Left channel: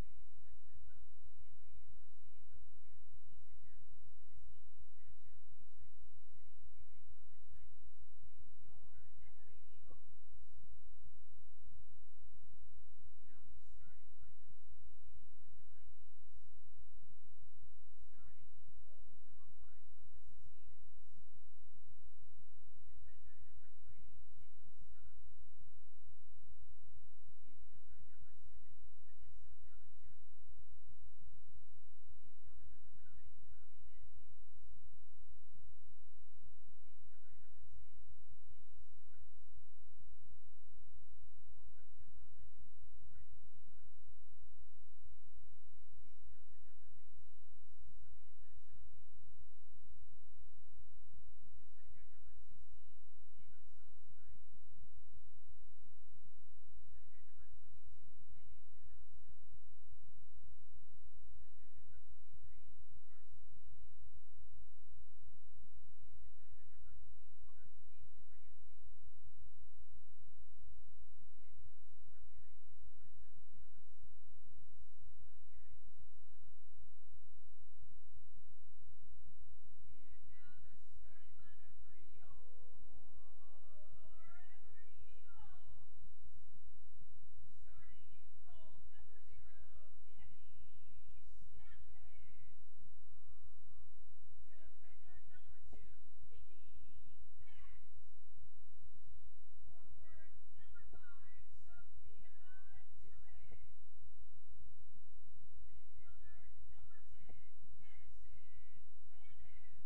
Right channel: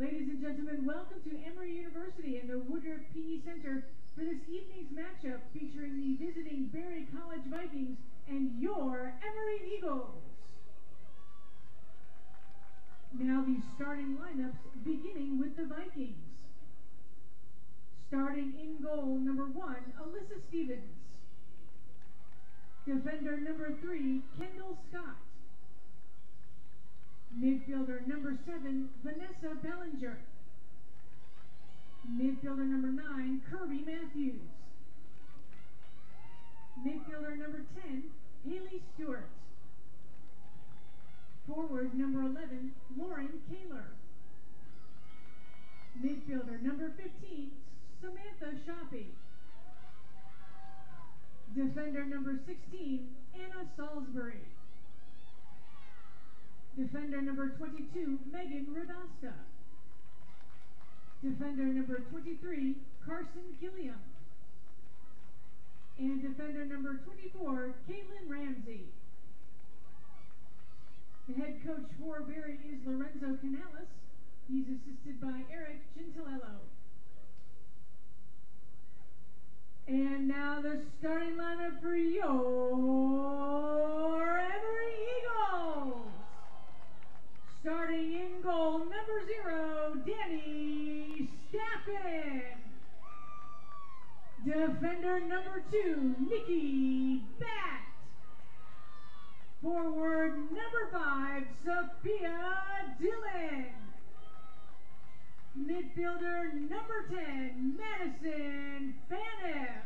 Ladies and gentlemen, welcome to Emory University and the Woodruff PE Center for this evening's matchup featuring the visiting Berry College Vikings and your Emory Eagles. Now the starting lineups, beginning with the Vikings. Starting in goal, number 1, Alyssa Stevens. Defender number 3, Kendall Scott. Midfielder number 7, Vanessa Bellinger. Midfielder number 9, Kirby Matthews. Midfielder number 10, Haley Stewart. Forward number 11, Lauren Kaler. Midfielder number 15, Samantha Hilsee. Defender number 16, Anna Salisbury. Defender number 22, Megan Radasta. Defender number 23, Carson Gilliam. And defender number 24, Caitlin Ramsey. The head coach for Berry is Lorenzo Canales. He's assisted by Eric Gentilello. And now the starting lineup for your Emory Eagles. Starting in goal, number 0, Danny Staffen. Defender number 2, Nikki Bat. Forward number 5, Sophia Dillon. Midfielder number 10, Madison Phaneuf.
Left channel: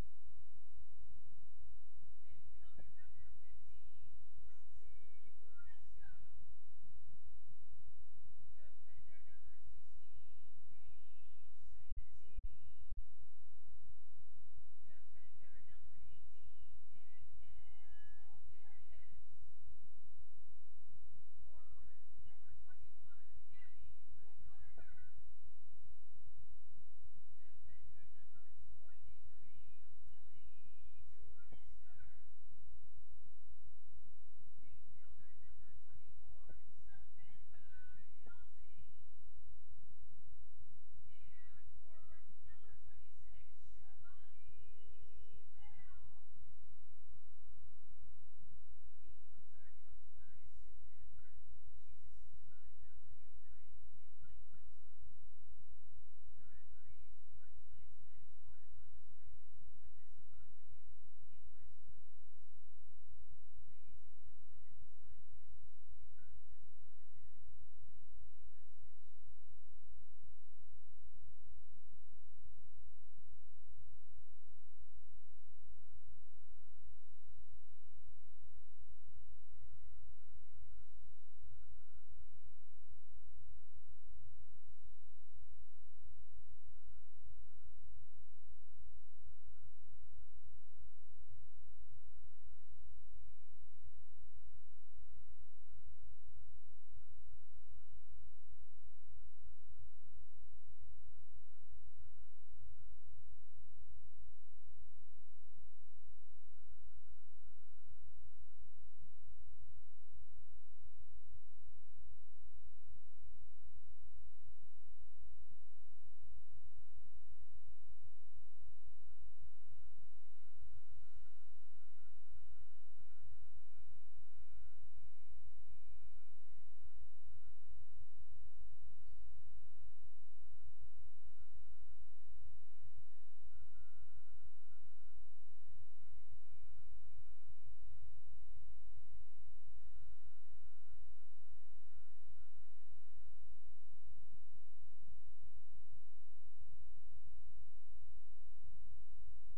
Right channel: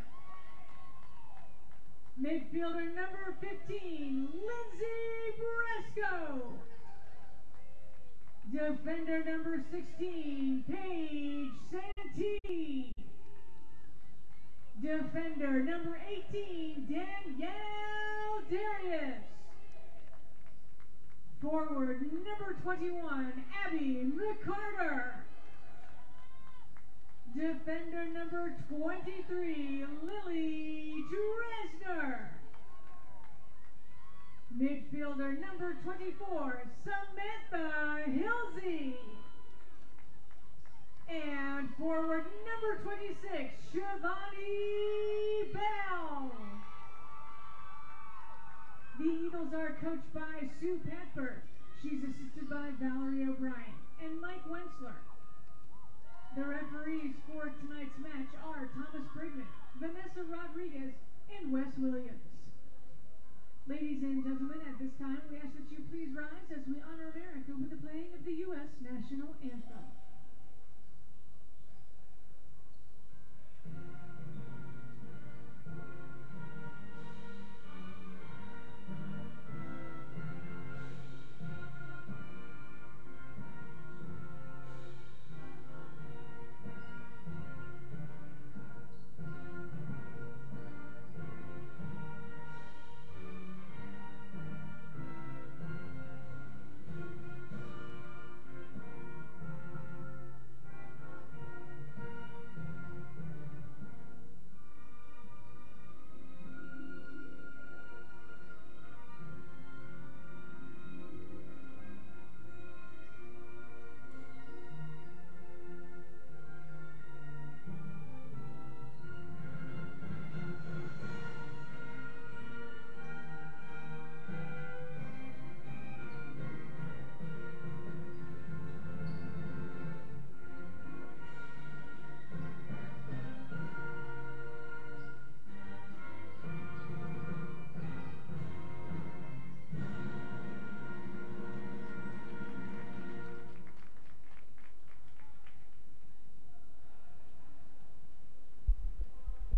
Midfielder number 15, Lindsay Bresco. Defender number 16, Paige Santee. Defender number 18, Danielle Darius. Forward number 21, Abby McCarter. Defender number 23, Lily Dresner. Midfielder number 24, Samantha Hilsee. And forward number 26, Shivani Bell. The Eagles are coached by Sue Patford. She's assisted by Valerie O'Brien and Mike Wentzler. The referees for tonight's match are Thomas Brigman, Vanessa Rodriguez, and Wes Williams. Ladies and gentlemen, at this time, we ask that you please rise as we honor America with the playing of the U.S. National Anthem.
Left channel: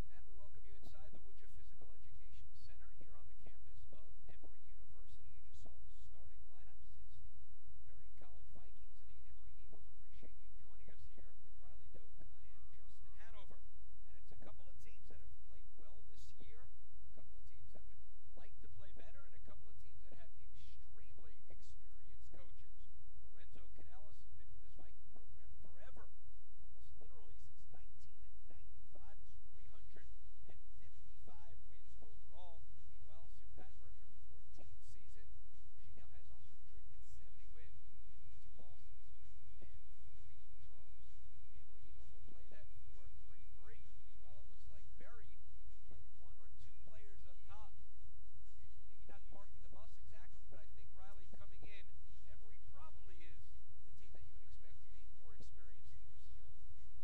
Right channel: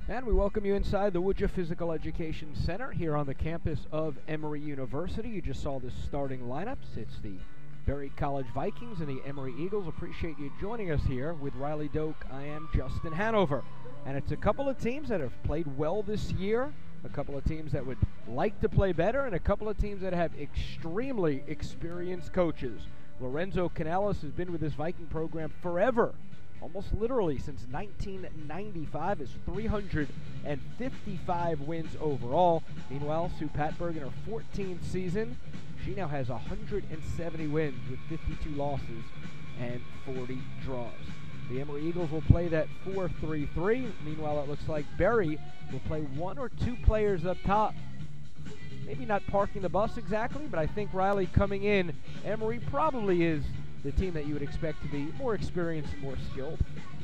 And we welcome you inside the Woodruff Physical Education Center here on the campus of Emory University. You just saw the starting lineups. It's the Berry College Vikings and the Emory Eagles. Appreciate you joining us here. With Riley Doak, I am Justin Hanover. And it's a couple of teams that have played well this year, a couple of teams that would like to play better, and a couple of teams that have extremely experienced coaches. Lorenzo Canales has been with this Viking program forever. Almost literally since 1995, is 355 wins overall. Meanwhile, Sue Patberg in her 14th season, she now has 170 wins with 52 losses. and 40 draws. The Emory Eagles will play that 4-3-3. Meanwhile, it looks like Berry will play one or two players up top. Maybe not parking the bus exactly, but I think Riley coming in, Emory probably is the team that you would expect to be more experienced and more skilled.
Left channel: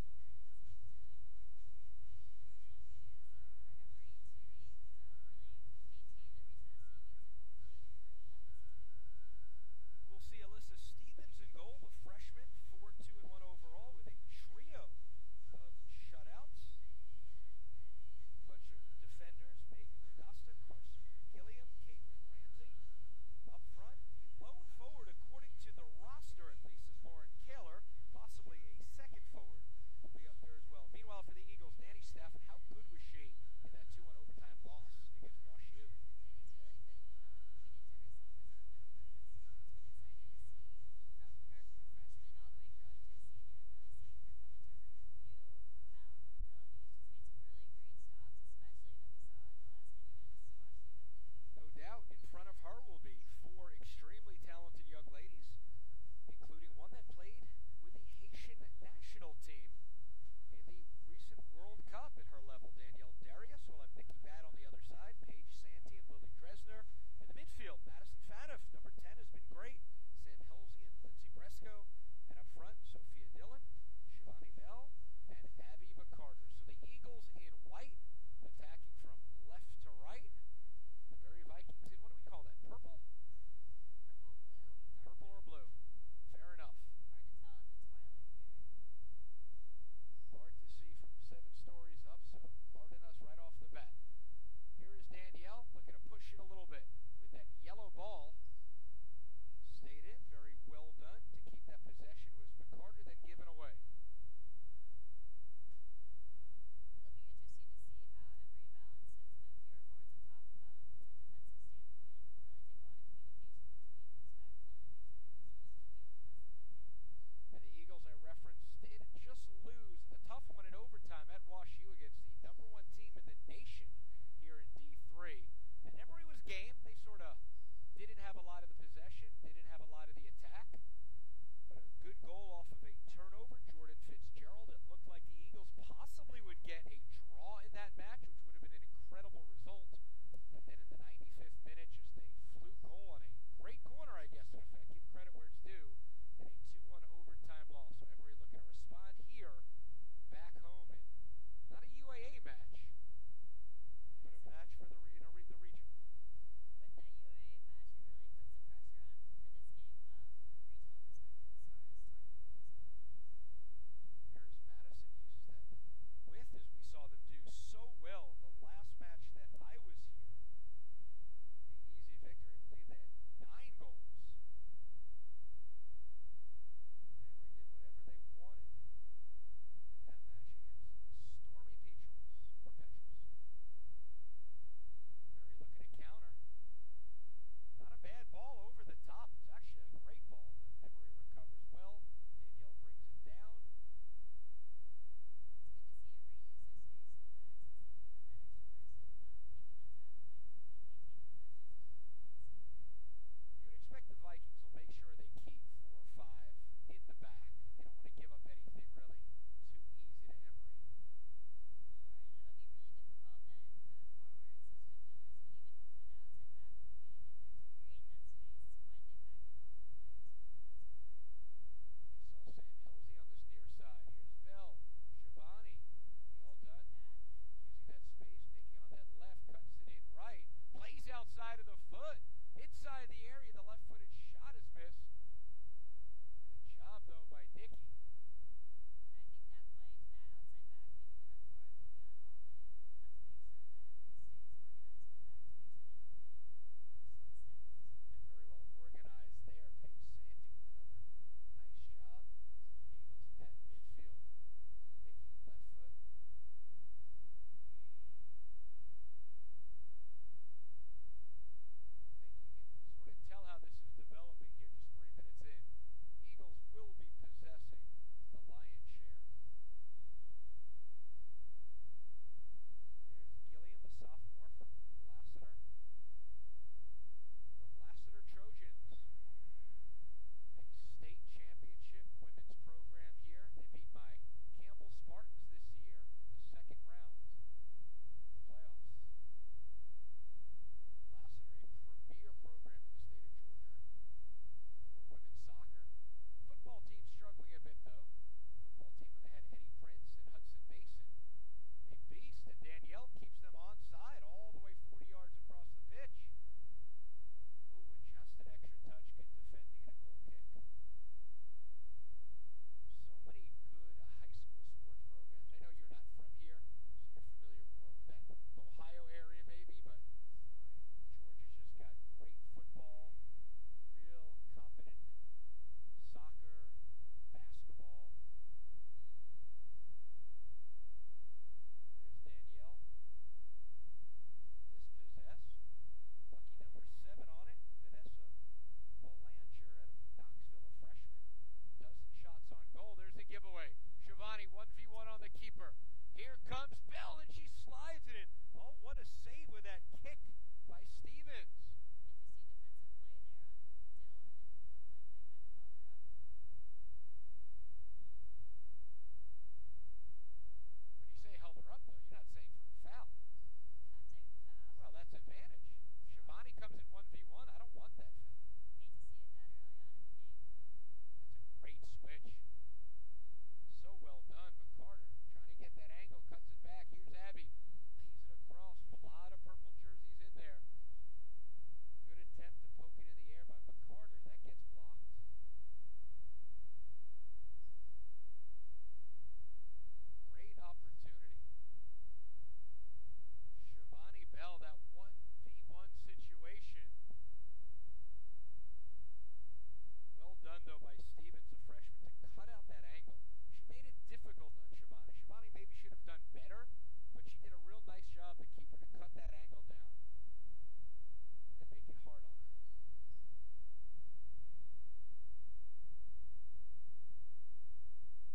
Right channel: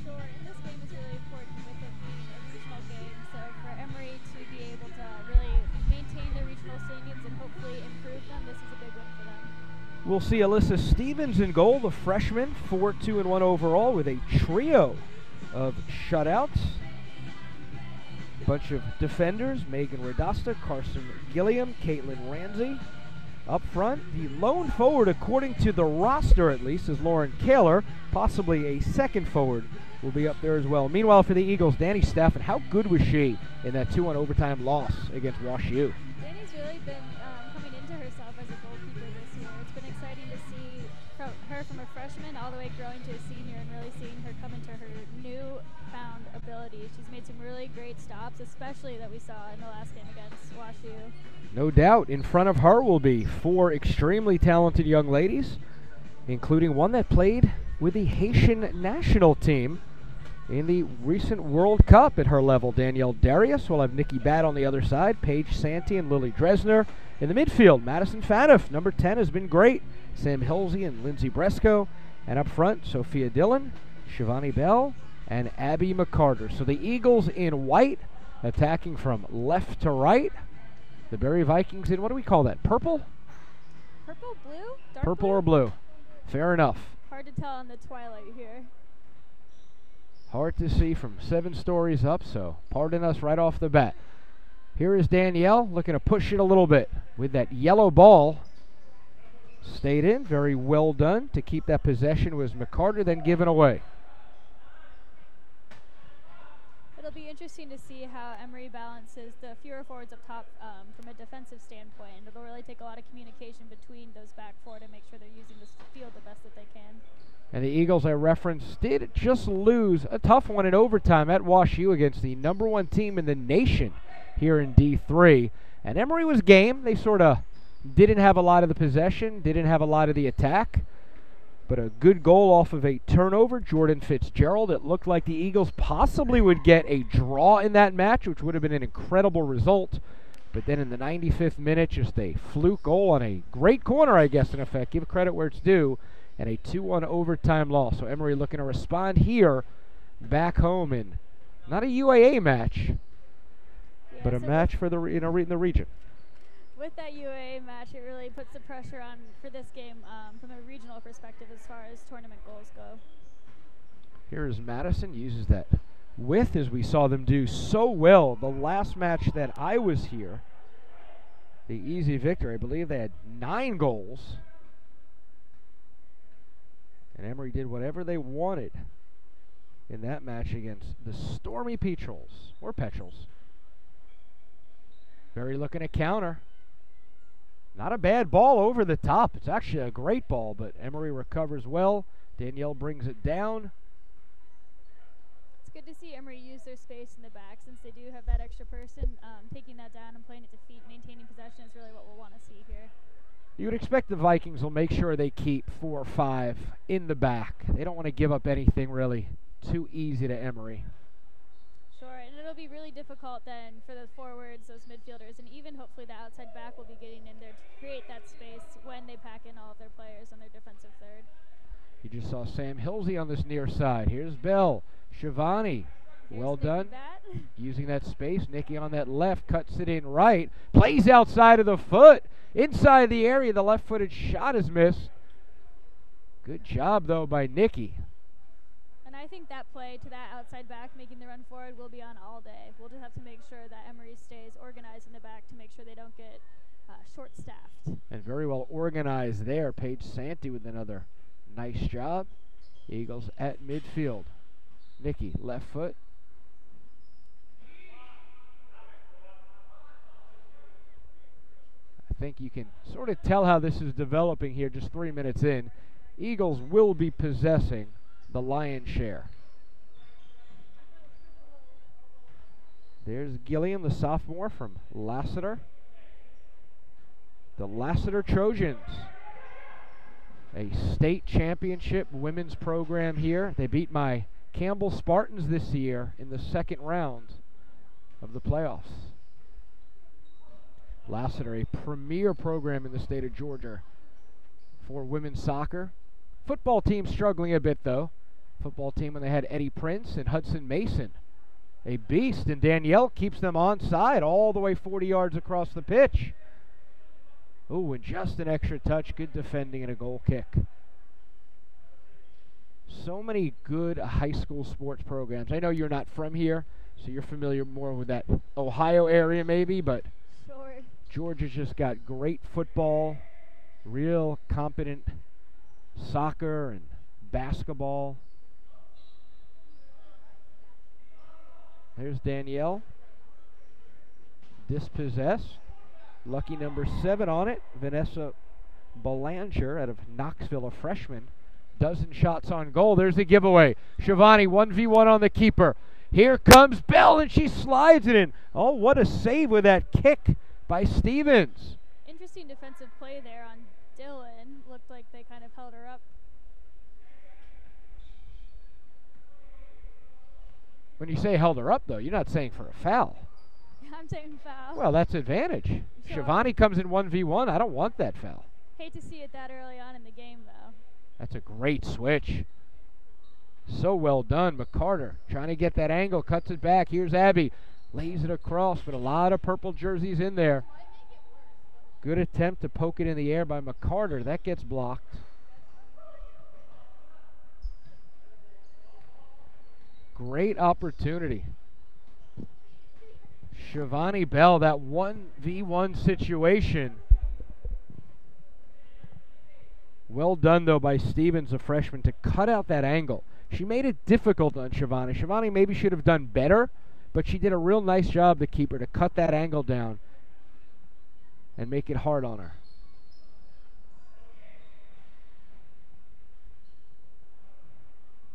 Sure, and this game is really important with it being a regional game. So for Emory to be able to really maintain their regional standings and hopefully improve them, this is a big win for them. We'll see Alyssa Stevens in goal, the freshman, 4-2-1 overall with a trio of shutouts. Bunch of defenders, Megan Radasta, Carson Gilliam, Caitlin Ramsey. Up front, the lone forward, according to the roster at least, is Lauren Kaler. Possibly a second forward will be up there as well. Meanwhile, for the Eagles, Danny Staffen, how good was she in that 2-1 overtime loss against Wash U? Danny's really been coming into herself as a goalkeeper this year. It's been exciting to see her from a freshman all the way growing to a senior and really seeing her come into her newfound ability. She's made some really great stops, especially that we saw in the last game against Wash U. No doubt. In front of her will be four extremely talented young ladies, including one that played with the Haitian national team in the recent World Cup at her level. Danielle Darius will have Nikki Batt on the other side, Paige Santee and Lily Dresner. In the midfield, Madison Faniff, number 10, has been great. Sam Hilsee and Lindsay Bresco. And up front, Sophia Dillon, Shivani Bell, and Abby McCarter. So the Eagles in white, attacking from left to right. The Berry Vikings in, what do we call that, purple? Purple, blue? Dark Purple blue? or blue. Fair enough. Hard to tell in the twilight here. Hard to see from 7 stories up, so pardon us right off the bat. Here is Danielle looking to push it a little bit with that yellow ball. Stayed in, very well done. To keep that possession was McCarter, then given away. It'll be interesting to see how Emory balances the fewer forwards up top from a defensive standpoint. And it'll really take a lot of communication between those back four to make sure they're using this field the best that they can. And the Eagles, I referenced, did just lose a tough one in overtime at Wash U against the number 1 team in the nation here in D3. And Emory was game. They sort of didn't have a lot of the possession, didn't have a lot of the attack. But a good goal off of a turnover, Jordan Fitzgerald. It looked like the Eagles possibly would get a draw in that match, which would have been an incredible result. But then in the 95th minute, just a fluke goal on a great corner, I guess, in effect. Give credit where it's due. And a 2-1 overtime loss. So Emory looking to respond here back home in not a UAA match, but a match for the in the region. With that UAA match, it really puts the pressure on for this game from a regional perspective as far as tournament goals go. Here's Madison, uses that width as we saw them do so well the last match that I was here. The easy victory, I believe they had 9 goals. And Emory did whatever they wanted in that match against the Stormy Petrels, or Petrels. Berry looking to counter. Not a bad ball over the top. It's actually a great ball, but Emory recovers well. Danielle brings it down. It's good to see Emory use their space in the back since they do have that extra person. Taking that down and playing it to feet, maintaining possession is really what we'll want to see here. You would expect the Vikings will make sure they keep 4 or 5 in the back. They don't want to give up anything really too easy to Emory. Sure, and it'll be really difficult then for the forwards, those midfielders, and even hopefully the outside back will be getting in there to create that space when they pack in all of their players on their defensive third. You just saw Sam Hilsey on this near side. Here's Bell. Shivani. Well done. Using that space. Nikki on that left. Cuts it in right. Plays outside of the foot. Inside the area. The left-footed shot is missed. Good job, though, by Nikki. And I think that play to that outside back, making the run forward, will be on all day. We'll just have to make sure that Emory stays organized in the back to make sure they don't get short-staffed. And very well organized there. Paige Santee with another nice job. Eagles at midfield. Nikki, left foot. I think you can sort of tell how this is developing here just 3 minutes in. Eagles will be possessing the lion's share. There's Gilliam, the sophomore from Lassiter. The Lassiter Trojans a state championship women's program here. They beat my Campbell Spartans this year in the second round of the playoffs. Lassiter, a premier program in the state of Georgia for women's soccer. Football team struggling a bit, though. Football team when they had Eddie Prince and Hudson Mason. A beast, and Danielle keeps them onside all the way 40 yards across the pitch. Ooh, and just an extra touch. Good defending and a goal kick. So many good high school sports programs. I know you're not from here, so you're familiar more with that Ohio area maybe, but Sure. Georgia's just got great football, real competent soccer and basketball. There's Danielle. Dispossessed. Lucky number 7 on it. Vanessa Belanger out of Knoxville, a freshman. Dozen shots on goal. There's the giveaway. Shivani 1v1 on the keeper. Here comes Bell, and she slides it in. Oh, what a save with that kick by Stevens. Interesting defensive play there on Dylan. Looked like they kind of held her up. When you say held her up, though, you're not saying for a foul. I'm saying foul. Well, that's advantage. Sure. Shivani comes in 1v1. I don't want that foul. Hate to see it that early on in the game, though. That's a great switch. So well done. McCarter trying to get that angle. Cuts it back. Here's Abby. Lays it across, but a lot of purple jerseys in there. Good attempt to poke it in the air by McCarter. That gets blocked. Great opportunity. Shivani Bell, that 1v1 situation. Well done, though, by Stevens, a freshman, to cut out that angle. She made it difficult on Shivani. Shivani maybe should have done better, but she did a real nice job, the keeper, to cut that angle down and make it hard on her.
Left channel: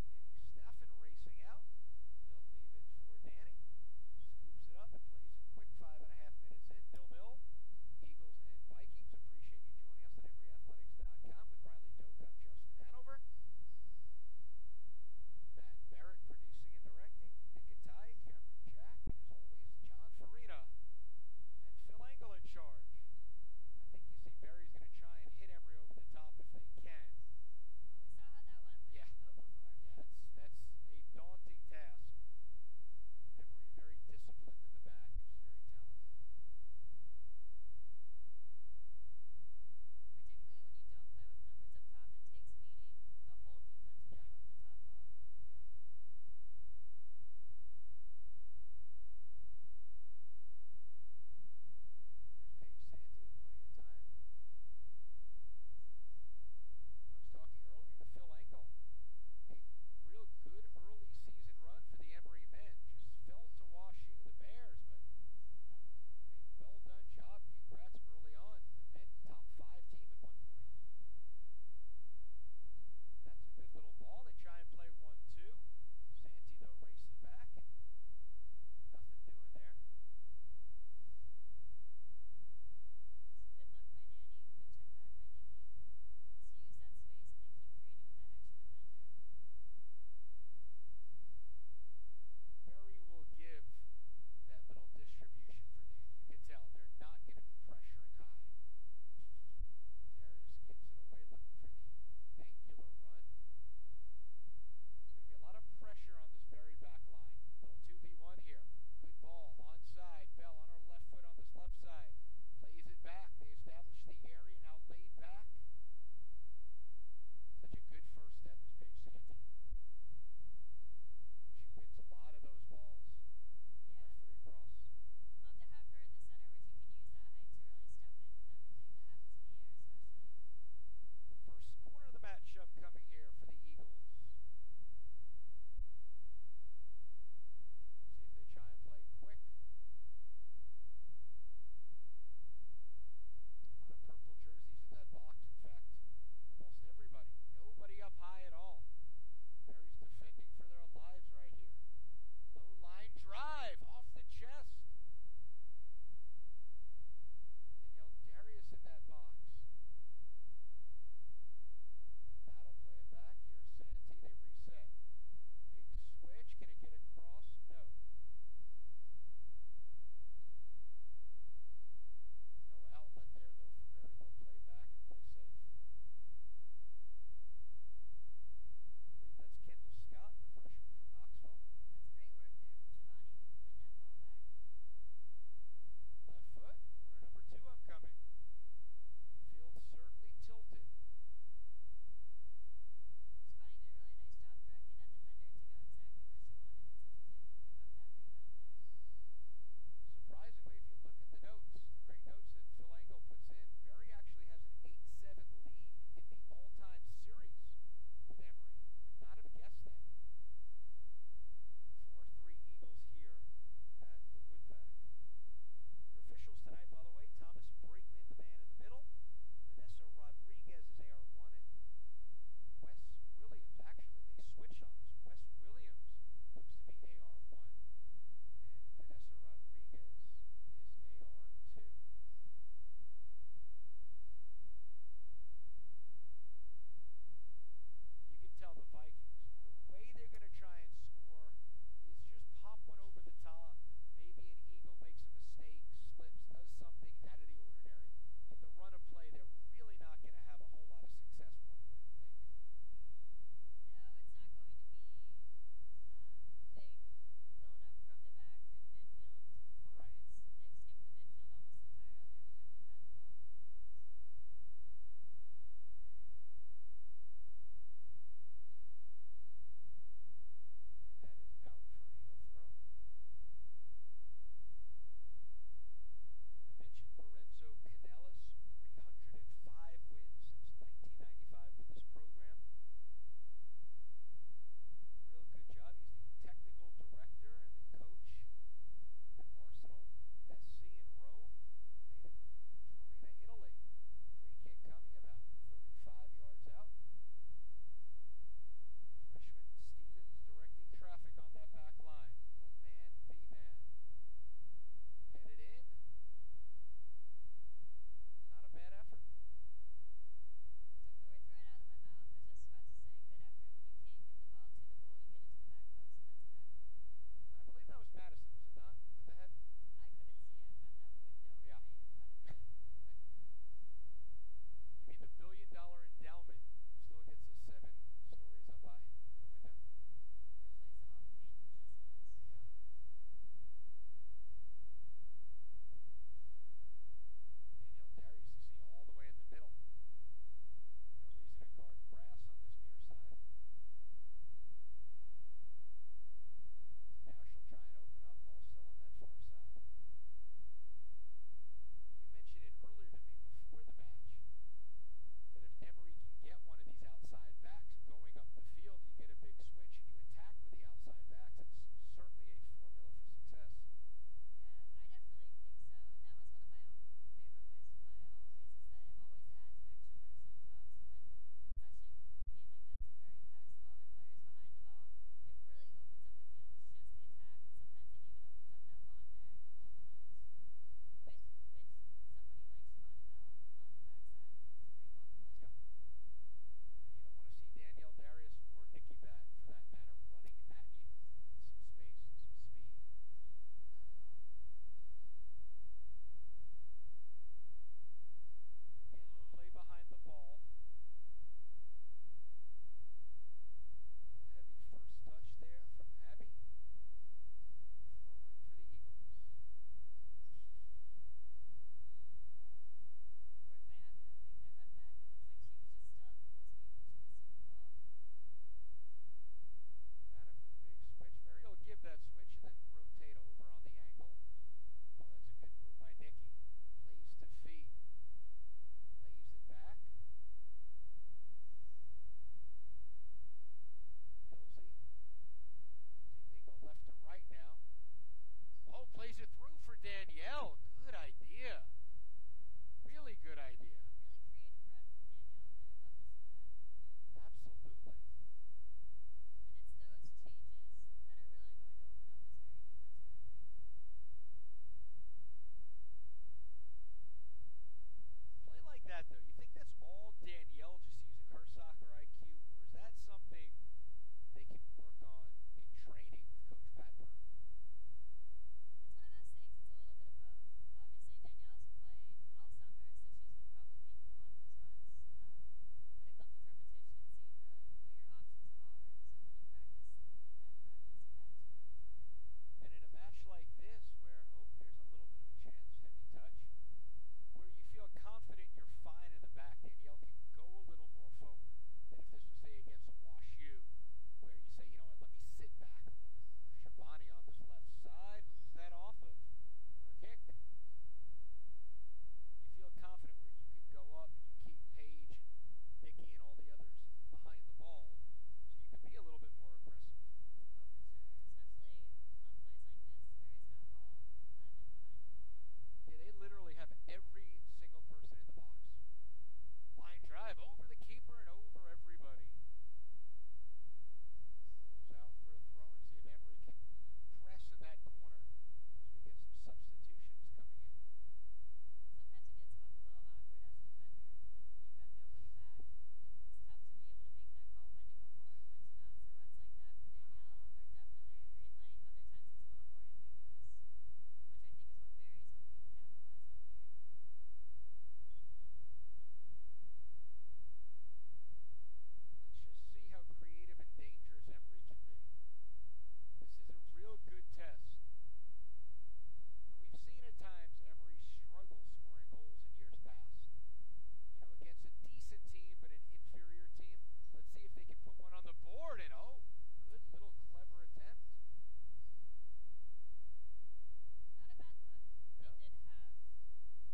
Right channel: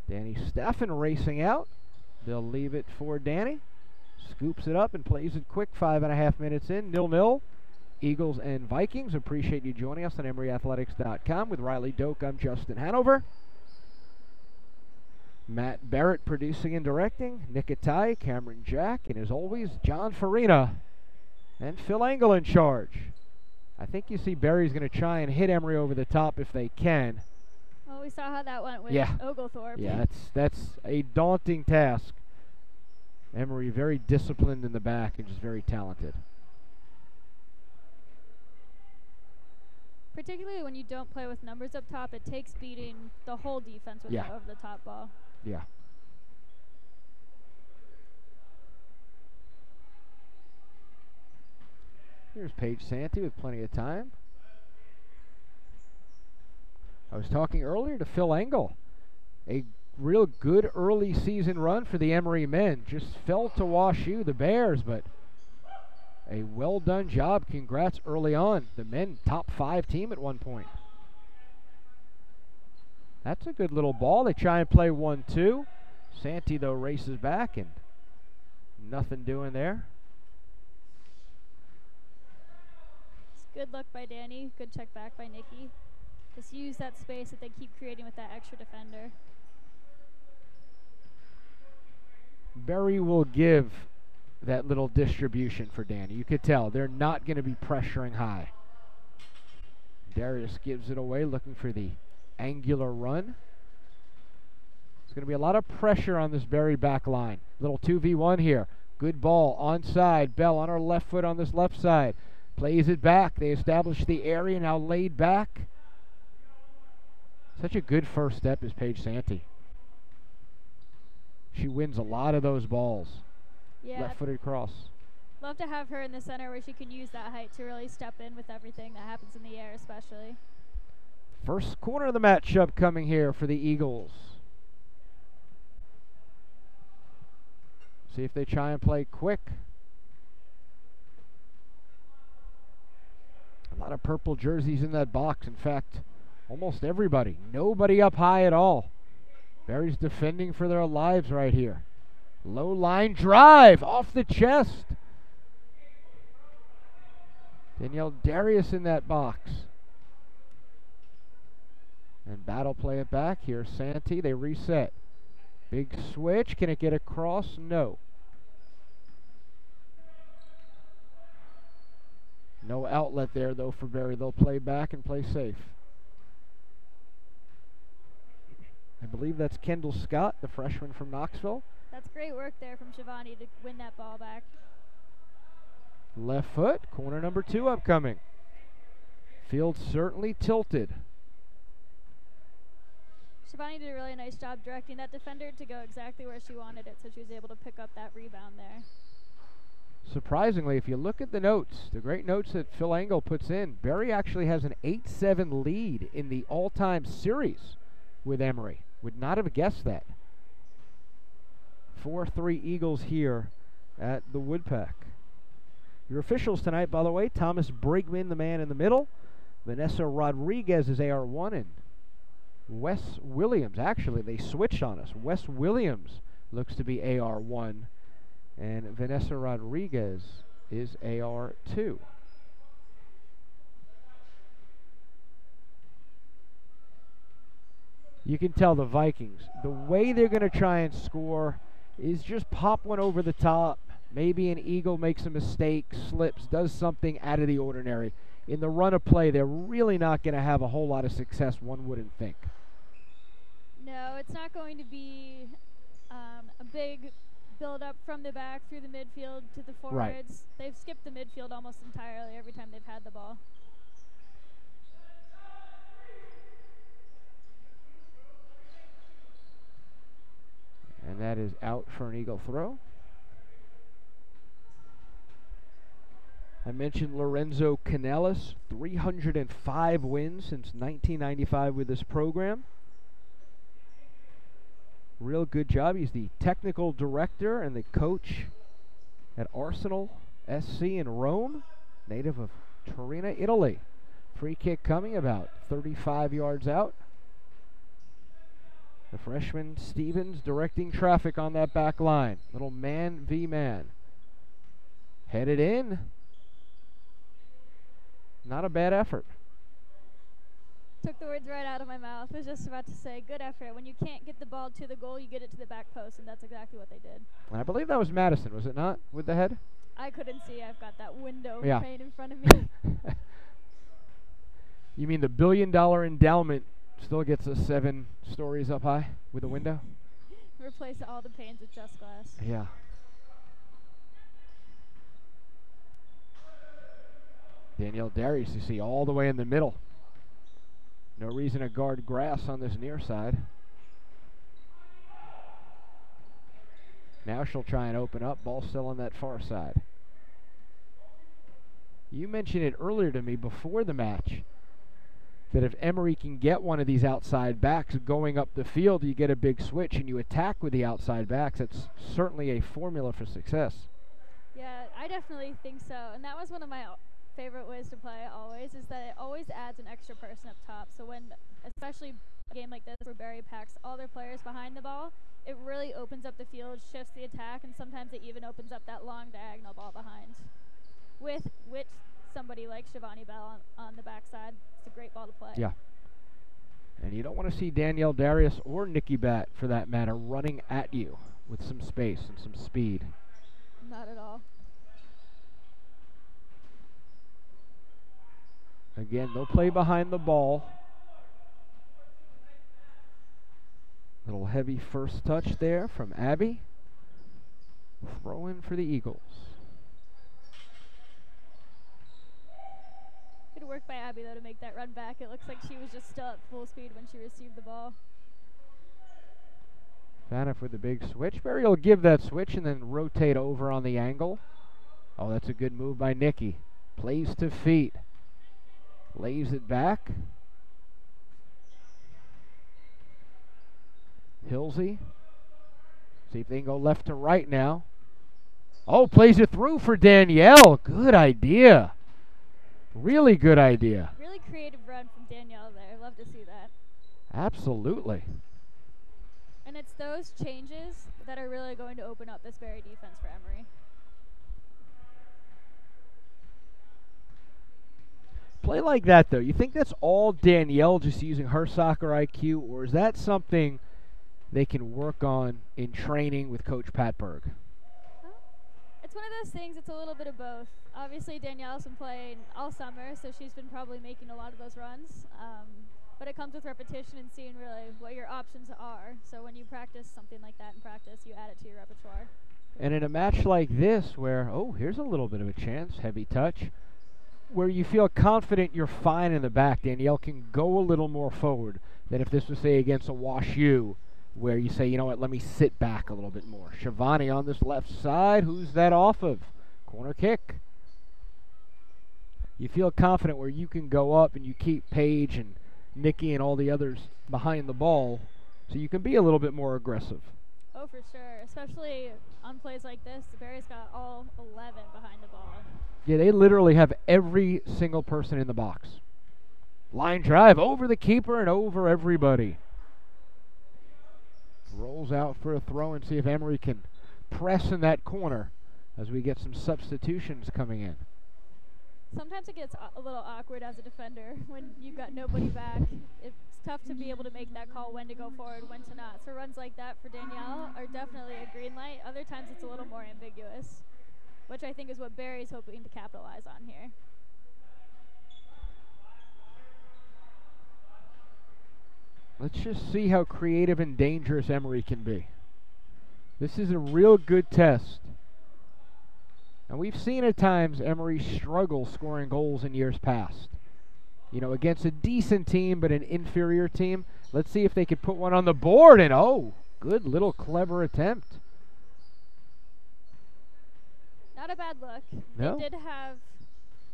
Danny Steffen racing out. They'll leave it for Danny. Scoops it up and plays it quick. 5.5 minutes in. 0-0. Eagles and Vikings. Appreciate you joining us on EmoryAthletics.com. With Riley Doak, I'm Justin Hanover. Matt Barrett producing and directing. Nick Atai, Cameron Jack, and as always, John Farina and Phil Engel in charge. I think you see Barry's going to try and hit Emory over the top if they can. Well, we saw how that went with Oglethorpe. Yeah, that's a daunting task. Emory very disciplined in the back and just very talented. Particularly when you don't play with numbers up top, it takes beating the whole defense with the over-the-top ball. Yeah. Here's Paige Santee with plenty of time. I was talking earlier to Phil Engel. A real good early season run for the Emory men. Just fell to WashU, the Bears, but a well-done job. Congrats early on. The men top 5 team at one point. That's a good little ball. They try and play 1-2. Santee, though, races back and nothing doing there. Good look by Danny. Good check back by Nikki. Just use that space that they keep creating with that extra defender. Berry will give that little distribution for Danny. You could tell they're not going to be pressuring high. Darius gives it away, looking for the angular run. There's going to be a lot of pressure on this Berry back line. Little 2v1 here. Good ball onside. Bell on her left foot on this left side. Plays it back. They establish the area, now laid back. Such a good first step is Paige Santee. She wins a lot of those balls. Yeah. Left-footed cross. Love to have her in the center where she can use that height to really step in with everything that happens in the air, especially. First corner of the matchup coming here for the Eagles. See if they try and play quick. A lot of purple jerseys in that box. In fact, almost everybody. Nobody up high at all. Berry's defending for their lives right here. Low line drive off the chest. Danielle Darius in that box. And Battle play it back. Here's Santee. They reset. Big switch. Can it get across? No. No outlet there, though, for Berry. They'll play back and play safe. I believe that's Kendall Scott, the freshman from Knoxville. That's great work there from Shivani to win that ball back. Left foot, corner number 2 upcoming. Field certainly tilted. Shivani did a really nice job directing that defender to go exactly where she wanted it, so she was able to pick up that rebound there. Surprisingly, if you look at the notes, the great notes that Phil Engel puts in, Berry actually has an 8-7 lead in the all-time series with Emory. Would not have guessed that. 4-3 Eagles here at the Woodpeck. Your officials tonight, by the way, Thomas Brigman, the man in the middle. Vanessa Rodriguez is AR1, and Wes Williams, actually, they switched on us. Wes Williams looks to be AR1, and Vanessa Rodriguez is AR2. You can tell the Vikings, the way they're going to try and score is just pop one over the top. Maybe an Eagle makes a mistake, slips, does something out of the ordinary. In the run of play, they're really not going to have a whole lot of success, one wouldn't think. No, it's not going to be a big build-up from the back through the midfield to the forwards. Right. They've skipped the midfield almost entirely every time they've had the ball. And that is out for an Eagle throw. I mentioned Lorenzo Canellis, 305 wins since 1995 with this program. Real good job. He's the technical director and the coach at Arsenal SC in Rome, native of Torino, Italy. Free kick coming about 35 yards out. The freshman Stevens directing traffic on that back line. Little man v man. Headed in. Not a bad effort. Took the words right out of my mouth. I was just about to say, good effort. When you can't get the ball to the goal, you get it to the back post, and that's exactly what they did. I believe that was Madison, was it not, with the head? I couldn't see. I've got that window pane in front of me. You mean the $1 billion endowment still gets us 7 stories up high with a window? Replace all the panes with just glass. Yeah. Danielle Darius, you see, all the way in the middle. No reason to guard grass on this near side. Now she'll try and open up. Ball still on that far side. You mentioned it earlier to me before the match that if Emory can get one of these outside backs going up the field, you get a big switch and you attack with the outside backs. That's certainly a formula for success. Yeah, I definitely think so. And that was one of my favorite ways to play always, is that it always adds an extra person up top. So when, especially a game like this where Berry packs all their players behind the ball, it really opens up the field, shifts the attack, and sometimes it even opens up that long diagonal ball behind. With somebody like Shivani Bell on the backside, it's a great ball to play. Yeah. And you don't want to see Danielle Darius or Nikki Batt, for that matter, running at you with some space and some speed. Not at all. Again, they'll play behind the ball. Little heavy first touch there from Abby. Throw in for the Eagles. Good work by Abby, though, to make that run back. It looks like she was just still at full speed when she received the ball. Faniff with the big switch. Berry will give that switch and then rotate over on the angle. Oh, that's a good move by Nikki. Plays to feet. Lays it back. Hilsee. See if they can go left to right now. Oh, plays it through for Danielle. Good idea. Really good idea. Really creative run from Danielle there. Love to see that. Absolutely. And it's those changes that are really going to open up this Berry defense for Emory. play like that, though, you think that's all Danielle just using her soccer IQ, or is that something they can work on in training with Coach Pat Berg? It's one of those things, it's a little bit of both. Obviously, Danielle's been playing all summer, so she's been probably making a lot of those runs. But it comes with repetition and seeing really what your options are. So when you practice something like that in practice, you add it to your repertoire. And in a match like this where, oh, here's a little bit of a chance, heavy touch, where you feel confident you're fine in the back, Danielle can go a little more forward than if this was, say, against a Wash U, where you say, you know what, let me sit back a little bit more. Shivani on this left side, who's that off of? Corner kick. You feel confident where you can go up and you keep Paige and Nikki and all the others behind the ball, so you can be a little bit more aggressive. Oh, for sure, especially on plays like this. The Berries got all 11 behind the ball. Yeah, they literally have every single person in the box. Line drive over the keeper and over everybody. Rolls out for a throw and see if Emory can press in that corner as we get some substitutions coming in. Sometimes it gets a little awkward as a defender when you've got nobody back. It's tough to be able to make that call when to go forward, when to not. So runs like that for Danielle are definitely a green light. Other times it's a little more ambiguous, which I think is what Barry's hoping to capitalize on here. Let's just see how creative and dangerous Emory can be. This is a real good test. And we've seen at times Emory struggle scoring goals in years past. You know, against a decent team but an inferior team. Let's see if they could put one on the board. And, oh, good little clever attempt. Not a bad look. No. They did have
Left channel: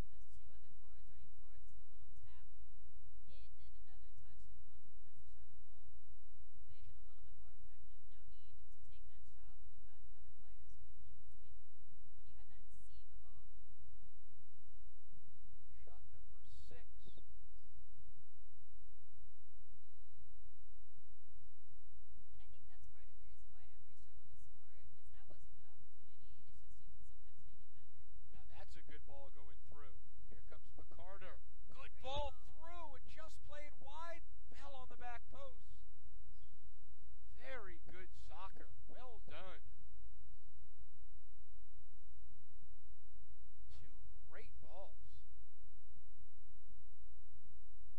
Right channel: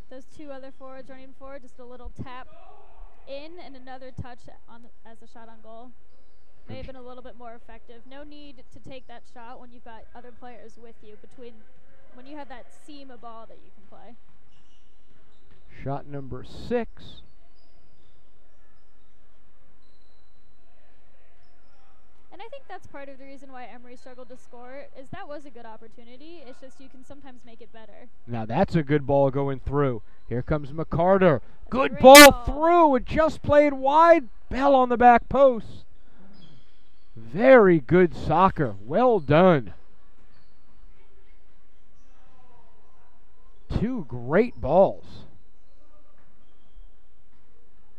those two other forwards running forward, just a little tap in and another touch on as a shot on goal. May have been a little bit more effective. No need to take that shot when you've got other players with you when you have that seam of ball that you can play. Shot number 6. And I think that's part of the reason why Emory struggled to score is that was a good opportunity. It's just you can sometimes make it better. Now that's a good ball going through. Here comes McCarter. Good ball through. It just played wide. Bell on the back post. Very good soccer. Well done. Two great balls.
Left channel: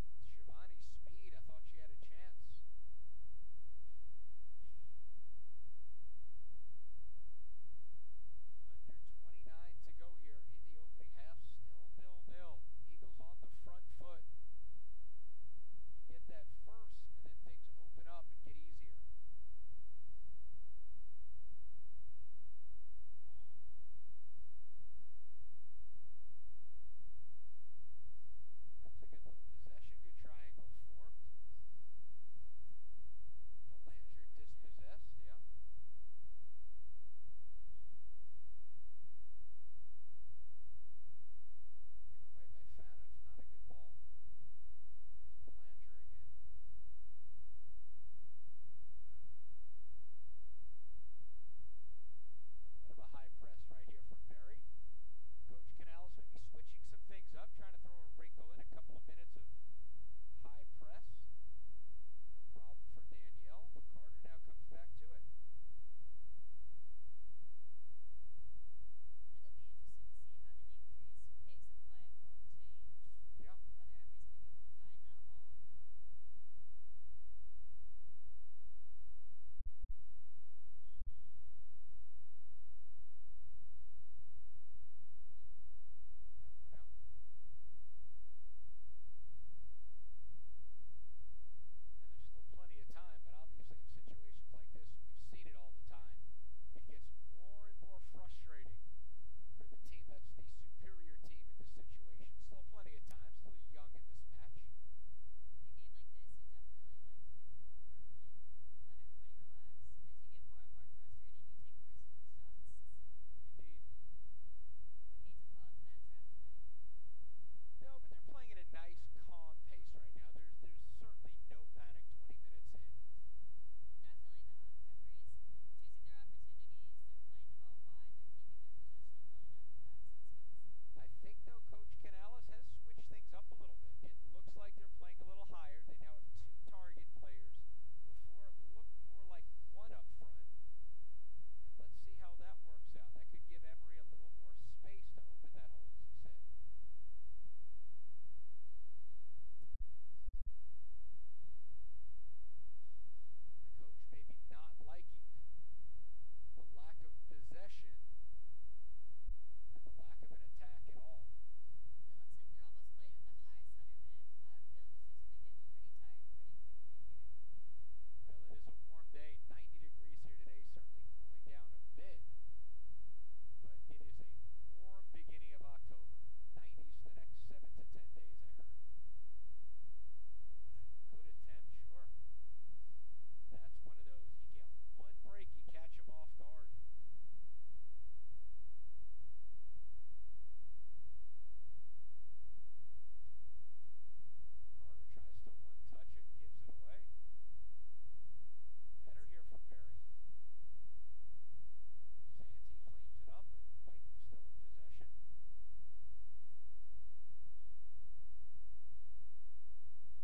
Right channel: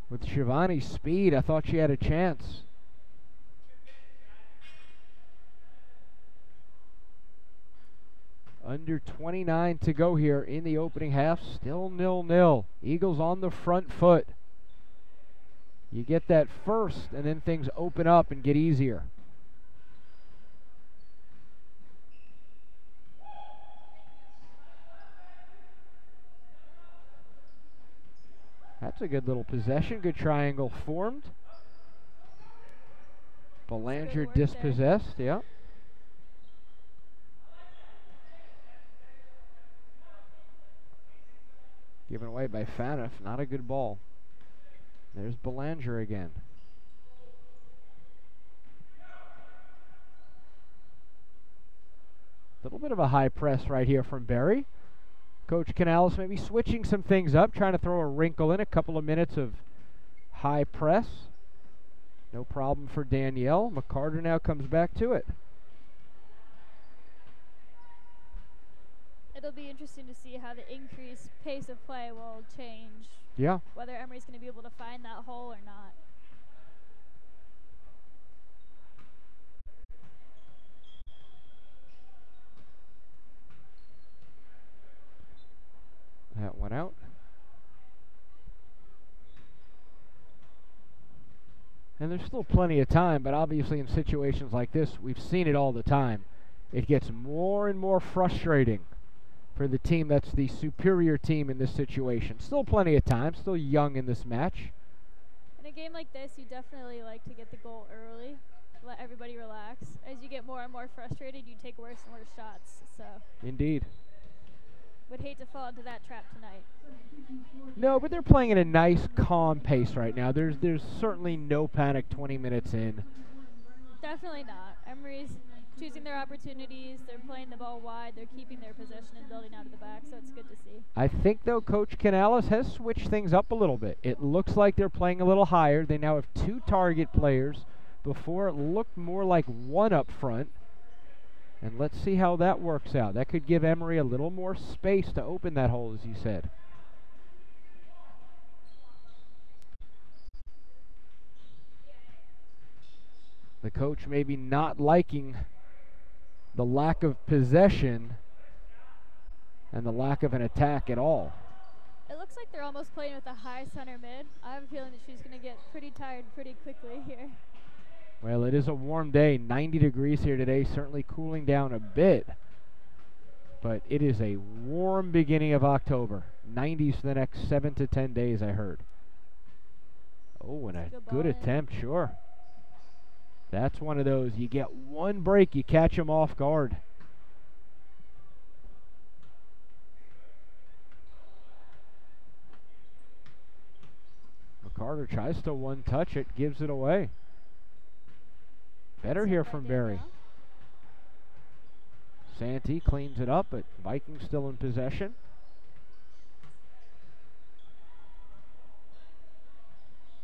With Shivani's speed, I thought she had a chance. Under 29 to go here in the opening half. Still 0-0. Eagles on the front foot. You get that first, and then things open up and get easier. That's a good little possession. Good triangle formed. Belanger dispossessed. Yeah. Given away by Faniff. Not a good ball. There's Belanger again. A little bit of a high press right here from Barry. Coach Canales maybe switching some things up, trying to throw a wrinkle in, a couple of minutes of high press. No problem for Danielle. McCarter now comes back to it. It'll be interesting to see how the increased pace of play will change. Yeah. Whether Emory's going to be able to find that hole or not. That went out. And there's still plenty of time, but obviously in situations like this, we've seen it all the time. It gets more and more frustrating for the team that's the superior team in this situation. Still plenty of time, still young in this match. In a game like this, you definitely like to get the goal early, let everybody relax. As you get more and more frustrated, you take worse and worse shots. So Indeed. Would hate to fall into that trap tonight. No, but they're playing at a nice, calm pace right now. There's certainly no panic 20 minutes in. Definitely not. Emory's choosing their opportunities. They're playing the ball wide. They're keeping their possession and building out of the back, so it's good to see. I think, though, Coach Canales has switched things up a little bit. It looks like they're playing a little higher. They now have 2 target players. Before, it looked more like 1 up front. And let's see how that works out. That could give Emory a little more space to open that hole, as you said. The coach maybe not liking the lack of possession and the lack of an attack at all. It looks like they're almost playing with a high center mid. I have a feeling that she's going to get pretty tired pretty quickly here. Well, it is a warm day, 90 degrees here today, certainly cooling down a bit. But it is a warm beginning of October. 90s for the next 7 to 10 days, I heard. Oh, and a good attempt, sure. That's one of those, you get one break, you catch them off guard. McCarter tries to one-touch it, gives it away. Better here from Berry. Santee cleans it up, but Vikings still in possession.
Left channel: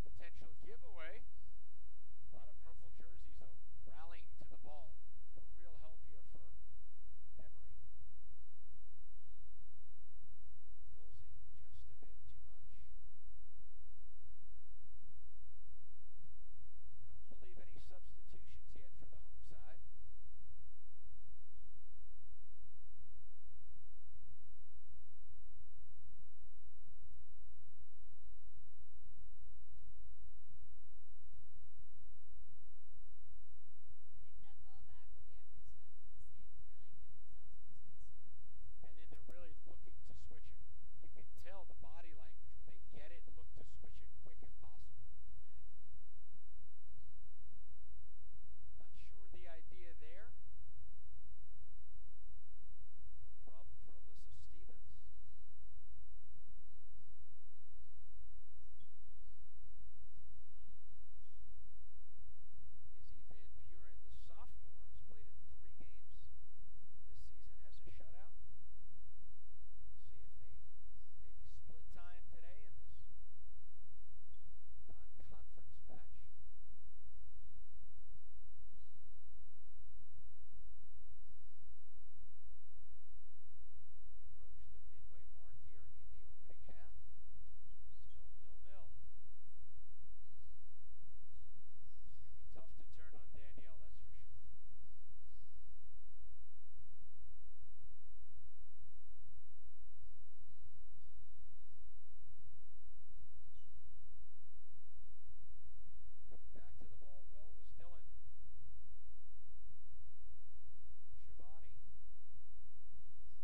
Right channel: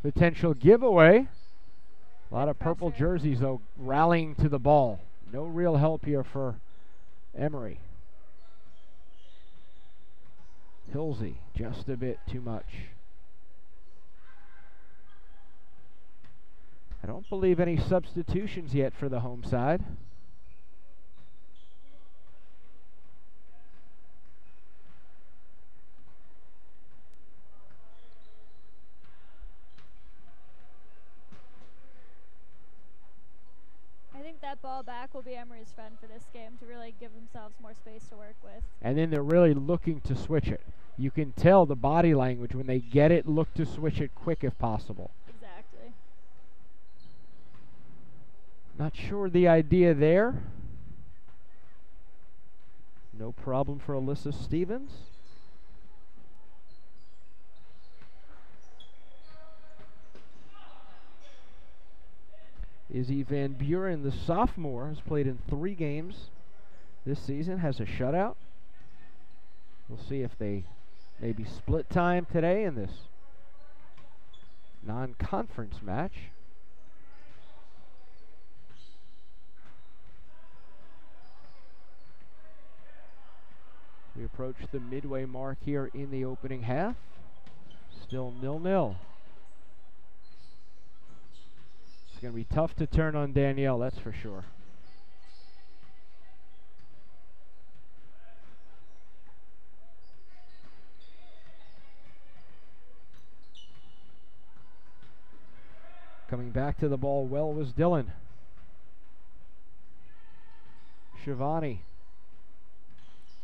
Potential giveaway. A lot of purple jerseys, though, rallying to the ball. No real help here for Emory. Hilsee, just a bit too much. I don't believe any substitutions yet for the home side. I think that ball back will be Emory's friend for this game to really give themselves more space to work with. And then they're really looking to switch it. You can tell the body language when they get it, look to switch it quick if possible. Exactly. Not sure the idea there. No problem for Alyssa Stevens. Izzy Van Buren, the sophomore, has played in 3 games this season, has a shutout. We'll see if they maybe split time today in this non-conference match. We approach the midway mark here in the opening half. Still 0-0. It's going to be tough to turn on Danielle, that's for sure. Coming back to the ball well was Dillon. Shivani.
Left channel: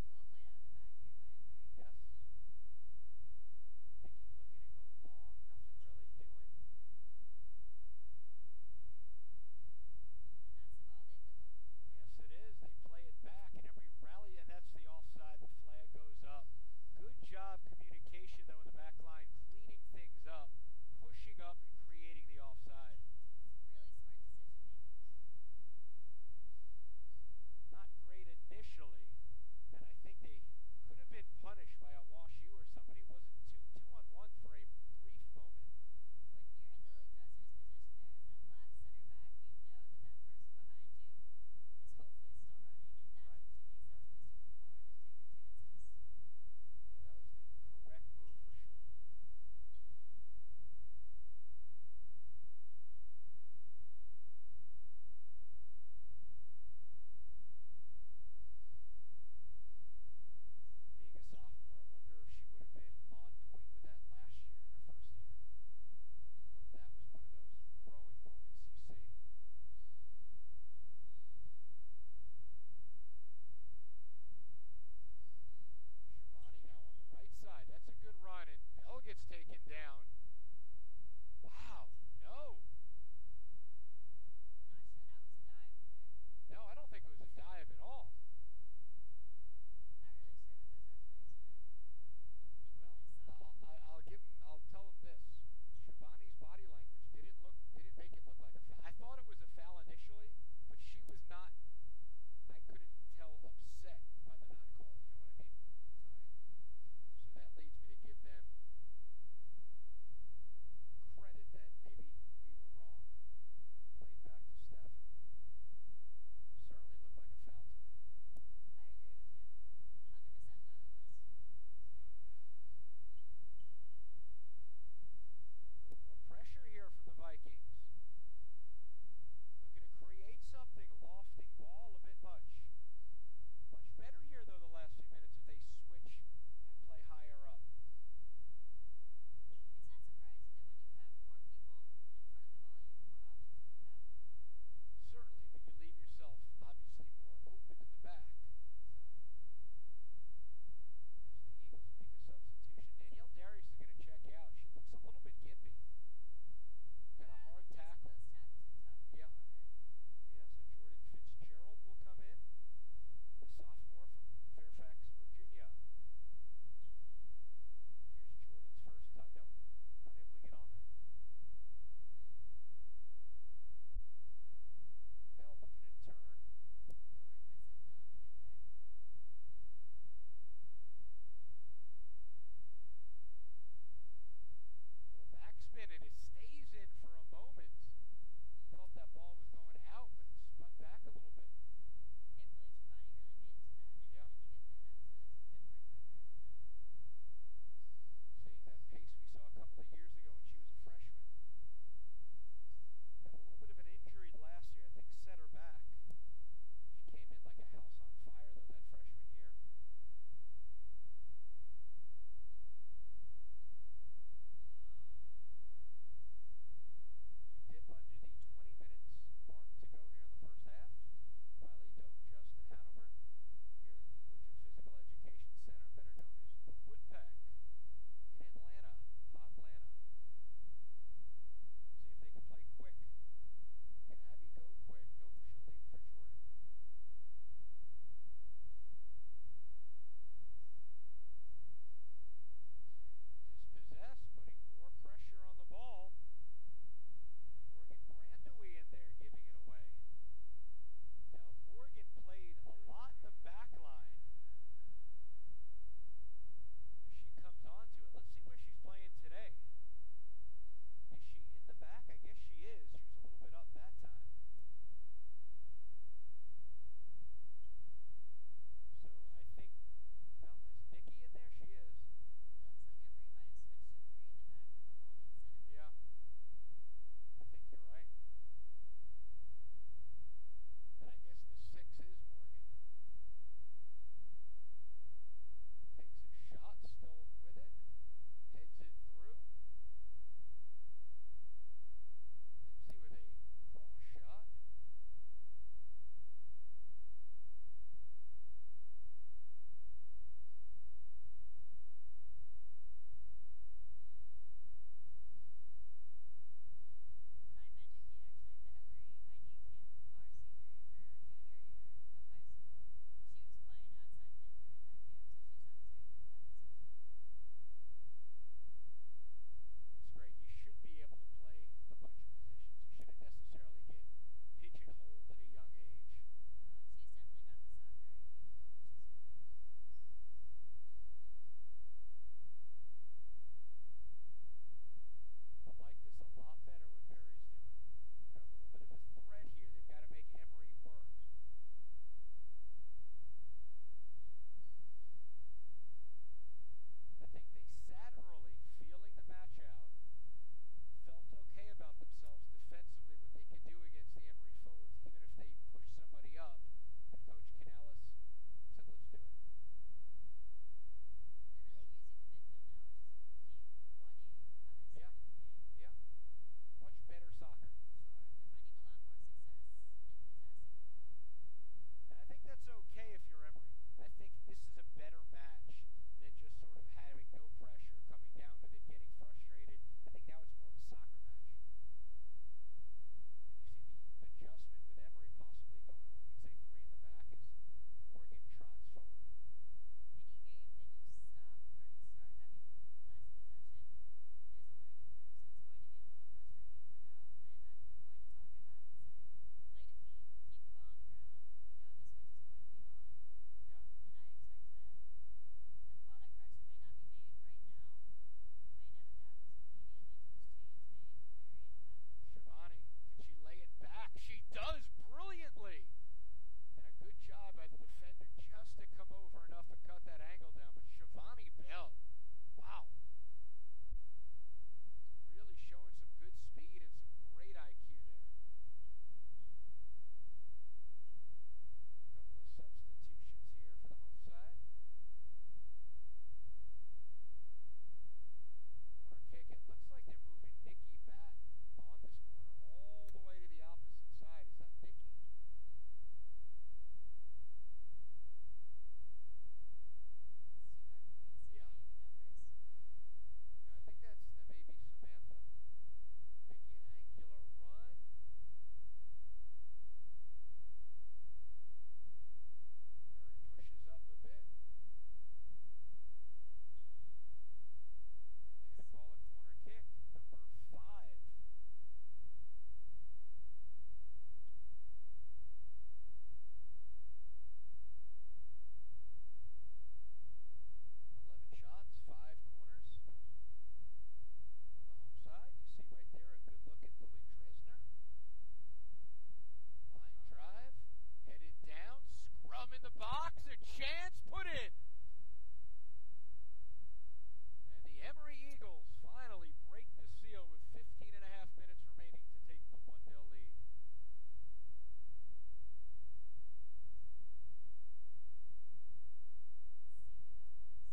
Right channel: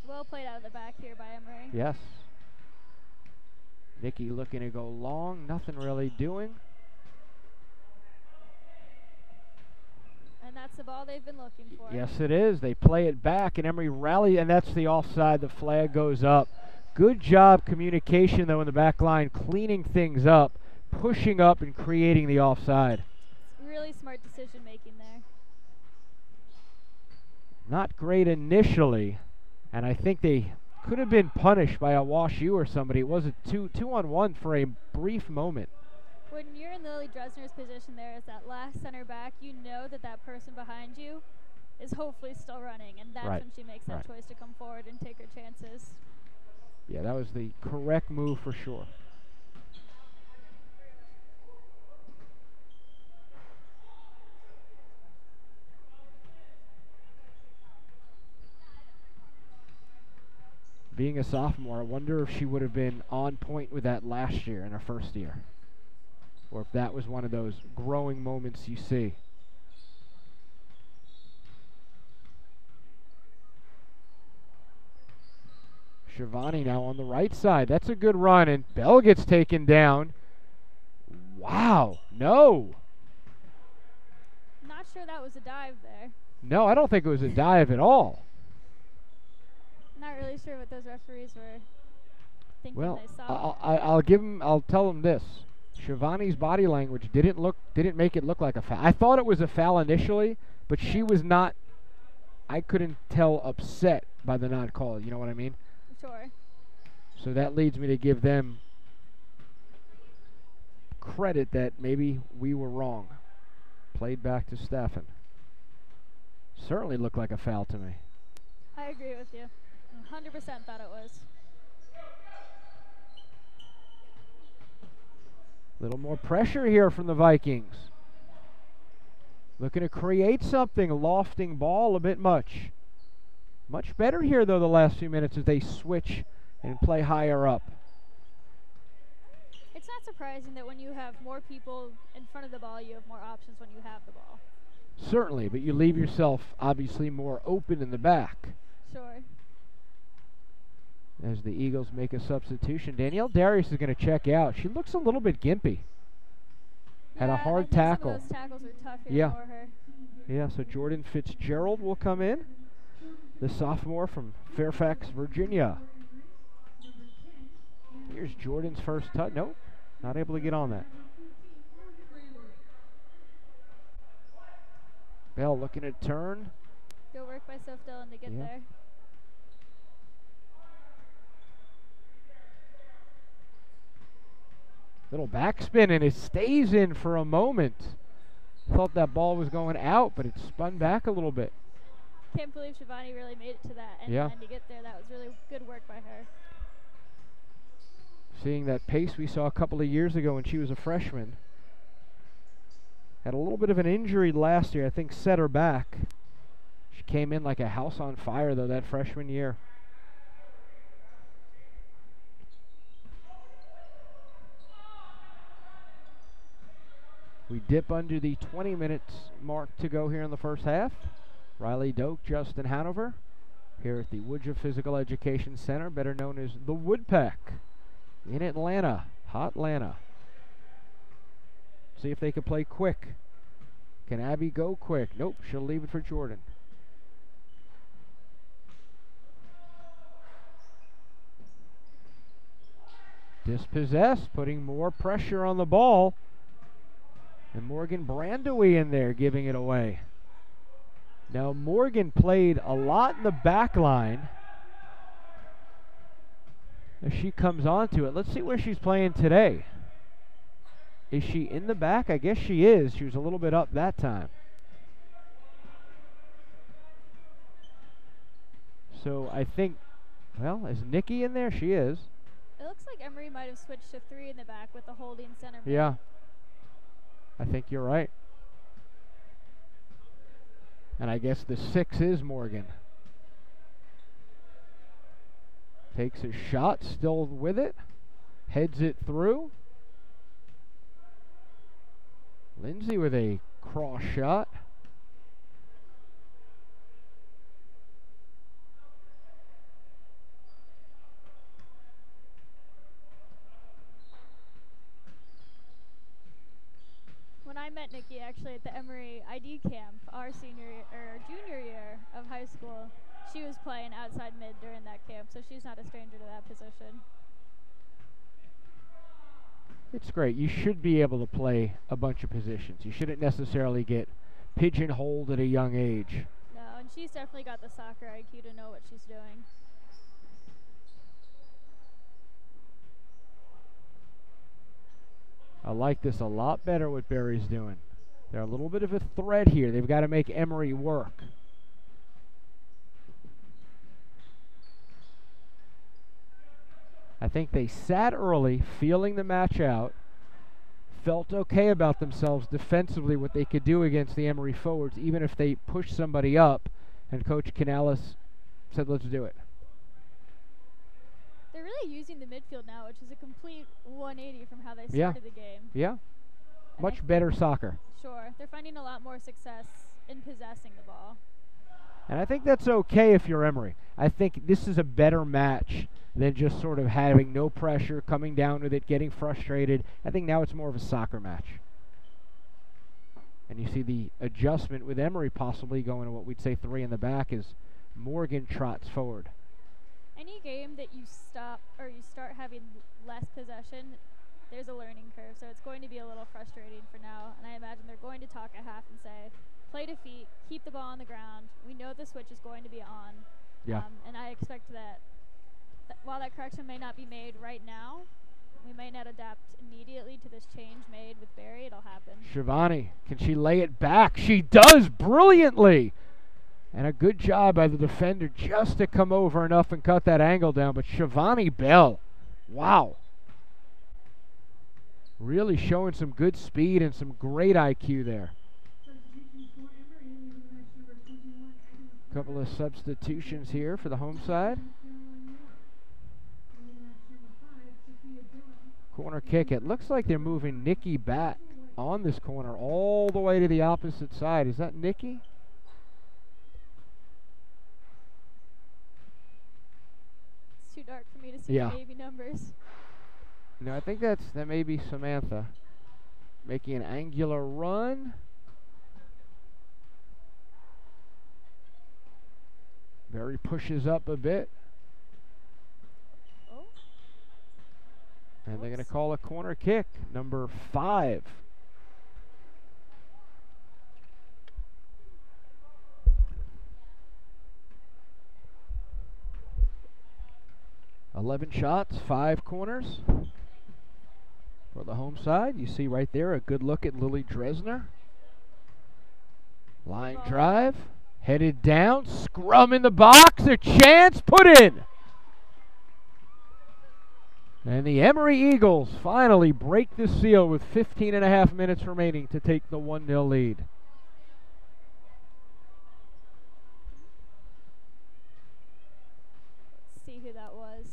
Well played out of the back here by Emory. Yes. Nikki looking to go long, nothing really doing. And that's the ball they've been looking for. Yes, it is. They play it back, and Emory rally, and that's the offside. The flag goes up. Good job communication, though, in the back line, cleaning things up, pushing up, and creating the offside. Really smart decision making there. Not great initially, and I think they could have been punished by a Walsh or somebody. It was a two-on-one for a brief moment. When you're in Lily Dresner's position there as that last center back, you know that that person behind you is hopefully still running, and that's when she makes that choice to come forward and take her chances. Yeah, that was the correct move for sure. Being a sophomore, I wonder if she would have been on point with that last year in her first year. Or if that was one of those growing moments you see. Shivani now on the right side. That's a good run, and Bell gets taken down. Wow, no. Not sure that was a dive there. No, I don't think it was a dive at all. Not really sure what those referees were thinking they saw. I'll tell them this. Shivani's body language didn't make it look like a foul. I thought it was a foul initially, but she was not, I couldn't tell, upset by the non-call. You know what I mean? Sure. So that leads me to give them credit that maybe we were wrong. Played back to Staffen. Certainly looked like a foul to me. I agree with you. 100% thought it was. A little more pressure here from the Vikings. Looking to create something. Lofting ball a bit much. Much better here, though, the last few minutes as they switch and play higher up. It's not surprising that when you have more people in front of the ball, you have more options when you have the ball. Certainly, but you leave yourself obviously more open in the back. Sure. As the Eagles make a substitution, Danielle Darius is going to check out. She looks a little bit gimpy. Had a hard tackle. Some of those tackles were tough here Yeah. for her. Yeah, so Jordan Fitzgerald will come in, the sophomore from Fairfax, Virginia. Here's Jordan's first touch. Nope, not able to get on that. Bell looking to turn. Good work by Soph Dillon to get there. Little backspin, and it stays in for a moment. Thought that ball was going out, but it spun back a little bit. Can't believe Shivani really made it to that end line to get there. That was really good work by her. Seeing that pace we saw a couple of years ago when she was a freshman. Had a little bit of an injury last year, I think set her back. She came in like a house on fire, though, that freshman year. We dip under the 20 minutes mark to go here in the first half. Riley Doak, Justin Hanover, here at the Woodruff Physical Education Center, better known as the Woodpeck, in Atlanta, hot Atlanta. See if they can play quick. Can Abby go quick? Nope, she'll leave it for Jordan. Dispossessed, putting more pressure on the ball. And Morgan Brandowy in there giving it away. Now Morgan played a lot in the back line. As she comes onto it, let's see where she's playing today. Is she in the back? I guess she is. She was a little bit up that time. So I think, well, is Nikki in there? She is. It looks like Emory might have switched to 3 in the back with the holding center. Yeah. I think you're right. And I guess the 6 is Morgan. Takes a shot, still with it. Heads it through. Lindsay with a cross shot. When I met Nikki actually at the Emory ID camp, our junior year of high school, she was playing outside mid during that camp, so she's not a stranger to that position. It's great. You should be able to play a bunch of positions. You shouldn't necessarily get pigeonholed at a young age. No, and she's definitely got the soccer IQ to know what she's doing. I like this a lot better what Barry's doing. They're a little bit of a threat here. They've got to make Emory work. I think they sat early, feeling the match out, felt okay about themselves defensively, what they could do against the Emory forwards, even if they pushed somebody up, and Coach Canales said, let's do it. They're really using the midfield now, which is a complete 180 from how they started the game. Yeah. Much better soccer. Sure. They're finding a lot more success in possessing the ball. And I think that's okay if you're Emory. I think this is a better match than just sort of having no pressure, coming down with it, getting frustrated. I think now it's more of a soccer match. And you see the adjustment with Emory possibly going to what we'd say 3 in the back as Morgan trots forward. Any game that you stop or you start having less possession, there's a learning curve. So it's going to be a little frustrating for now. And I imagine they're going to talk at half and say, play to feet, keep the ball on the ground. We know the switch is going to be on. Yeah. And I expect that while that correction may not be made right now. We might not adapt immediately to this change made with Barry. It'll happen. Shivani, can she lay it back? She does brilliantly. And a good job by the defender just to come over enough and cut that angle down. But Shivani Bell, wow. Really showing some good speed and some great IQ there. Couple of substitutions here for the home side. Corner kick. It looks like they're moving Nikki back on this corner all the way to the opposite side. Is that Nikki? It's too dark for me to see the Navy numbers. No, I think that may be Samantha making an angular run. Barry pushes up a bit. Oh. And they're going to call a corner kick, number 5. "11 shots, 5 corners for the home side." You see right there a good look at Lily Dresner. Line drive, headed down, scrum in the box, a chance, put in. And the Emory Eagles finally break the seal with 15 and a half minutes remaining to take the 1-0 lead. Let's see who that was.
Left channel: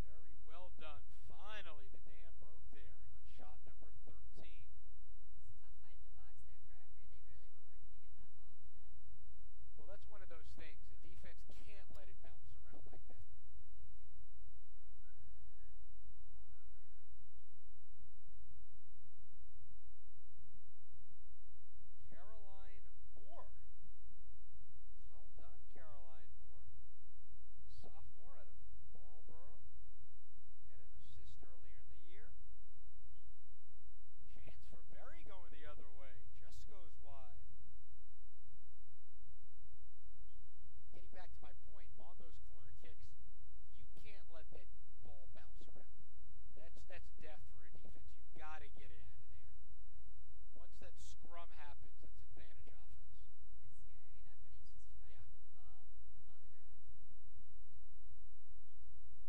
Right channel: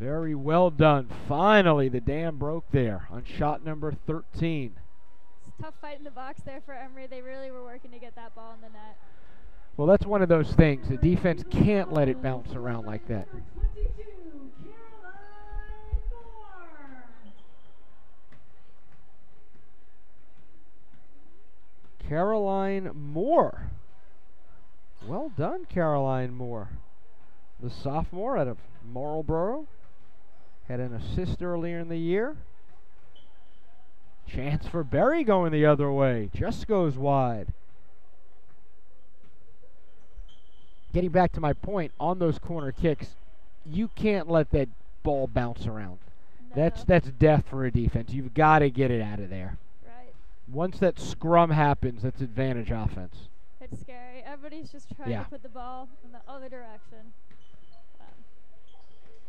Very well done. Finally, the dam broke there on shot number 13. It's a tough fight in the box there for Emory. They really were working to get that ball in the net. Well, that's one of those things. The defense can't let it bounce around like that. Caroline Moore. Well done, Caroline Moore. The sophomore out of Marlboro. Had an assist earlier in the year. Chance for Barry going the other way. Just goes wide. Getting back to my point, on those corner kicks, you can't let that ball bounce around. No. That's death for a defense. You've got to get it out of there. Right. Once that scrum happens, that's advantage offense. It's scary. Everybody's just trying to put the ball in the other direction.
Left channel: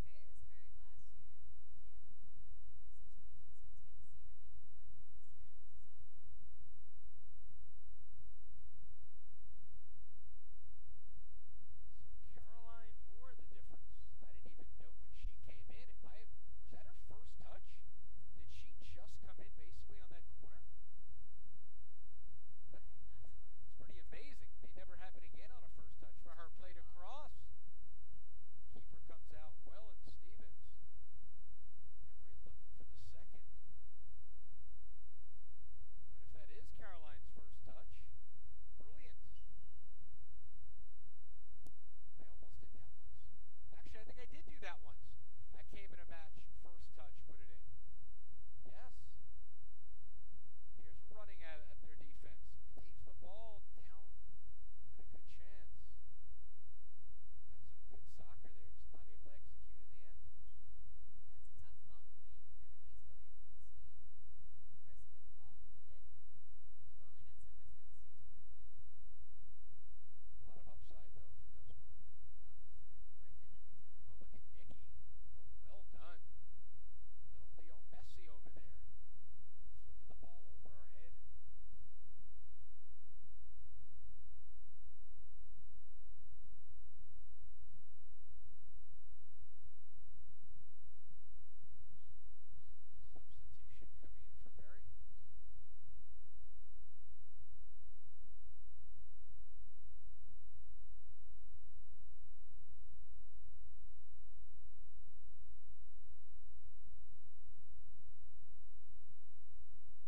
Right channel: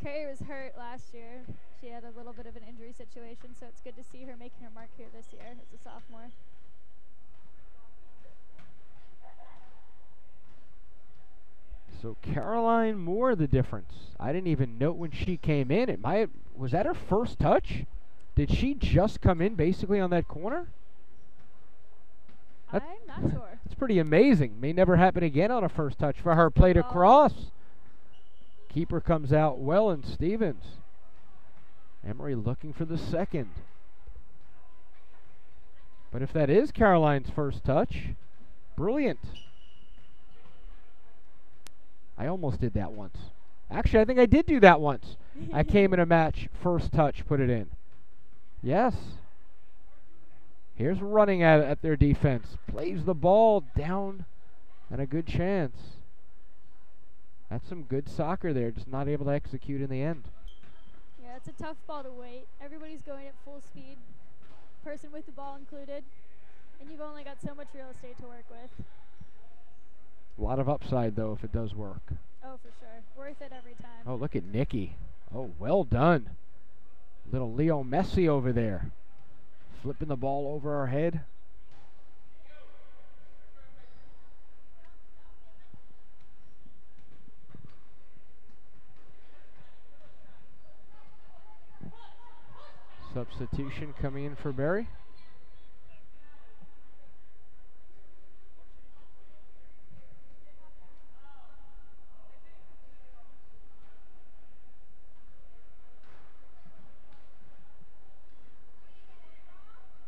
Carrie was hurt last year. She had a little bit of an injury situation, so it's good to see her making her mark here this year as a sophomore. So Caroline Moore, the difference. I didn't even note when she came in. Was that her first touch? Did she just come in basically on that corner? I'm not sure. It's pretty amazing. May never happen again on a first touch for her. Played across. Keeper comes out well, and Stevens. Emory looking for the second. But if that is Caroline's first touch, brilliant. I almost did that once. Actually, I think I did do that once. I came in a match, first touch, put it in. Yes. Here's running at their defense. Plays the ball down, and a good chance. That's some good soccer there, just not able to execute in the end. Yeah, it's a tough ball to wait. Everybody's going at full speed, person with the ball included, and you've only got so much real estate to work with. A lot of upside, though, if it does work. Oh, for sure. Worth it every time. Oh, look at Nikki. Oh, well done. Little Leo Messi over there. Flipping the ball over her head. Substitution coming in for Barry.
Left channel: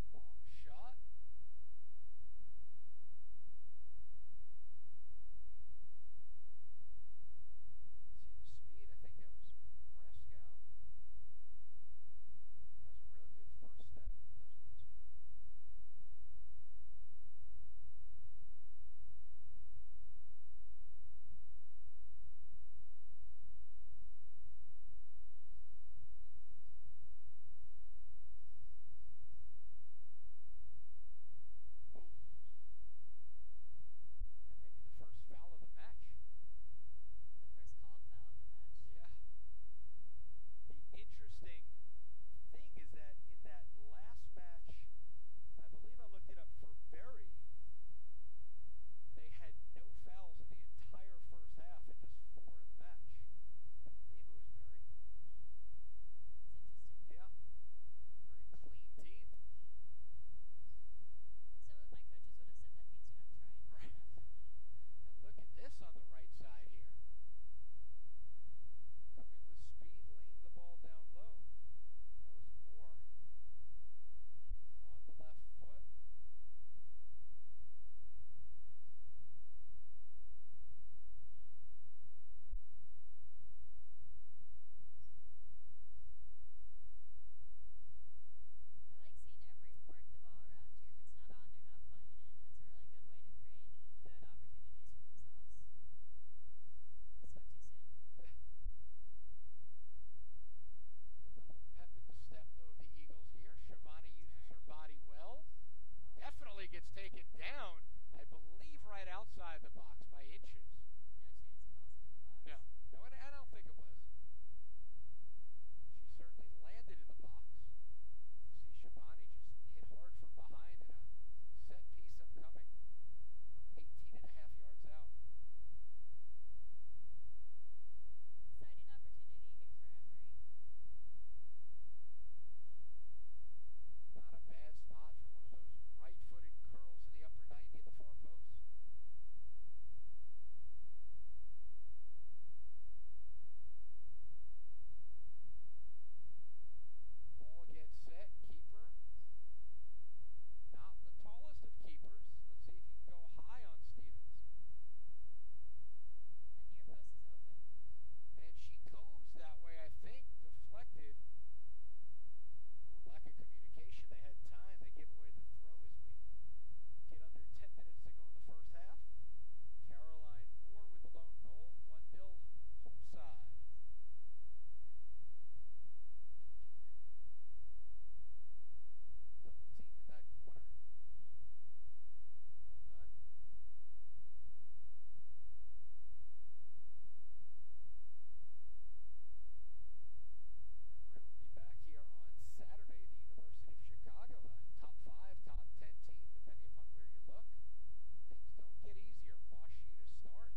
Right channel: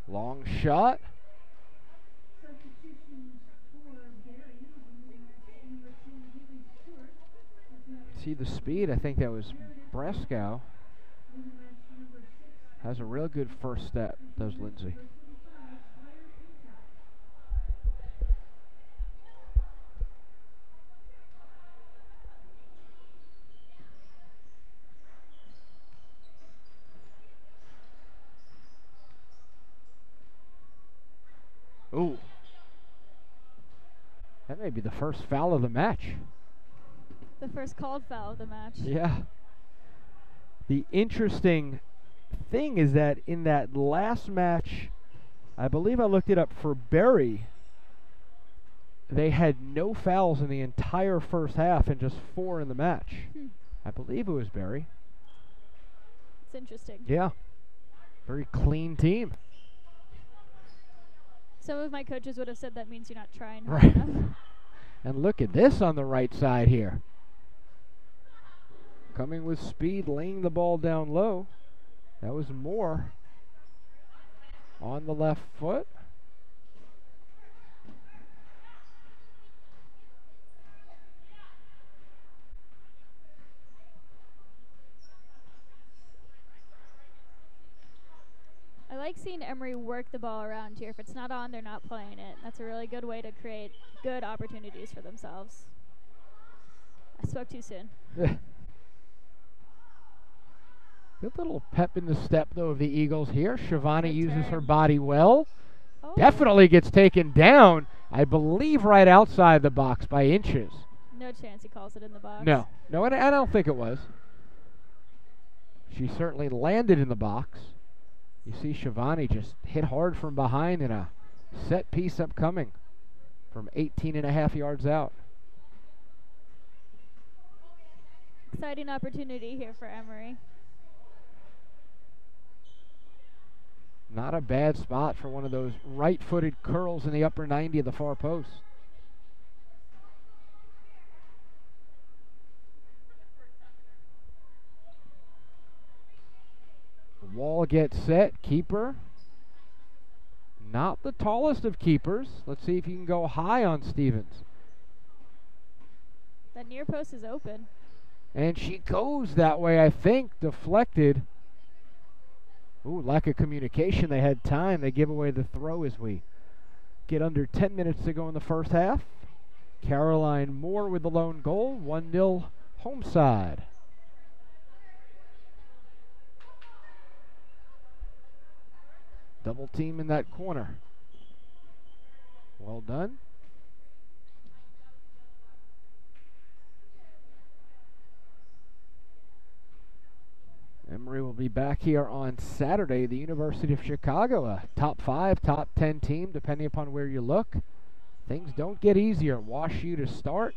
Long shot. See the speed. I think that was Brescow. Has a real good first step, does Lindsay. maybe the first foul of the match. The first called foul of the match. Yeah. The interesting thing is that in that last match, I believe I looked it up for Berry, they had no fouls in the entire first half and just 4 in the match. I believe it was Berry. It's interesting. Yeah. Very clean team. Some of my coaches would have said that means you're not trying hard Right. enough. And look at this on the right side here. Coming with speed, laying the ball down low. That was Moore on the left foot. I like seeing Emory work the ball around here. If it's not on, they're not playing it. That's a really good way to create good opportunities for themselves. I spoke too soon. Good little pep in the step, though, of the Eagles here. Shivani Good uses her turn. body well. Oh. Definitely gets taken down, I believe, right outside the box by inches. No chance he calls it in the box. No, and I don't think it was. She certainly landed in the box. You see Shivani just hit hard from behind and a set piece upcoming from 18.5 yards out. Exciting opportunity here for Emory. Not a bad spot for one of those right-footed curls in the upper 90 of the far post. Wall gets set. Keeper. Not the tallest of keepers. Let's see if you can go high on Stevens. That near post is open. And she goes that way, I think. Deflected. Ooh, lack of communication. They had time. They give away the throw as we get under 10 minutes to go in the first half. Caroline Moore with the lone goal. 1-0 home side. Double team in that corner. Well done. Emory will be back here on Saturday. The University of Chicago, a top 5, top 10 team, depending upon where you look. Things don't get easier. Wash U to start.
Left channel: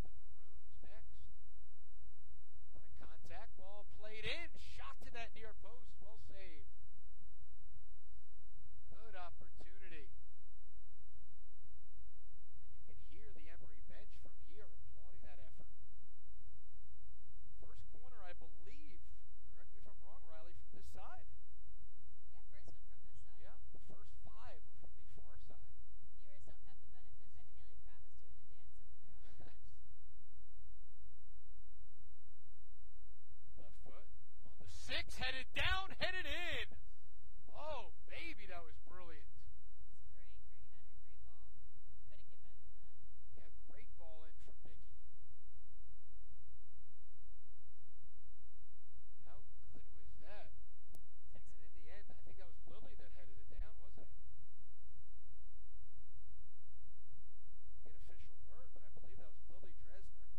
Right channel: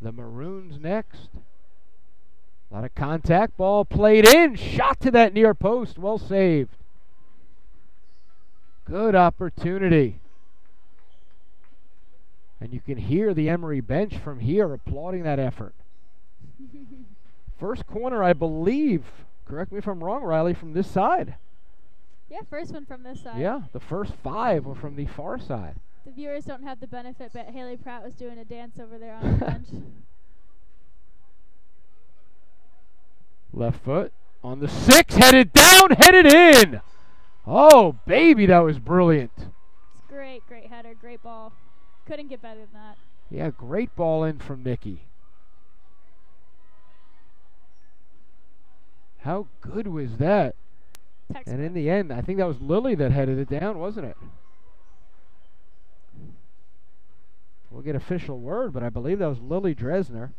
The Maroons next. A lot of contact. Ball played in. Shot to that near post. Well saved. Good opportunity. And you can hear the Emory bench from here applauding that effort. First corner, I believe, correct me if I'm wrong, Riley, from this side. Yeah, first one from this side. Yeah, the first 5 were from the far side. The viewers don't have the benefit, but Haley Pratt was doing a dance over there on the bench. Left foot on the 6, headed down, headed in. Oh, baby, that was brilliant. It's great, great header, great ball. Couldn't get better than that. Yeah, great ball in from Nikki. How good was that? Textbook. And in the end, I think that was Lily that headed it down, wasn't it? We'll get official word, but I believe that was Lily Dresner.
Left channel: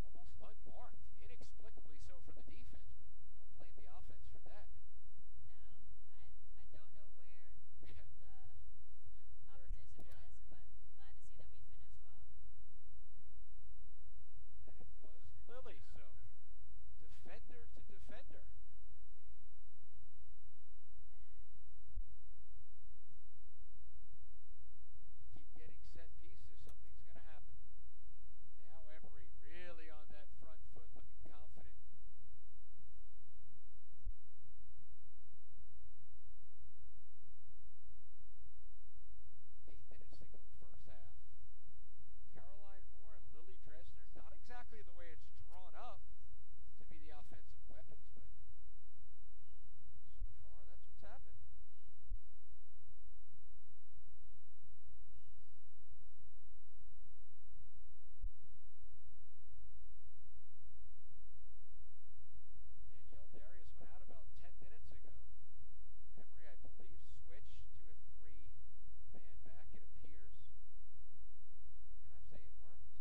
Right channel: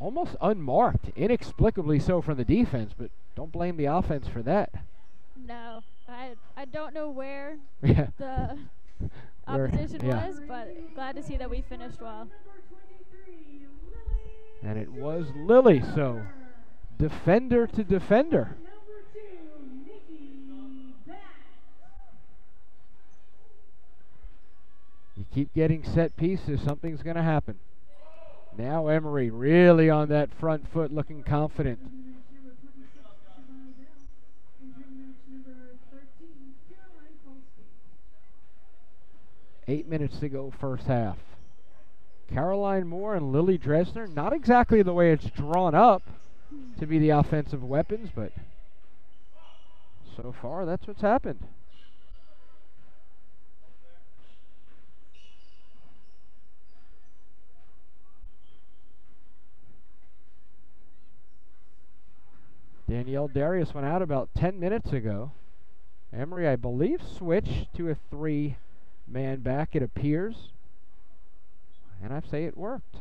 Almost unmarked, inexplicably so from the defense, but don't blame the offense for that. No, I don't know where Yeah. the opposition was, but glad to see that we finished well. And it was Lily, so defender to defender. You keep getting set pieces, something's going to happen. Now Emory really on that front foot, looking confident. 8 minutes to go first half. Caroline Moore and Lily Dresner, not exactly the way it's drawn up to be the offensive weapons, but so far that's what's happened. Danielle Darius went out about 10 minutes ago. Emory, I believe, switched to a 3-man back, it appears. And I say it worked.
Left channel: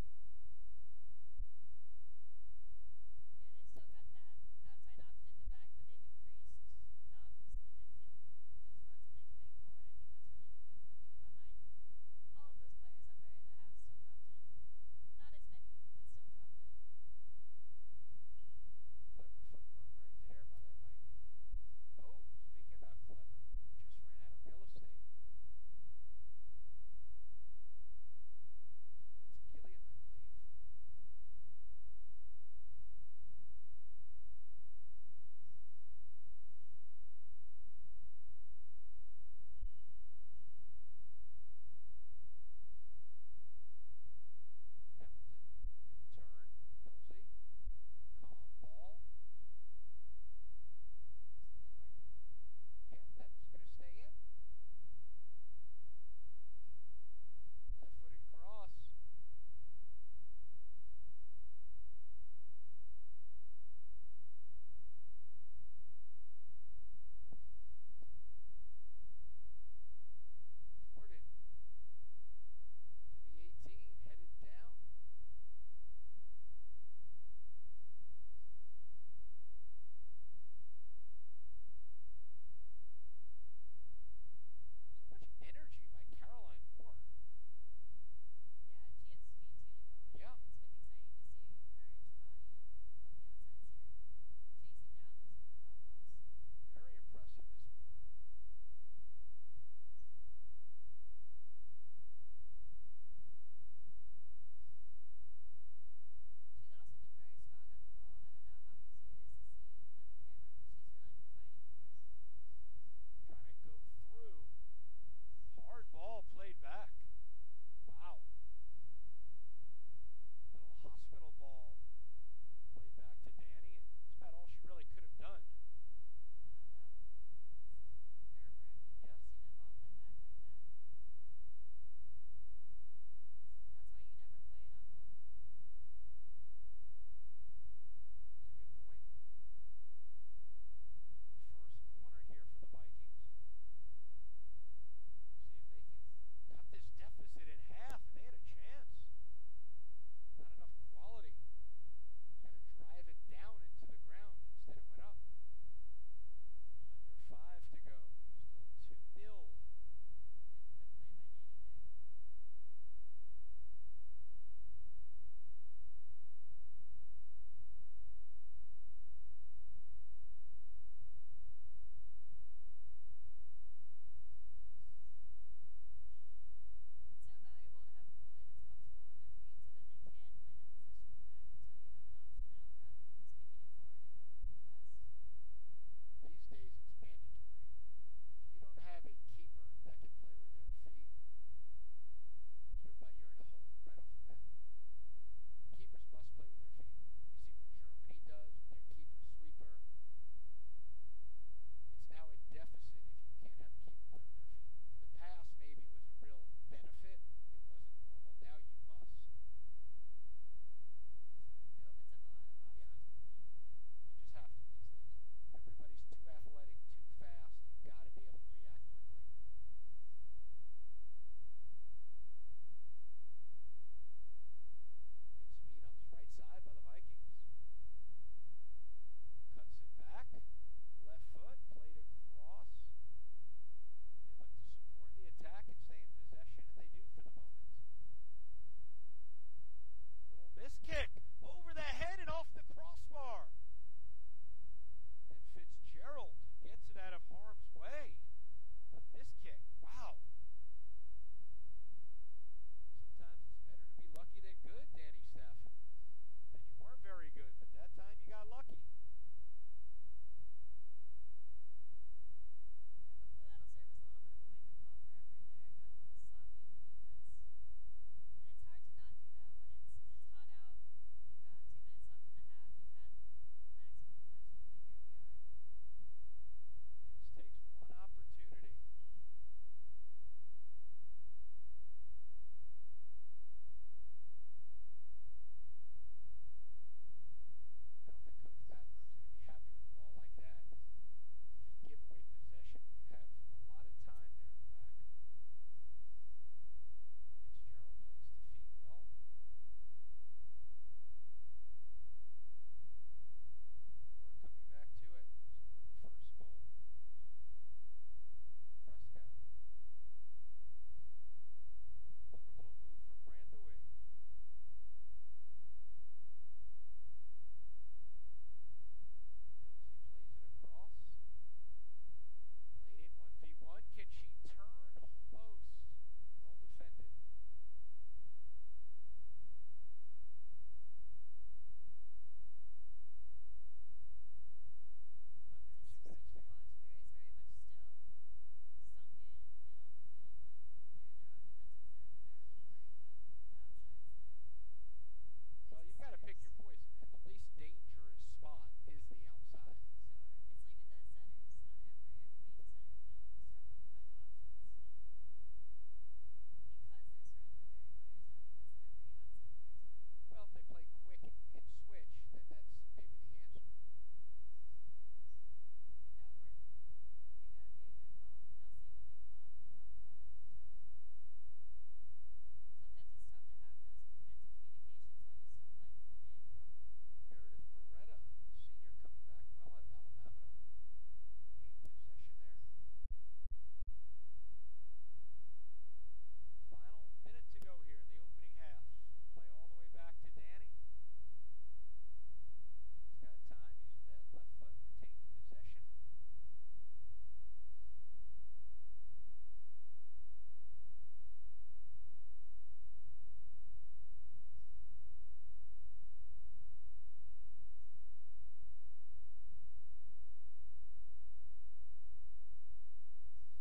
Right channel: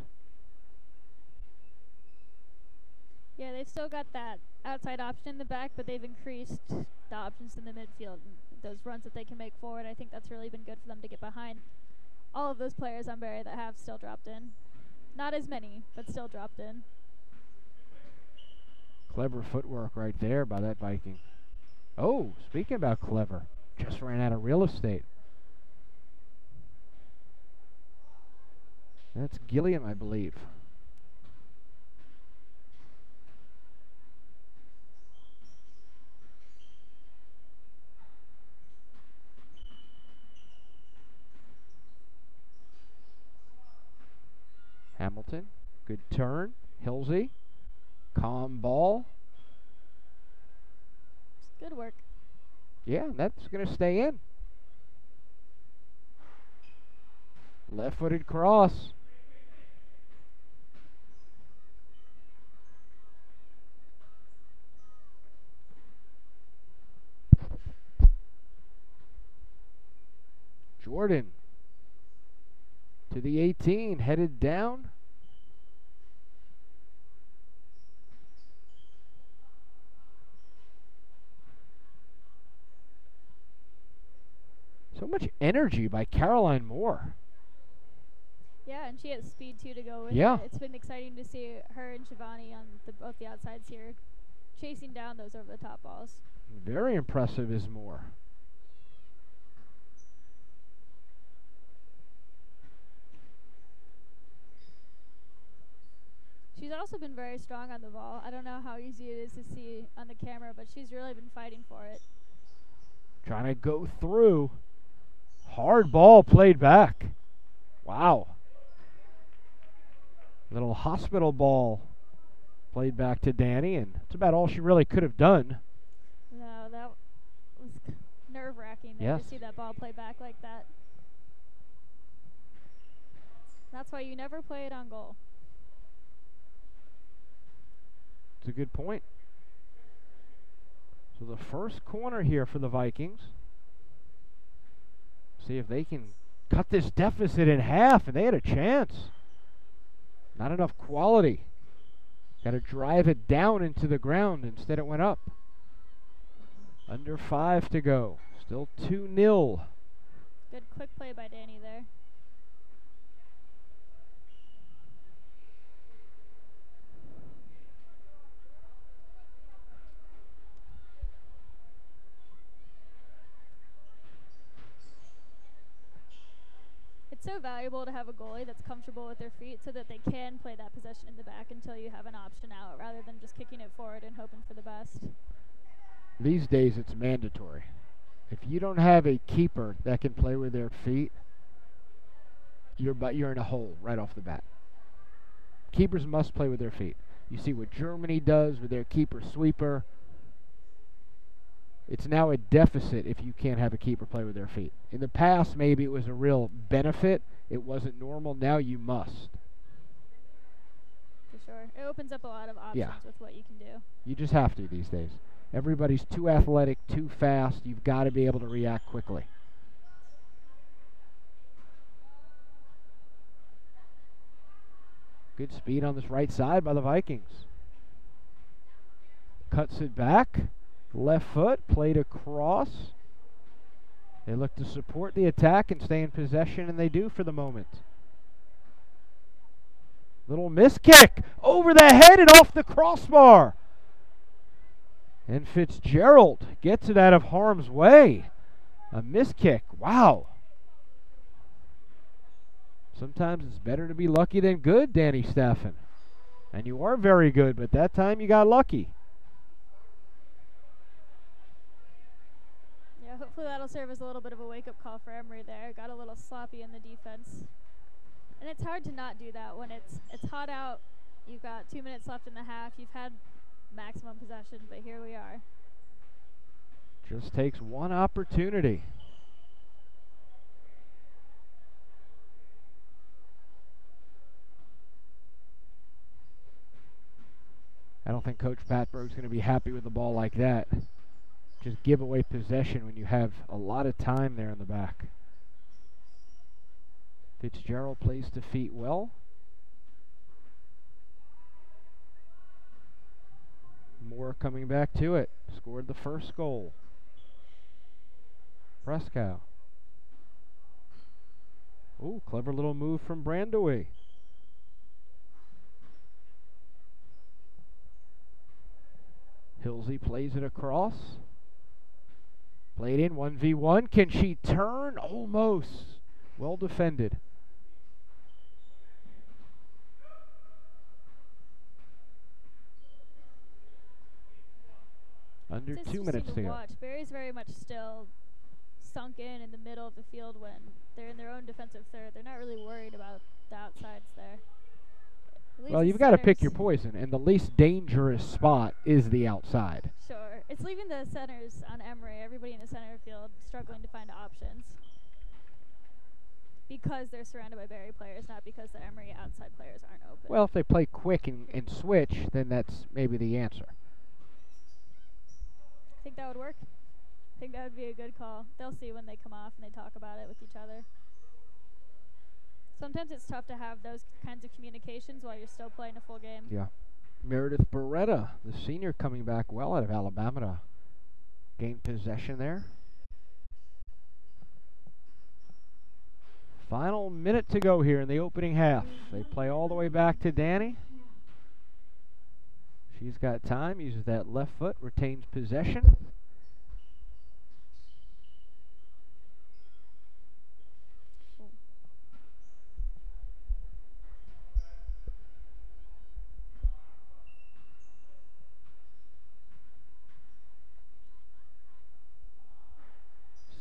Yeah, they've still got that outside option in the back, but they've increased the options in the midfield. Those runs that they can make forward, I think that's really been good for them to get behind all of those players on Barry that have still dropped in. Not as many, but still dropped in. Clever footwork right there by that Viking. Oh, speaking about clever, just ran out of real estate. That's Gilliam, I believe. Hamilton, good turn. Hilsee, calm ball. Good work. Yeah, that's going to stay in. Left-footed cross. Jordan to the 18, headed down. So much energy by Caroline Moore. Yeah, and she has speed too to go with Yeah. it. It's been exciting to see her and Shivani on both the outsides here, chasing down those over the top balls. Very impressive is Moore. She's also been very strong on the ball. I don't know how easy it is to see on the camera, but she's really been fighting for it. Trying to go through. Hard ball played back. Wow. Little hospital ball played back to Danny, and that's about all she really could have done. No, that was nerve-wracking there to see that ball play back like that. That's why you never play it on goal. It's a good point. So the first corner here for the Vikings. See if they can cut this deficit in half, and they had a chance. Not enough quality. Got to drive it down into the ground. Instead it went up. Under 5 to go. Still 2-0. Good quick play by Danny there. It's so valuable to have a goalie that's comfortable with their feet so that they can play that possession in the back until you have an option out rather than just kicking it forward and hoping for the best. These days it's mandatory. If you don't have a keeper that can play with their feet, you're in a hole right off the bat. Keepers must play with their feet. You see what Germany does with their keeper sweeper. It's now a deficit if you can't have a keeper play with their feet. In the past, maybe it was a real benefit. It wasn't normal. Now you must. For sure. It opens up a lot of options with what you can do. You just have to these days. Everybody's too athletic, too fast. You've got to be able to react quickly. Good speed on this right side by the Vikings. Cuts it back. Left foot, played across. They look to support the attack and stay in possession, and they do for the moment. Little miss kick over the head and off the crossbar. And Fitzgerald gets it out of harm's way. A miss kick. Wow. Sometimes it's better to be lucky than good, Danny Staffen. And you are very good, but that time you got lucky. Hopefully that'll serve as a little bit of a wake-up call for Emory there. Got a little sloppy in the defense. And it's hard to not do that when it's hot out. You've got 2 minutes left in the half. You've had maximum possession, but here we are. Just takes one opportunity. I don't think Coach Patberg's going to be happy with the ball like that. just give away possession when you have a lot of time there in the back. Fitzgerald plays to feet well. Moore coming back to it. Scored the first goal. Brescow. Oh, clever little move from Brandowy. Hilsee plays it across. Played in 1v1. Can she turn? Almost. Well defended. Under 2 minutes to go. Barry's very much still sunk in the middle of the field when they're in their own defensive third. They're not really worried about the outsides there. Well, you've got to pick your poison, and the least dangerous spot is the outside. Sure. It's leaving the centers on Emory, everybody in the center field, struggling to find options. Because they're surrounded by Barry players, not because the Emory outside players aren't open. Well, if they play quick and switch, then that's maybe the answer. I think that would work. I think that would be a good call. They'll see when they come off and they talk about it with each other. Sometimes it's tough to have those kinds of communications while you're still playing a full game. Yeah. Meredith Beretta, the senior, coming back well out of Alabama to gain possession there. Final minute to go here in the opening half. They play all the way back to Danny. She's got time, uses that left foot, retains possession.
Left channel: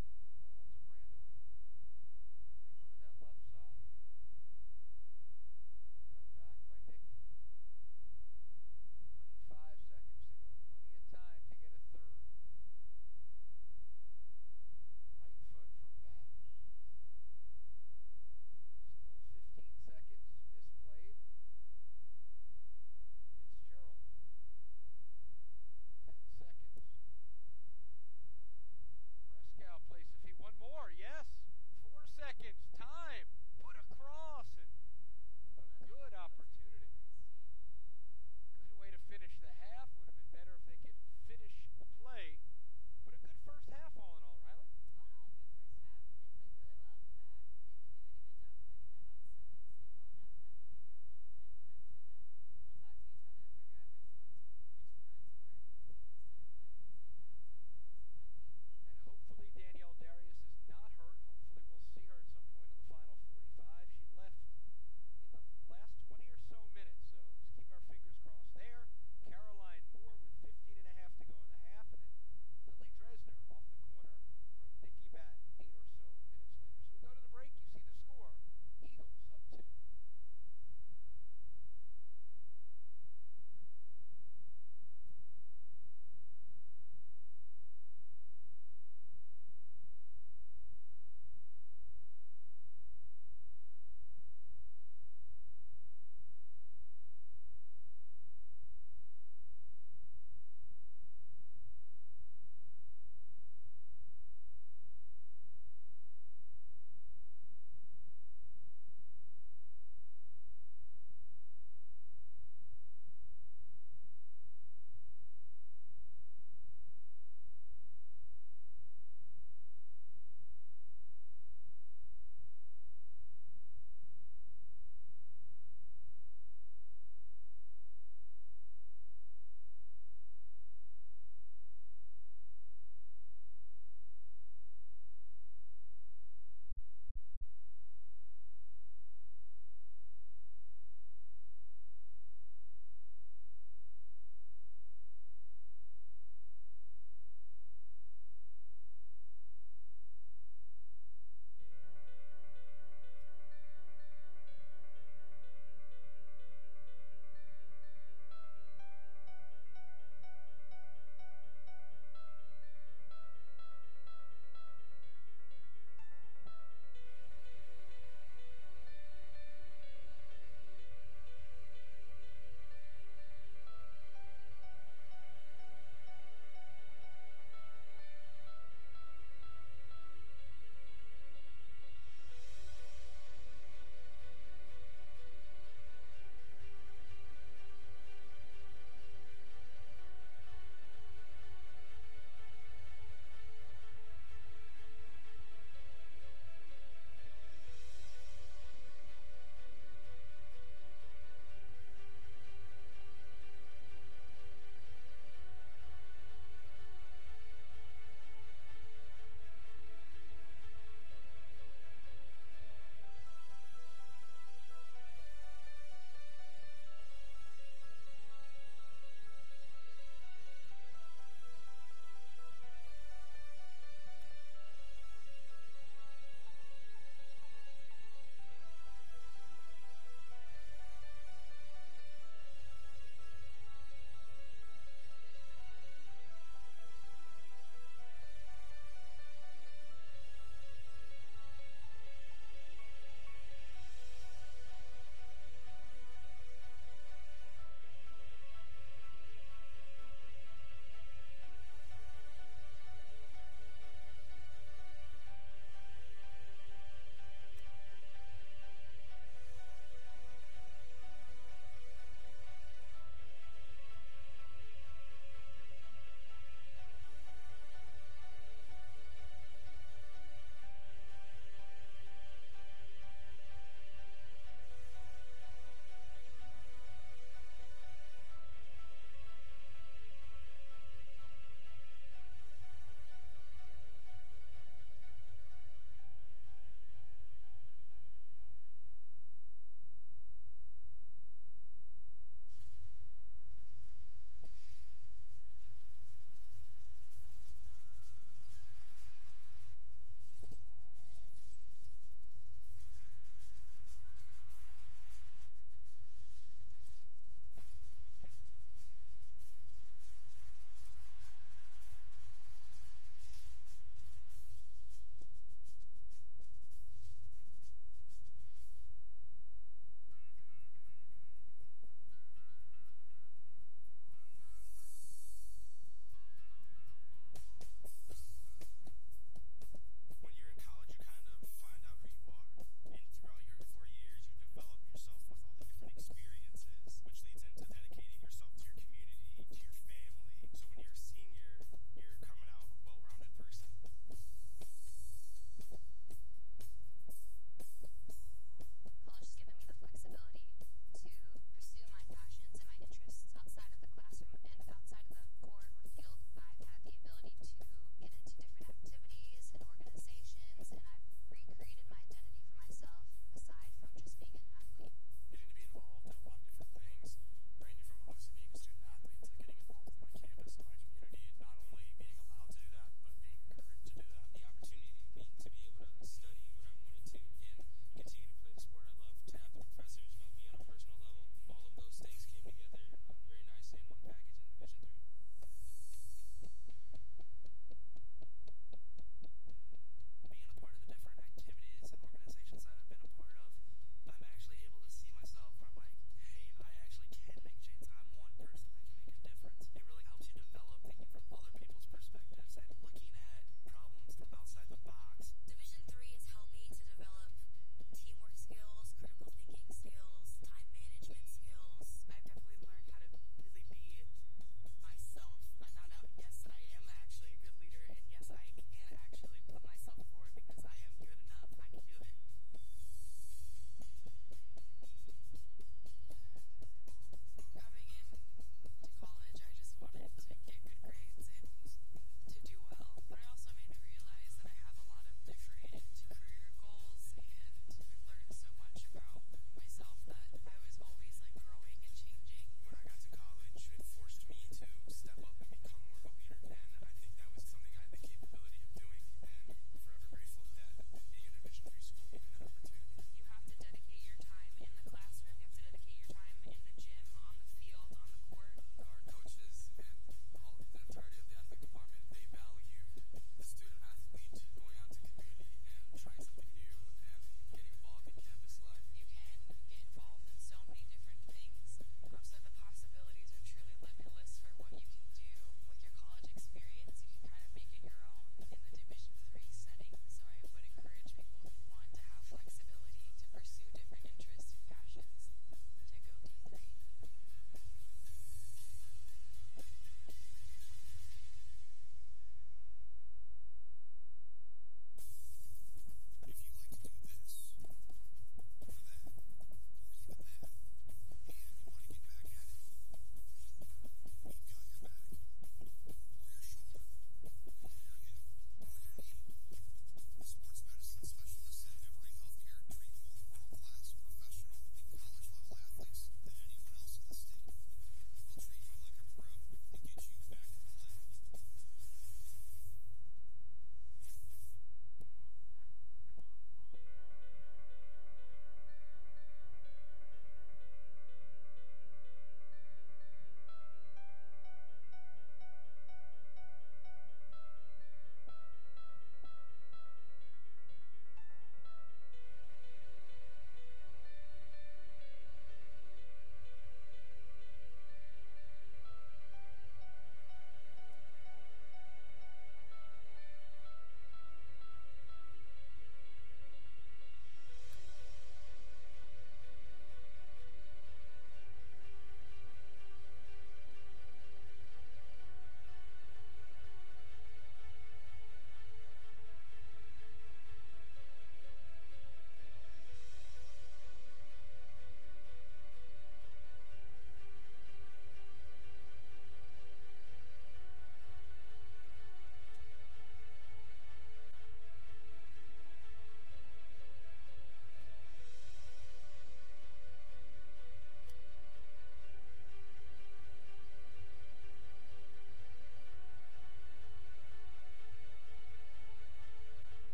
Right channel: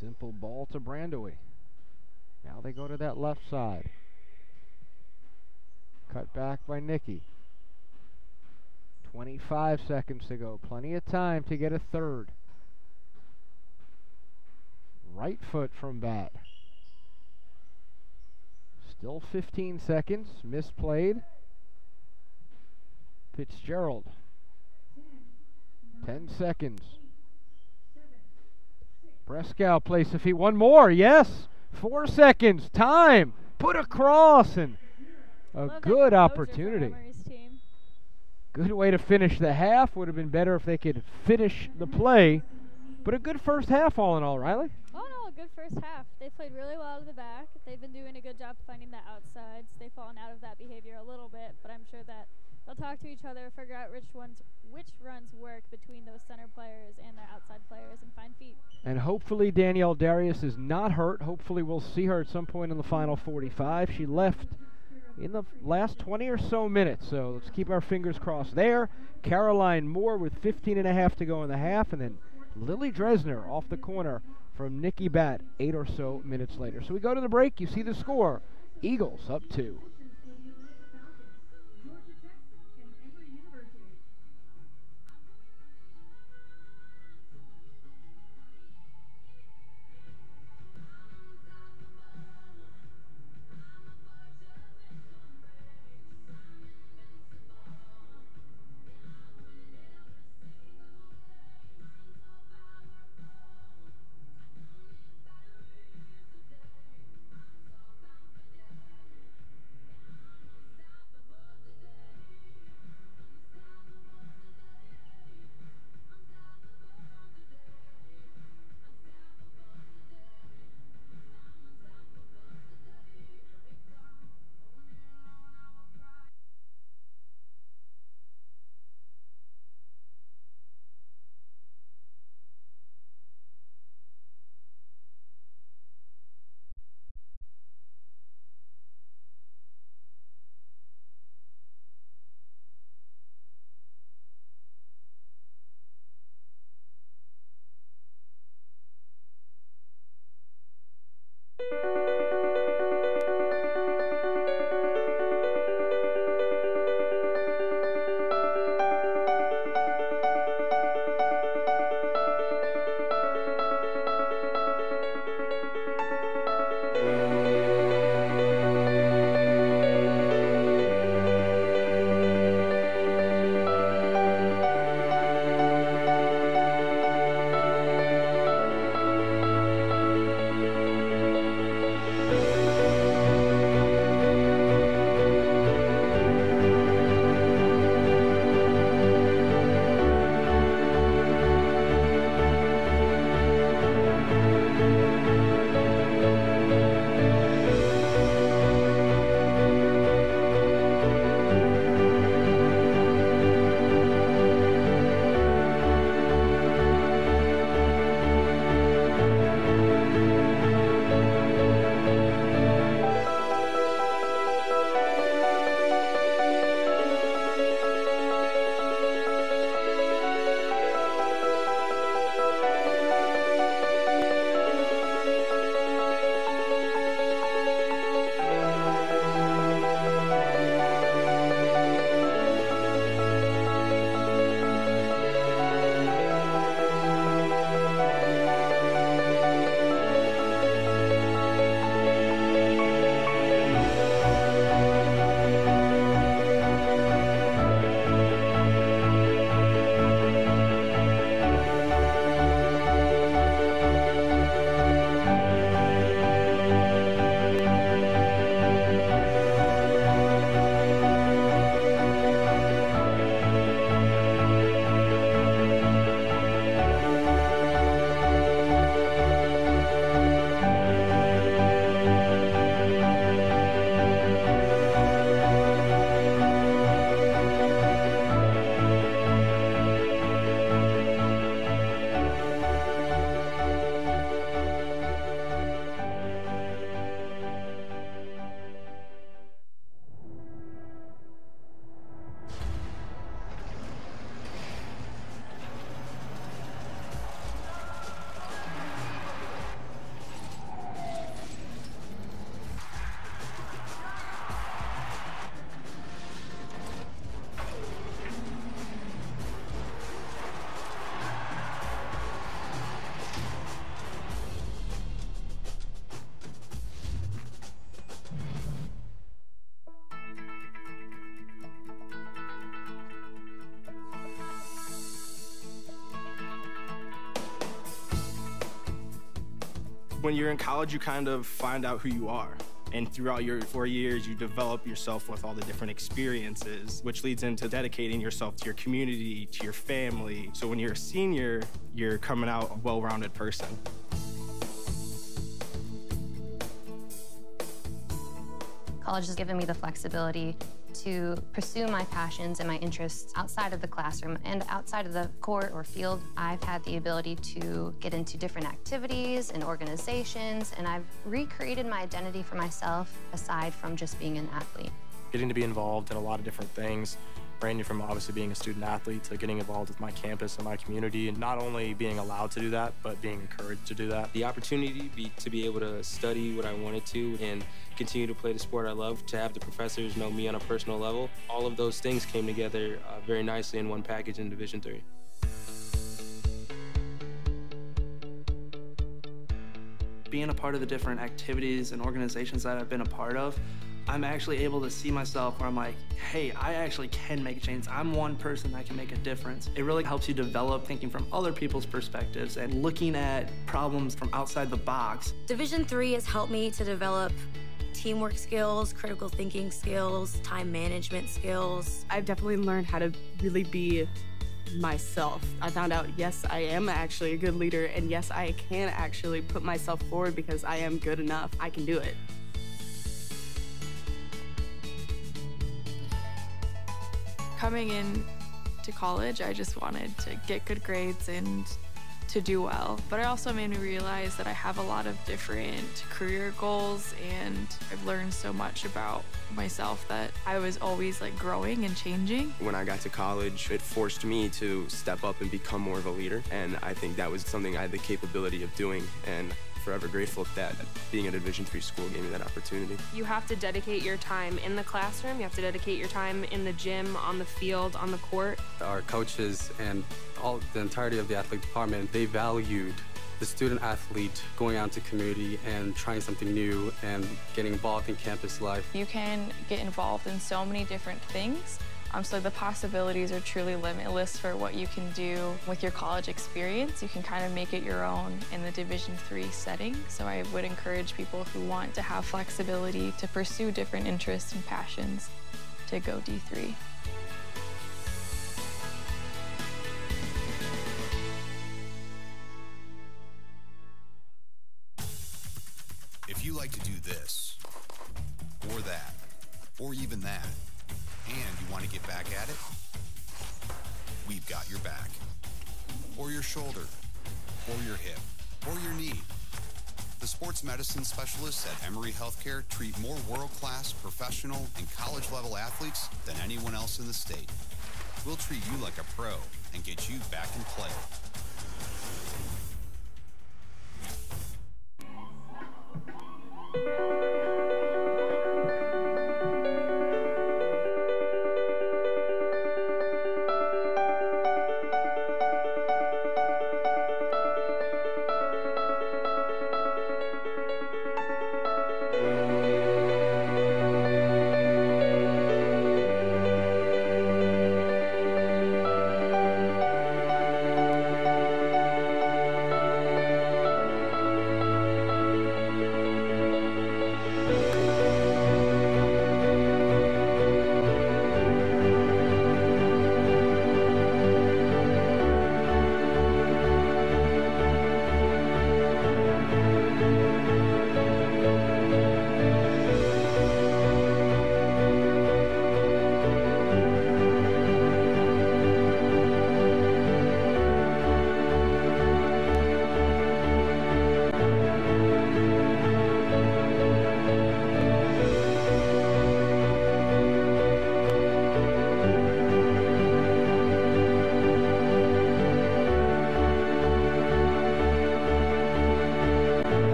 Simple ball to Brandowy. Now they go to that left side. Cut back by Nikki. 25 seconds to go. Plenty of time to get a third. Right foot from bat. Still 15 seconds. Misplayed. Fitzgerald. 10 seconds. Brescow plays the feet. One more. Yes. 4 seconds. Time. Put across. And a good opportunity. Good way to finish the half. Would have been better if they could finish the play. But a good first half all in all, Riley. Oh, no, a good first half. They played really well to the back. They've been doing a good job finding the outsides. They've fallen out of that behavior a little bit, but I'm sure that they'll talk to each other, figure out which runs work between those center players and their outside players, and find feet. And hopefully Danielle Darius is not hurt. Hopefully we'll see her at some point in the final 45. She left in the last 20 or so minutes, so let's keep our fingers crossed there. Caroline Moore with 15 and a half to go in the half, and then Lily Dresner off the corner from Nikki Batt 8 or so minutes later. So we go to the break. You see the score. Eagles up 2. When you're in college, you kind of find out who you are. And throughout your 4 years, you develop yourself with all the different experiences, which leads into dedicating yourself to your community, to your family. So when you're a senior, you're coming out a well-rounded person. College has given me the flexibility to pursue my passions and my interests outside of the classroom and outside of the court or field. I've had the ability to get into different activities and organizations, and I've recreated my identity for myself aside from just being an athlete. Getting to be involved in a lot of different things, ranging from obviously being a student athlete to getting involved with my campus and my community, and not only being allowed to do that, but being encouraged to do that. The opportunity to be able to study what I wanted to and continue to play the sport I love, to have the professors know me on a personal level, all of those things came together very nicely in one package in Division III. Being a part of the different activities and organizations that I've been a part of, I'm actually able to see myself where I'm like, hey, I actually can make a change. I'm one person that can make a difference. It really helps you develop thinking from other people's perspectives and looking at problems from outside the box. Division III has helped me to develop teamwork skills, critical thinking skills, time management skills. I've definitely learned how to really be myself. I found out, yes, I am actually a good leader, and yes, I can actually put myself forward because I am good enough. I can do it. Coming in to college, I just wanted to get good grades and to do well. But it also made me realize that I have a lot of different career goals, and I've learned so much about myself that I was always like growing and changing. When I got to college, it forced me to step up and become more of a leader, and I think that was something I had the capability of doing, and forever grateful that being at a Division III school gave me that opportunity. You have to dedicate your time in the classroom, you have to dedicate your time in the gym, on the field, on the court. Our coaches and the entirety of the athletic department, they valued the student athlete going out into community and trying something new and getting involved in campus life. You can get involved in so many different things. So the possibilities are truly limitless for what you can do with your college experience. You can kind of make it your own in the Division III setting. So I would encourage people who want to have flexibility to pursue different interests and passions to go D3. If you like to do this, or that, or even that, and you want to get back at it, we've got your back. Or your shoulder, or your hip, or your knee. The sports medicine specialists at Emory Healthcare treat more world-class, professional, and college-level athletes than anyone else in the state. We'll treat you like a pro and get you back in play.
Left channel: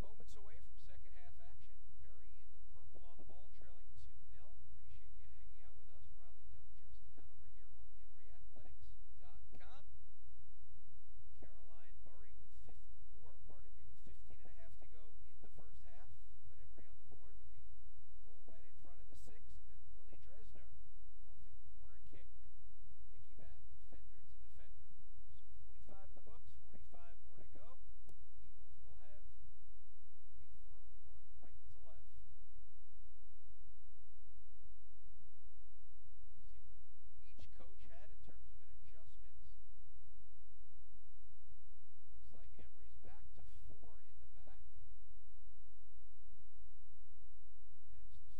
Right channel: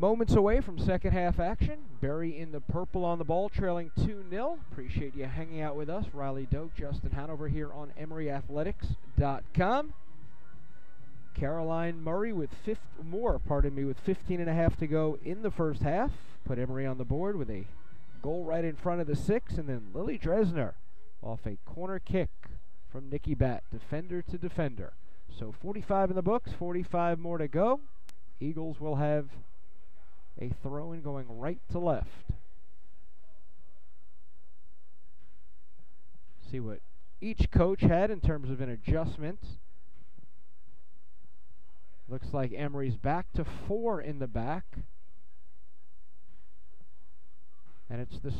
Moments away from second half action. Berry in the purple on the ball, trailing 2-0. Appreciate you hanging out with us. Riley Doak, Justin Hanover here on EmoryAthletics.com. Caroline Murray with 15 and a half to go in the first half. Put Emory on the board with a goal right in front of the 6, and then Lily Dresner off a corner kick from Nikki Batt, defender to defender. So 45 in the books, 45 more to go. Eagles will have a throw-in going right to left. See what each coach had in terms of an adjustment. Looks like Emory's back to 4 in the back. And it's the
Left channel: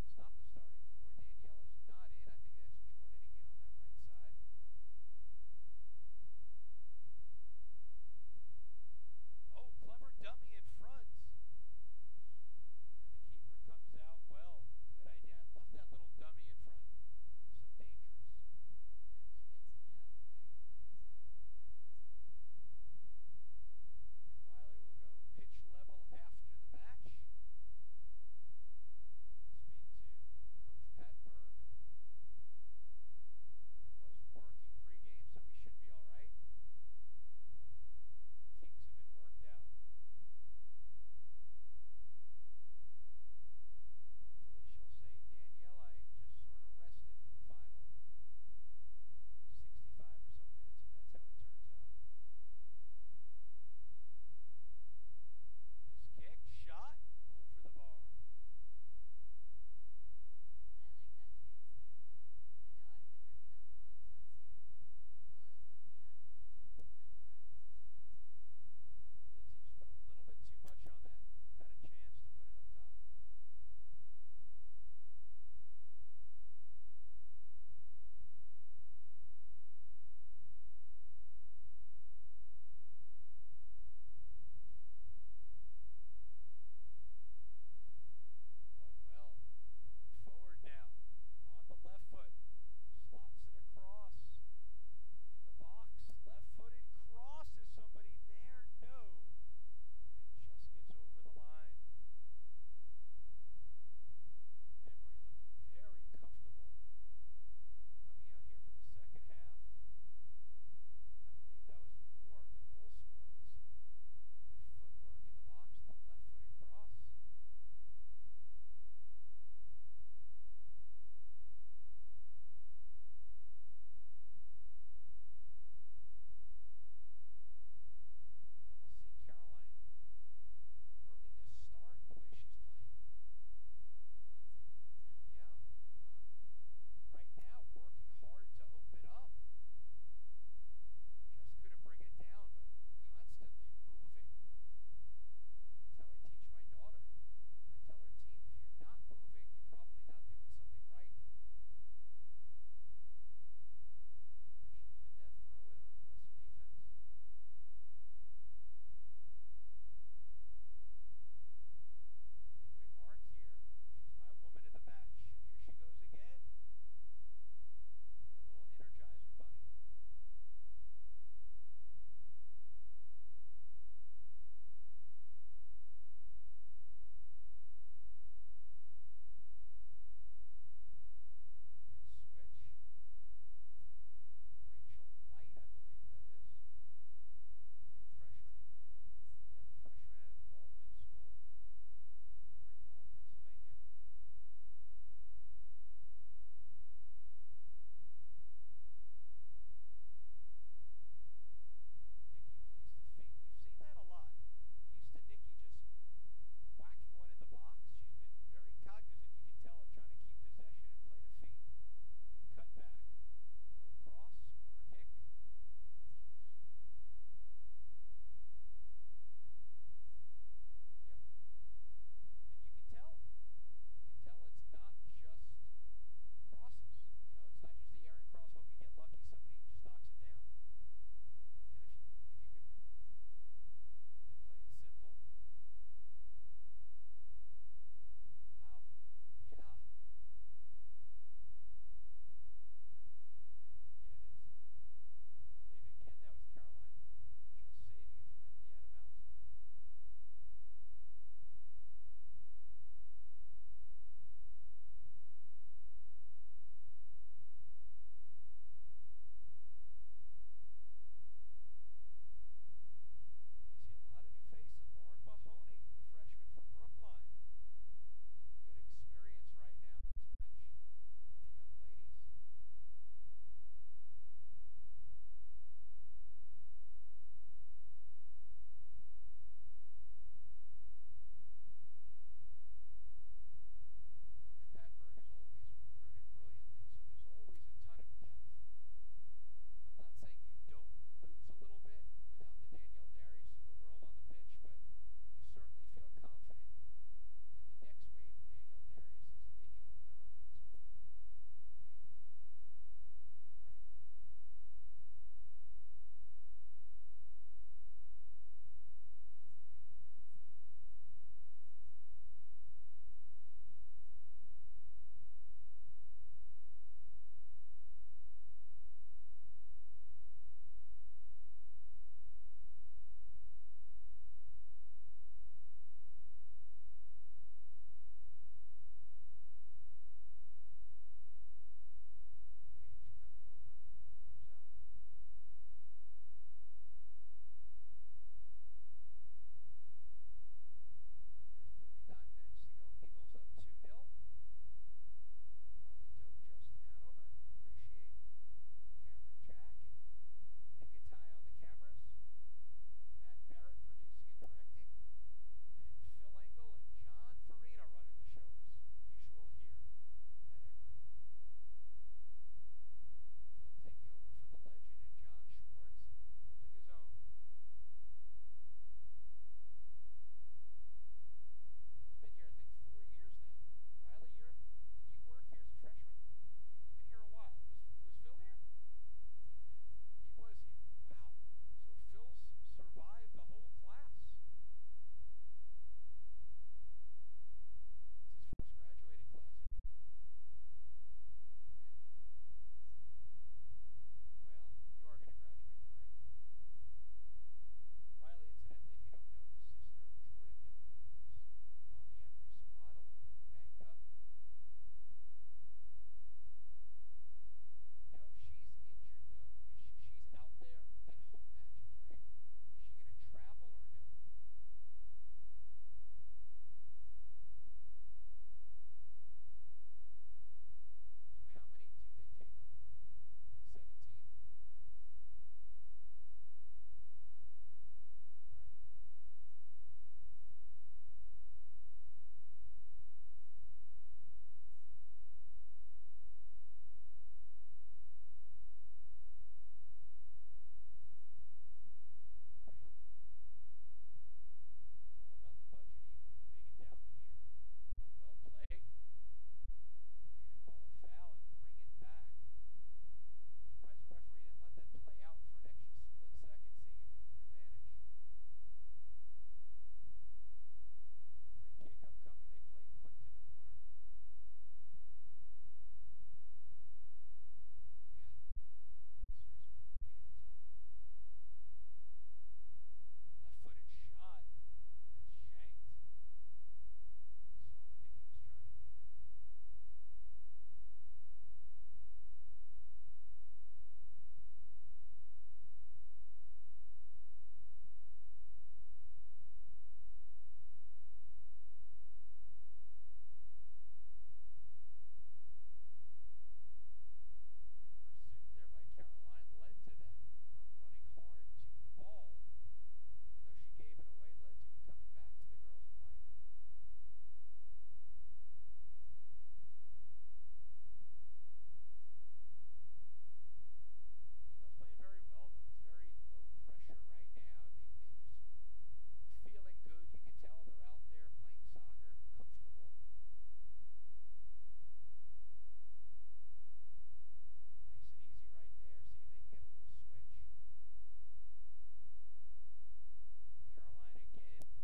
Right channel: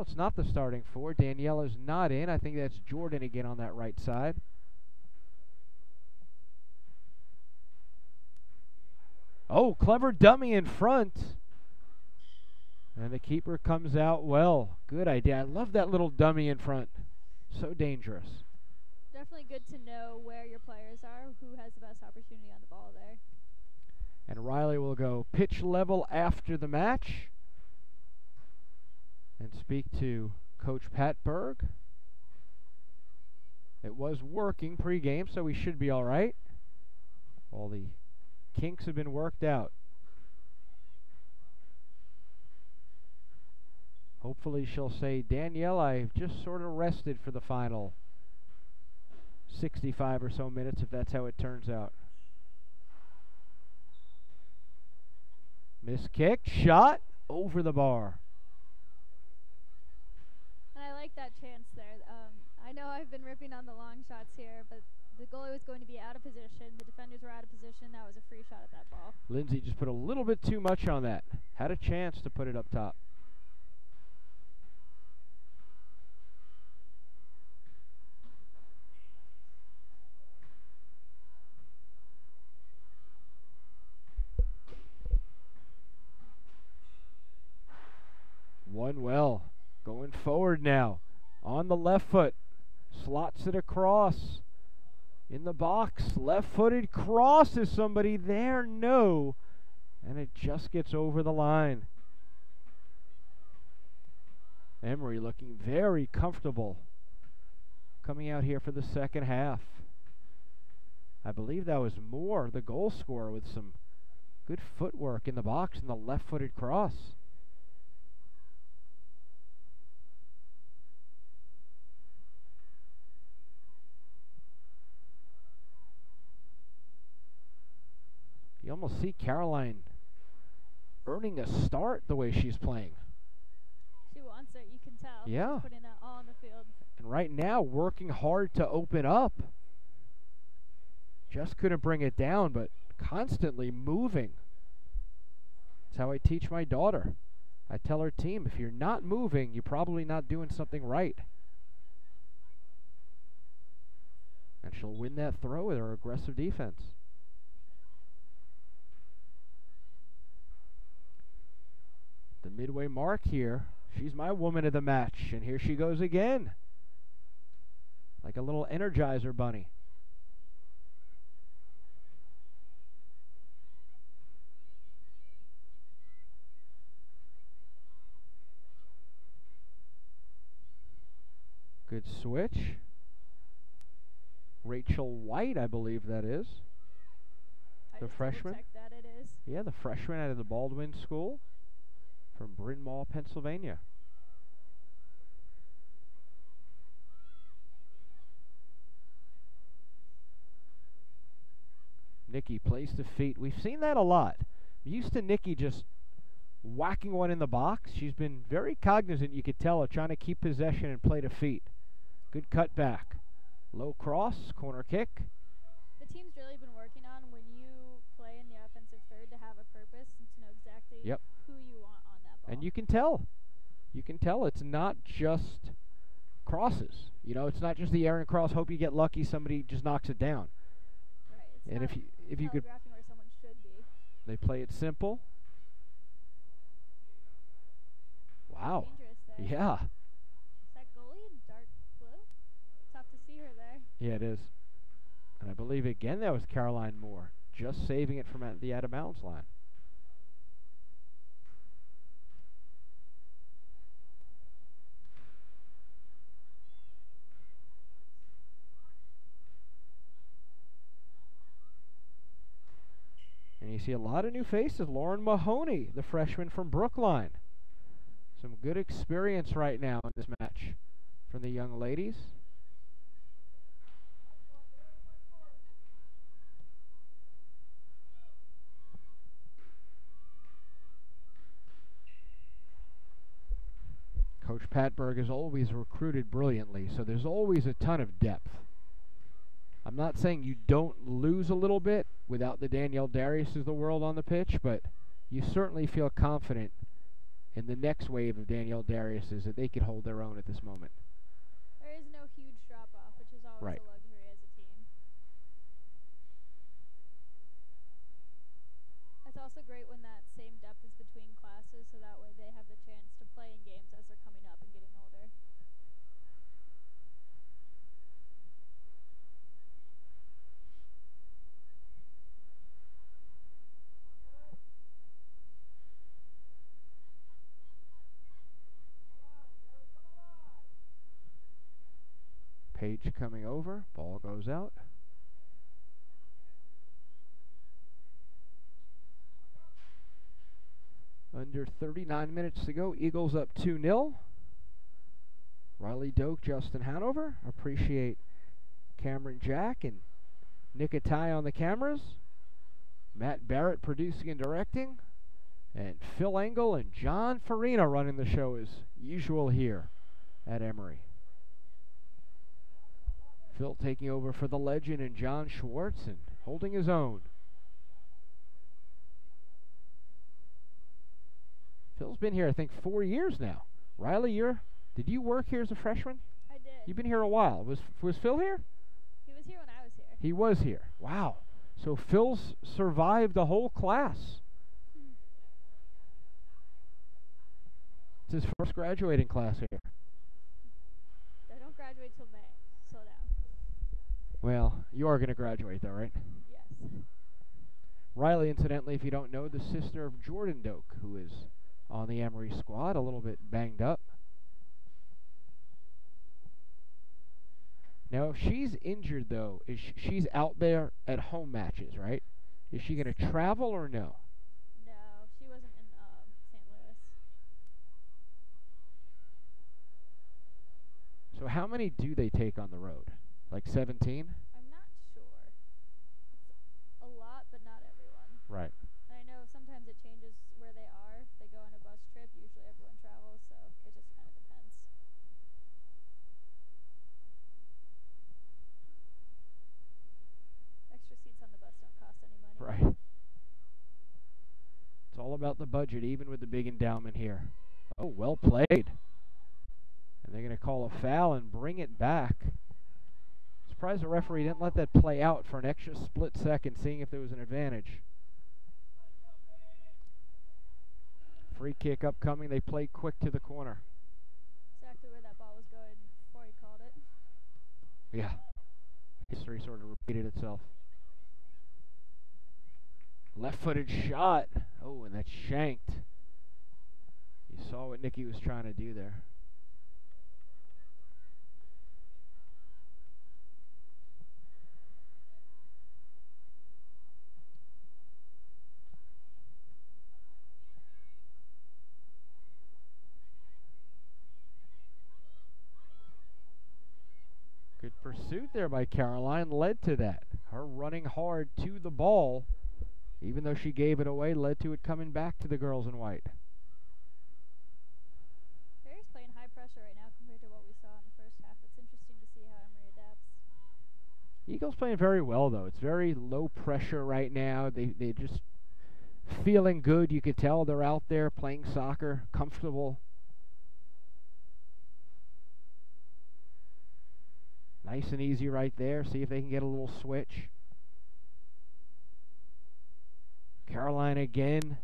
it's not the starting 4. Daniela's not in. I think that's Jordan again on that right side. Oh, clever dummy in front. And the keeper comes out well. Good idea. I love that little dummy in front. So dangerous. Definitely good to know where your players are, who has the best opportunity on the ball there. And Riley will go pitch level after the match and speak to Coach Pat Berg. It was working pregame, so we should be all right. All the kinks have been worked out. Hopefully she'll say, Danielle, I've just sort of rested for the final 65 or so minutes, if that's how it turns out. Miss kick, shot, over the bar. And I like that chance there. I know I've been ripping on the long shots here, but the goalie was going to be out of position. The defenders were out of position. That was a free shot at that ball. Lindsay just put a little bit too much on that. Had a chance to put it up top. One well, going forward now, on the left foot, slots it across, in the box, left-footed cross. Is somebody there? No, and it just gets over the line. Emory looking very comfortable coming out here for the second half. I believe that was Moore, the goal scorer, with some good footwork in the box and the left-footed cross. You almost see Caroline earning a start the way she's playing. She wants it, you can tell. Yeah. She's putting that all on the field. And right now, working hard to open up. Just couldn't bring it down, but constantly moving. That's how I teach my daughter. I tell her team, if you're not moving, you're probably not doing something right. And she'll win that throw with her aggressive defense. The midway mark here. She's my woman of the match, and here she goes again. Like a little Energizer bunny. Good switch. Rachel White, I believe that is. The freshman. That it is. Yeah, the freshman out of the Baldwin School from Bryn Mawr, Pennsylvania. Nikki plays to feet. We've seen that a lot. I'm used to Nikki just whacking one in the box. She's been very cognizant, you could tell, of trying to keep possession and play to feet. Good cut back. Low cross, corner kick. The team's really been working on when you play in the offensive third to have a purpose and to know exactly who you want on that ball. And you can tell. You can tell it's not just crosses. You know, it's not just the errant cross, hope you get lucky, somebody just knocks it down. Right. And if you could, where someone should be. They play it simple. Wow. Dangerous there. Yeah. Is that goalie in dark blue? Tough to see her there. Yeah, it is. And I believe again that was Caroline Moore, just saving it from the out of bounds line. see a lot of new faces. Lauren Mahoney, the freshman from Brookline. Some good experience right now in this match from the young ladies. Coach Patberg has always recruited brilliantly, so there's always a ton of depth. I'm not saying you don't lose a little bit without the Danielle Darius of the world on the pitch, but you certainly feel confident in the next wave of Danielle Dariuses that they could hold their own at this moment. There is no huge drop-off, which is always Right. a luxury as a team. It's also great when that same depth is between classes, so that way they have the chance to play in games as they're coming up and getting older. Page coming over, ball goes out. Under 39 minutes to go, Eagles up 2-0. Riley Doak, Justin Hanover. Appreciate Cameron Jack and Nick Atai on the cameras. Matt Barrett producing and directing. And Phil Engel and John Farina running the show as usual here at Emory. Phil taking over for the legend and John Schwartz and holding his own. Phil's been here, I think, 4 years now. Riley, did you work here as a freshman? I did. You've been here a while. Was Phil here? He was here when I was here. He was here. Wow. So Phil's survived the whole class. It's his first graduating class here. They don't graduate till May. Slow down. Well, you are going to graduate, though, right? Yes. Riley, incidentally, if you don't know, the sister of Jordan Doak, who is on the Emory squad, a little bit banged up. Now, if she's injured, though, she's out there at home matches, right? Is she going to travel or no? No, she wasn't in St. Louis. So how many do they take on the road? Like 17? I'm not sure. It's a lot, but not everyone. Right. And I know sometimes it changes where they are. If they go on a bus trip, usually everyone travels, so it just kind of depends. Extra seats on the bus don't cost any money. Right. It's all about the budget, even with the big endowment here. Oh, well played. And they're going to call a foul and bring it back. Surprised the referee didn't let that play out for an extra split second, seeing if there was an advantage. Free kick upcoming. They play quick to the corner. Exactly where that ball was going before he called it. Yeah. History sort of repeated itself. Left-footed shot. Oh, and that's shanked. You saw what Nikki was trying to do there. Good pursuit there by Caroline led to that. Her running hard to the ball, even though she gave it away, led to it coming back to the girls in white. Barry's playing high pressure right now compared to what we saw in the first half. It's interesting to see how Emory adapts. Eagles playing very well, though. It's very low pressure right now. They're just feeling good. You could tell they're out there playing soccer, comfortable. Nice and easy right there. See if they can get a little switch. Caroline again.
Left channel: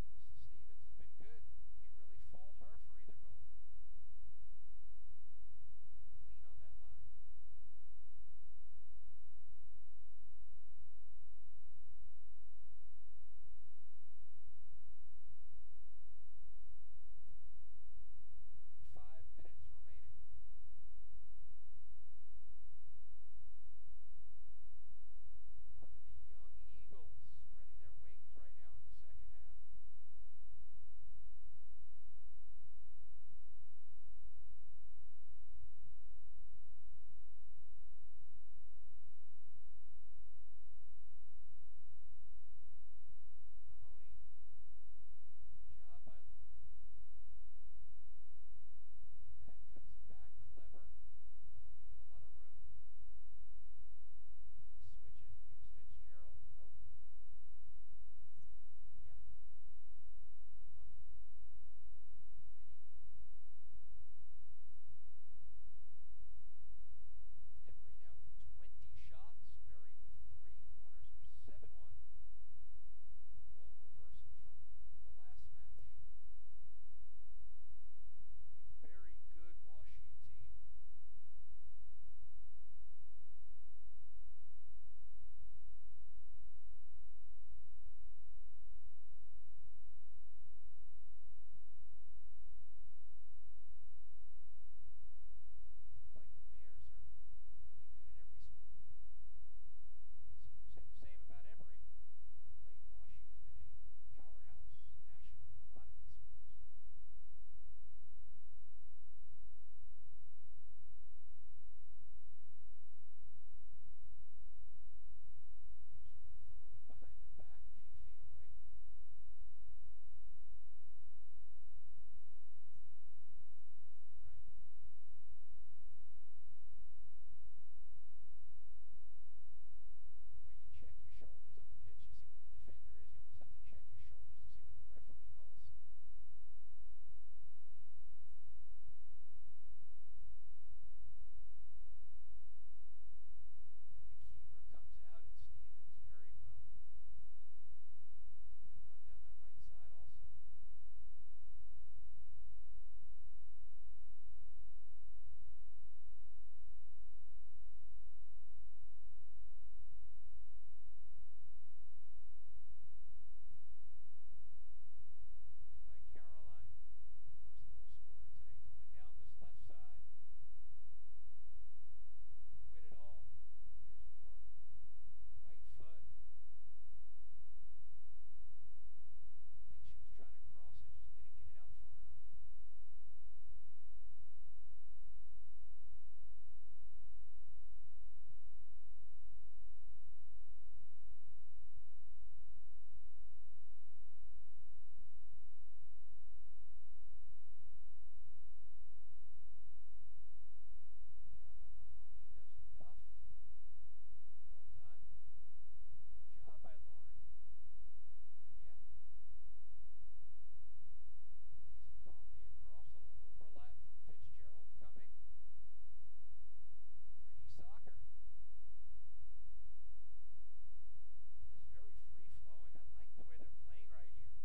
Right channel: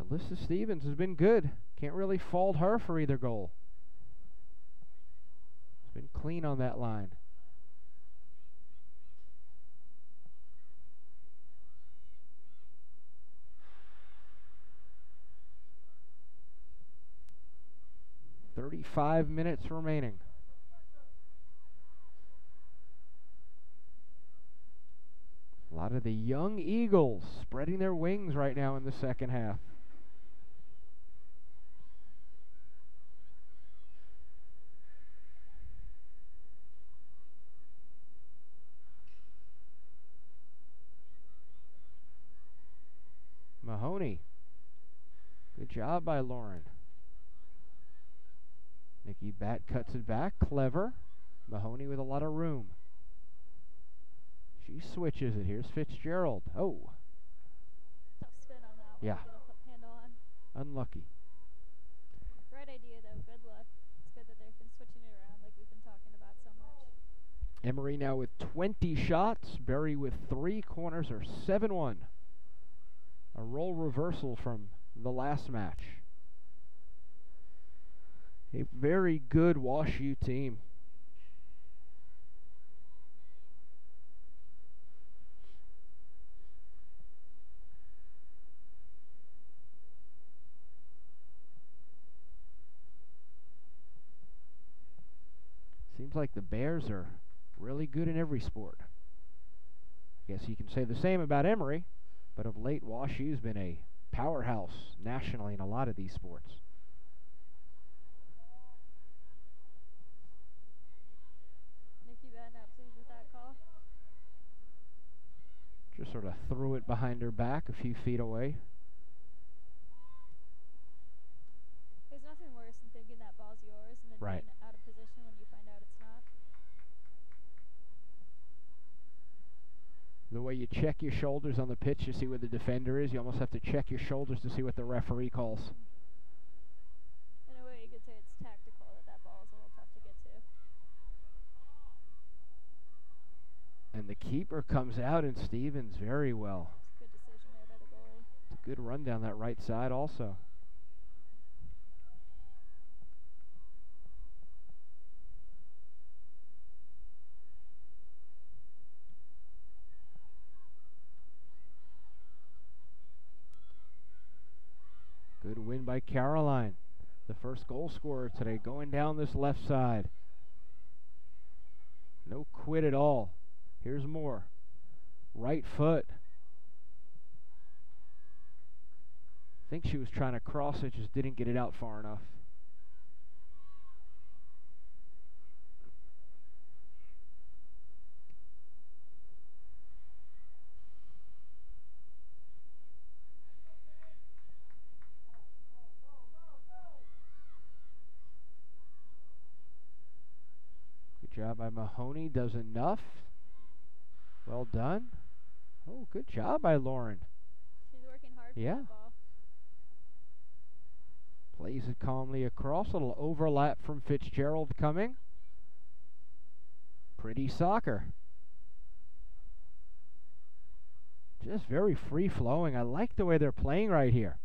Alyssa Stevens has been good. Can't really fault her for either goal. It's been clean on that line. 5 minutes remaining. A lot of the young Eagles spreading their wings right now in the second half. Mahoney. Good job by Lauren. Nikki Bat cuts it back. Clever. Mahoney with a lot of room. She switches it. Here's Fitzgerald. Oh. Tough spin on that one. Yeah. Get a handle on. Unlucky. Great idea, though. Good luck. It's good that they've been switching it around like we've been talking about so much. Emory now with 20 shots. Berry with 3. Corners are 7-1. A role reversal from the last match. A very good Wash U team. Seems like the Bears are really good in every sport. I guess you can say the same about Emory, but of late Wash U's been a powerhouse nationally in a lot of these sports. Nikki Bat not pleased with that call. Just sort of threw it behind her back a few feet away. There's nothing worse than thinking that ball's yours and then Right. being out of position when you find out it's not. The way you check your shoulders on the pitch to see where the defender is, you almost have to check your shoulders to see what the referee calls. In a way, you could say it's tactical that ball is a little tough to get to. And the keeper comes out and Stevens very well. Good decision there by the goalie. It's a good run down that right side also. Good win by Caroline. The first goal scorer today going down this left side. No quit at all. Here's more. Right foot. I think she was trying to cross it, just didn't get it out far enough. Good job by Mahoney. Does enough. Well done. Oh, good job by Lauren. She's working hard for that ball. Plays it calmly across. A little overlap from Fitzgerald coming. Pretty soccer. Just very free-flowing. I like the way they're playing right here.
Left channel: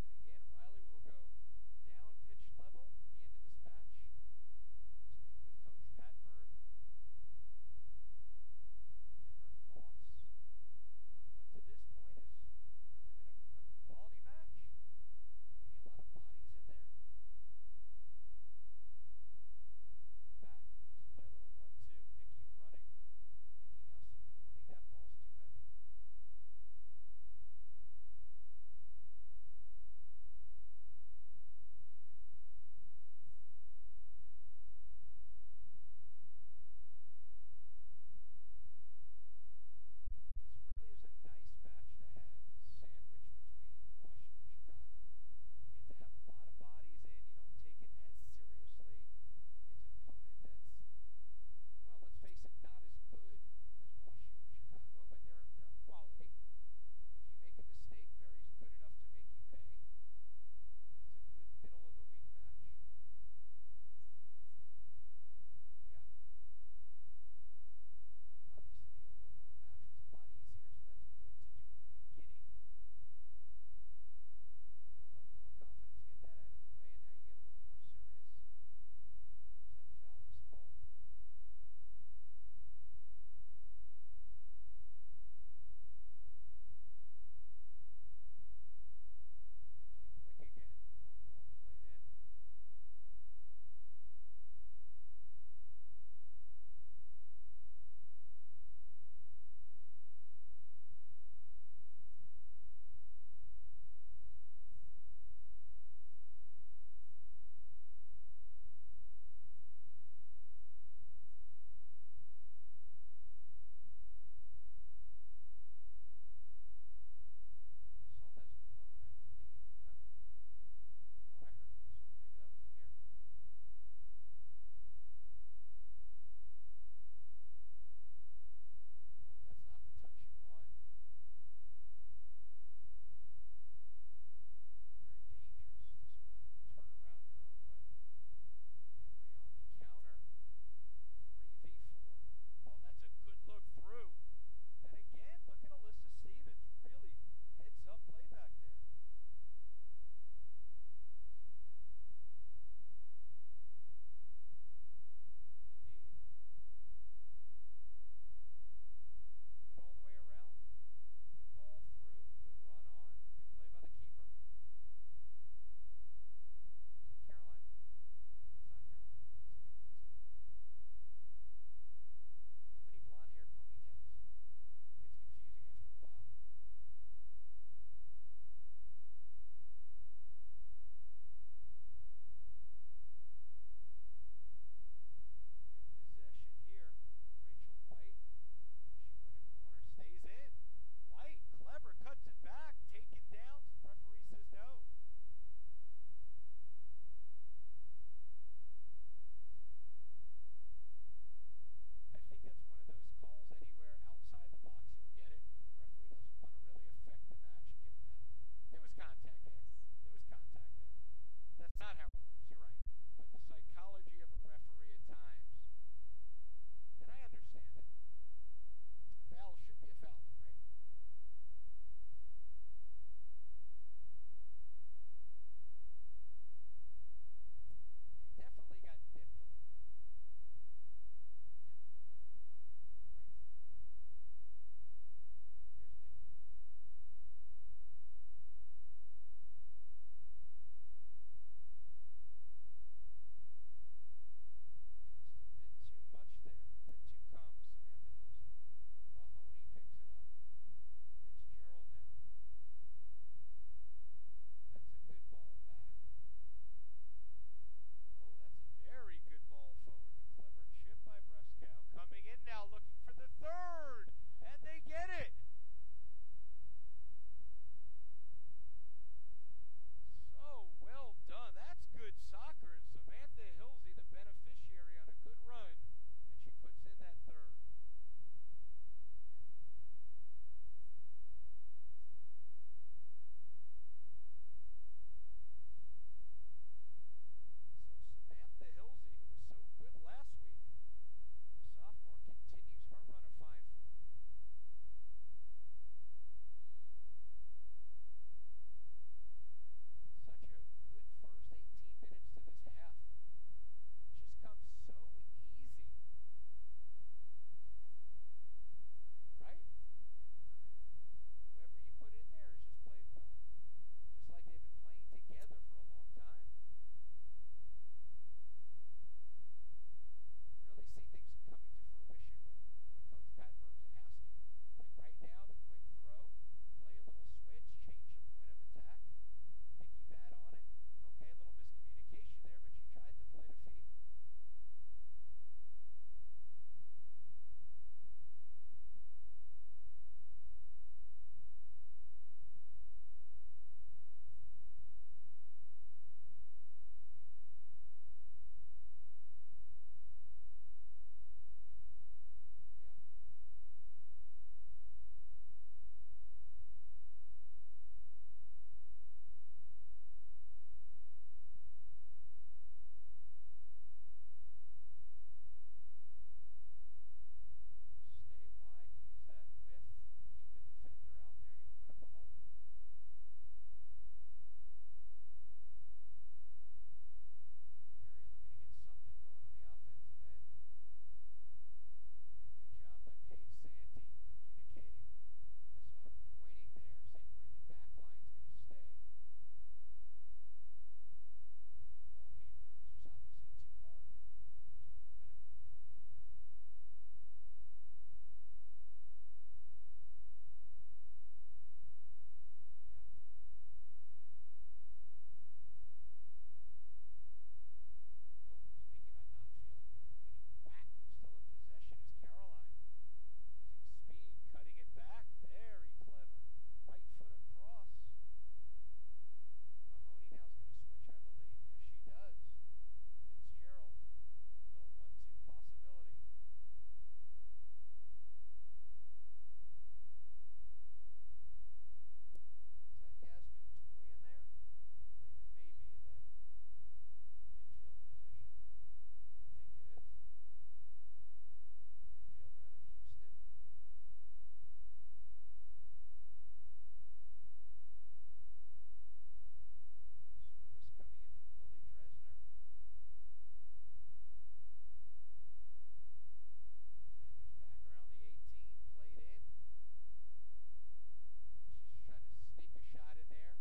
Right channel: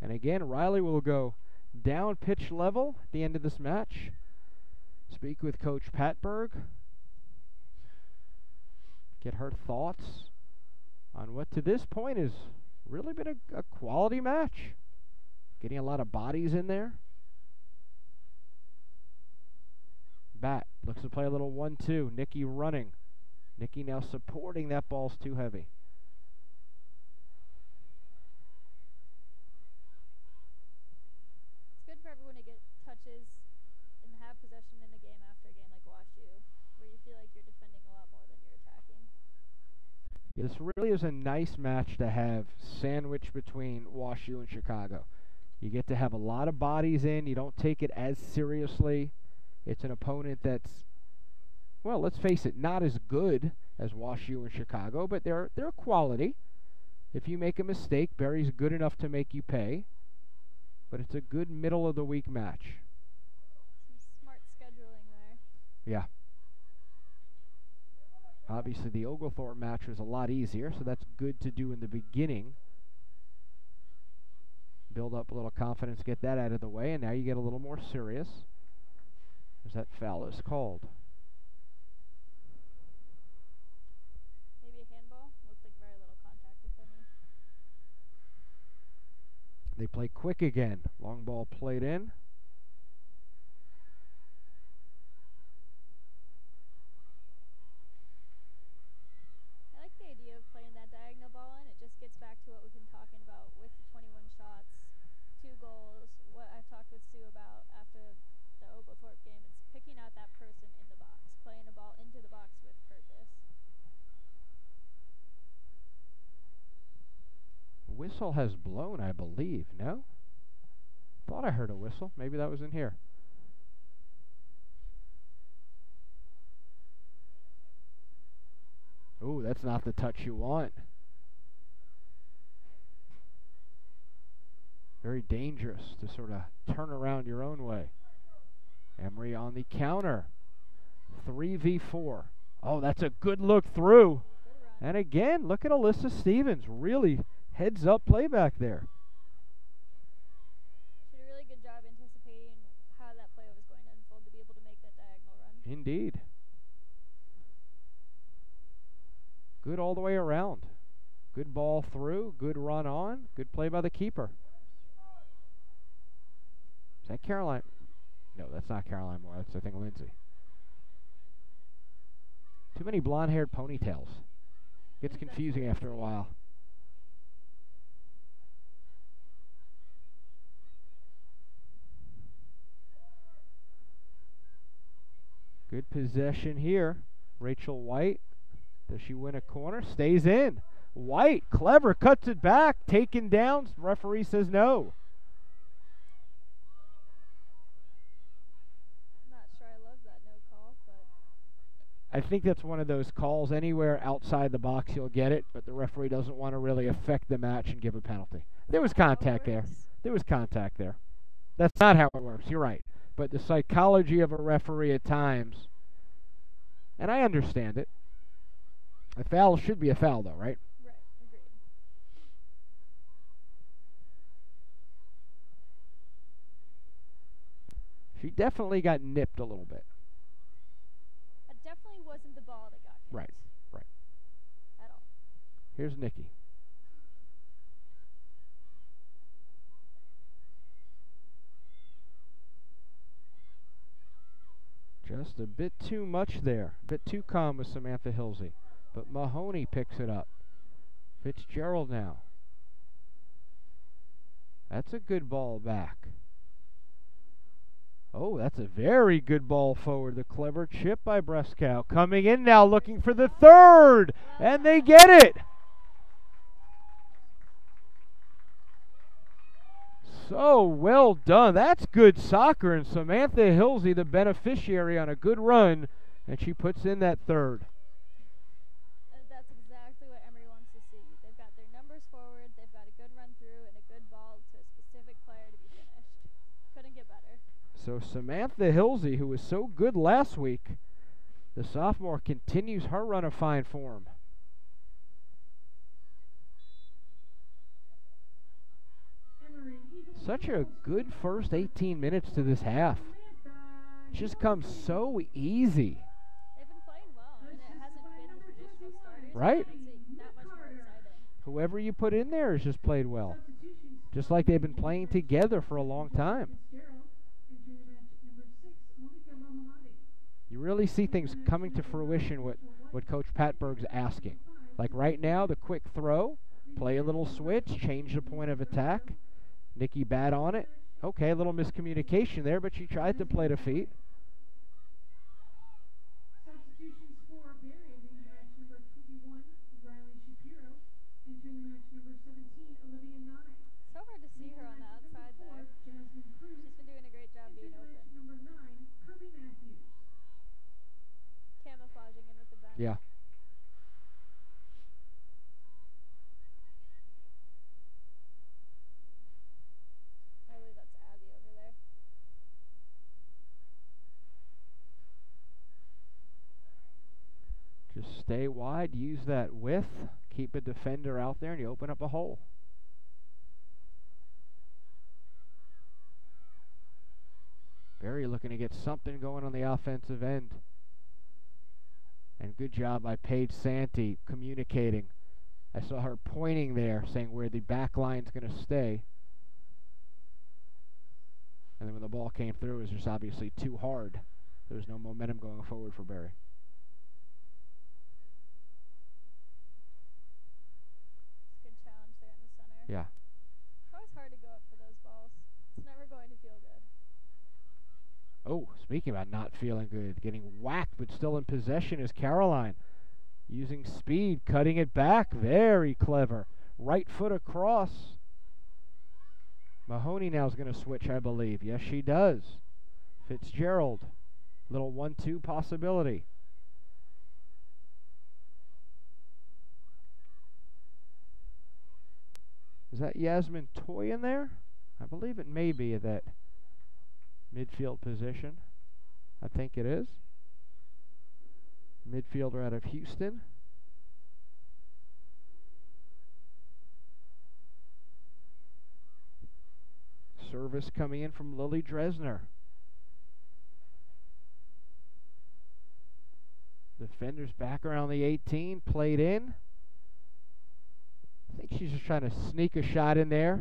And again, Riley will go down pitch level at the end of this match. Speak with Coach Patberg. Get her thoughts on what to this point has really been a quality match. Getting a lot of bodies in there. Bat looks to play a little 1-2. Nikki running. Nikki now supporting. That ball's too heavy. It's good for everyone to get touches and have possession in a game after a game like Wash U, where you feel like you're defending a lot more than you're attacking. This really is a nice match to have sandwiched between Wash U and Chicago. You get to have a lot of bodies in. You don't take it as seriously. It's an opponent that's, well, let's face it, not as good as Wash U and Chicago, but they're quality. If you make a mistake, Berry's good enough to make you pay. But it's a good middle-of-the-week match. Some smart scheduling there. Yeah. Obviously, the Oglethorpe match was a lot easier, so that's good to do in the beginning. Build up a little confidence, get that out of the way, and now you get a little more serious as that foul is called. Maybe a handball? Looks like very little contact, if any. They play quick again. Long ball played in. I like the idea of playing that diagonal ball in. It just gets back to what we've been talking about with the 21 shots, 2 goals, what I've talked with Sue about after the Oglethorpe game. It's picking out that person in the box, playing a ball into the box with purpose. Whistle has blown, I believe. No? Thought I heard a whistle. Maybe that was in here. Ooh, that's not the touch you want. Very dangerous to sort of turn around your own way. Emory on the counter. 3v4. Oh, that's a good look through. And again, look at Alyssa Stevens. Really heads up play back there. She did a really good job anticipating how that play was going to unfold to be able to make that diagonal run. Indeed. Good all the way around. Good ball through, good run on, good play by the keeper. Is that Caroline? No, that's not Caroline Moore. That's, I think, Lindsay. Too many blonde-haired ponytails. Gets confusing after a while. Good possession here. Rachel White. Does she win a corner? Stays in. White, clever, cuts it back. Taken down. Referee says no. I'm not sure I love that no call, but I think that's one of those calls. Anywhere outside the box, you'll get it, but the referee doesn't want to really affect the match and give a penalty. There was contact there. There was contact there. That's not how it works. You're right. But the psychology of a referee at times, and I understand it. A foul should be a foul, though, right? Right, agreed. She definitely got nipped a little bit. It definitely wasn't the ball that got hit. Right, right. At all. Here's Nikki. Just a bit too much there. A bit too calm with Samantha Hilsee. But Mahoney picks it up. Fitzgerald now. That's a good ball back. Oh, that's a very good ball forward. The clever chip by Brescow. Coming in now looking for the third. And they get it. So well done. That's good soccer. And Samantha Hilsee, the beneficiary on a good run. And she puts in that third. That's exactly what Emory wants to see. They've got their numbers forward. They've got a good run through and a good ball to a specific player to be finished. Couldn't get better. So Samantha Hilsee, who was so good last week, the sophomore continues her run of fine form. Such a good first 18 minutes to this half. Just comes so easy. They've been playing well, and it hasn't been the traditional starters. Right? It makes it that much more exciting. Whoever you put in there has just played well. Just like they've been playing together for a long time. You really see things coming to fruition what Coach Patberg's asking. Like right now, the quick throw, play a little switch, change the point of attack. Nikki bat on it. Okay, a little miscommunication there, but she tried to play to feet. Substitutions for Barry into match number 21, Riley Shapiro. Entering the match number 17, Olivia Nye. So hard to see her on the outside there. Jasmine Cruz. She's been doing a great job being open. Number 9, Kirby Matthews. Camouflaging in with the bench. Yeah. I believe that's Abby over there. Just stay wide, use that width, keep a defender out there, and you open up a hole. Barry looking to get something going on the offensive end. And good job by Paige Santee communicating. I saw her pointing there, saying where the back line's going to stay. And then when the ball came through, it was just obviously too hard. There was no momentum going forward for Berry. Good challenge there in the center. Yeah. It's always hard to go up for those balls. It's never going to feel good. Oh, speaking about not feeling good, getting whacked but still in possession is Caroline. Using speed, cutting it back. Very clever. Right foot across. Mahoney now is going to switch, I believe. Yes, she does. Fitzgerald. Little 1-2 possibility. Is that Yasmin Toy in there? I believe it may be at that midfield position. I think it is. Midfielder out of Houston. Service coming in from Lily Dresner. Defenders back around the 18, played in. I think she's just trying to sneak a shot in there.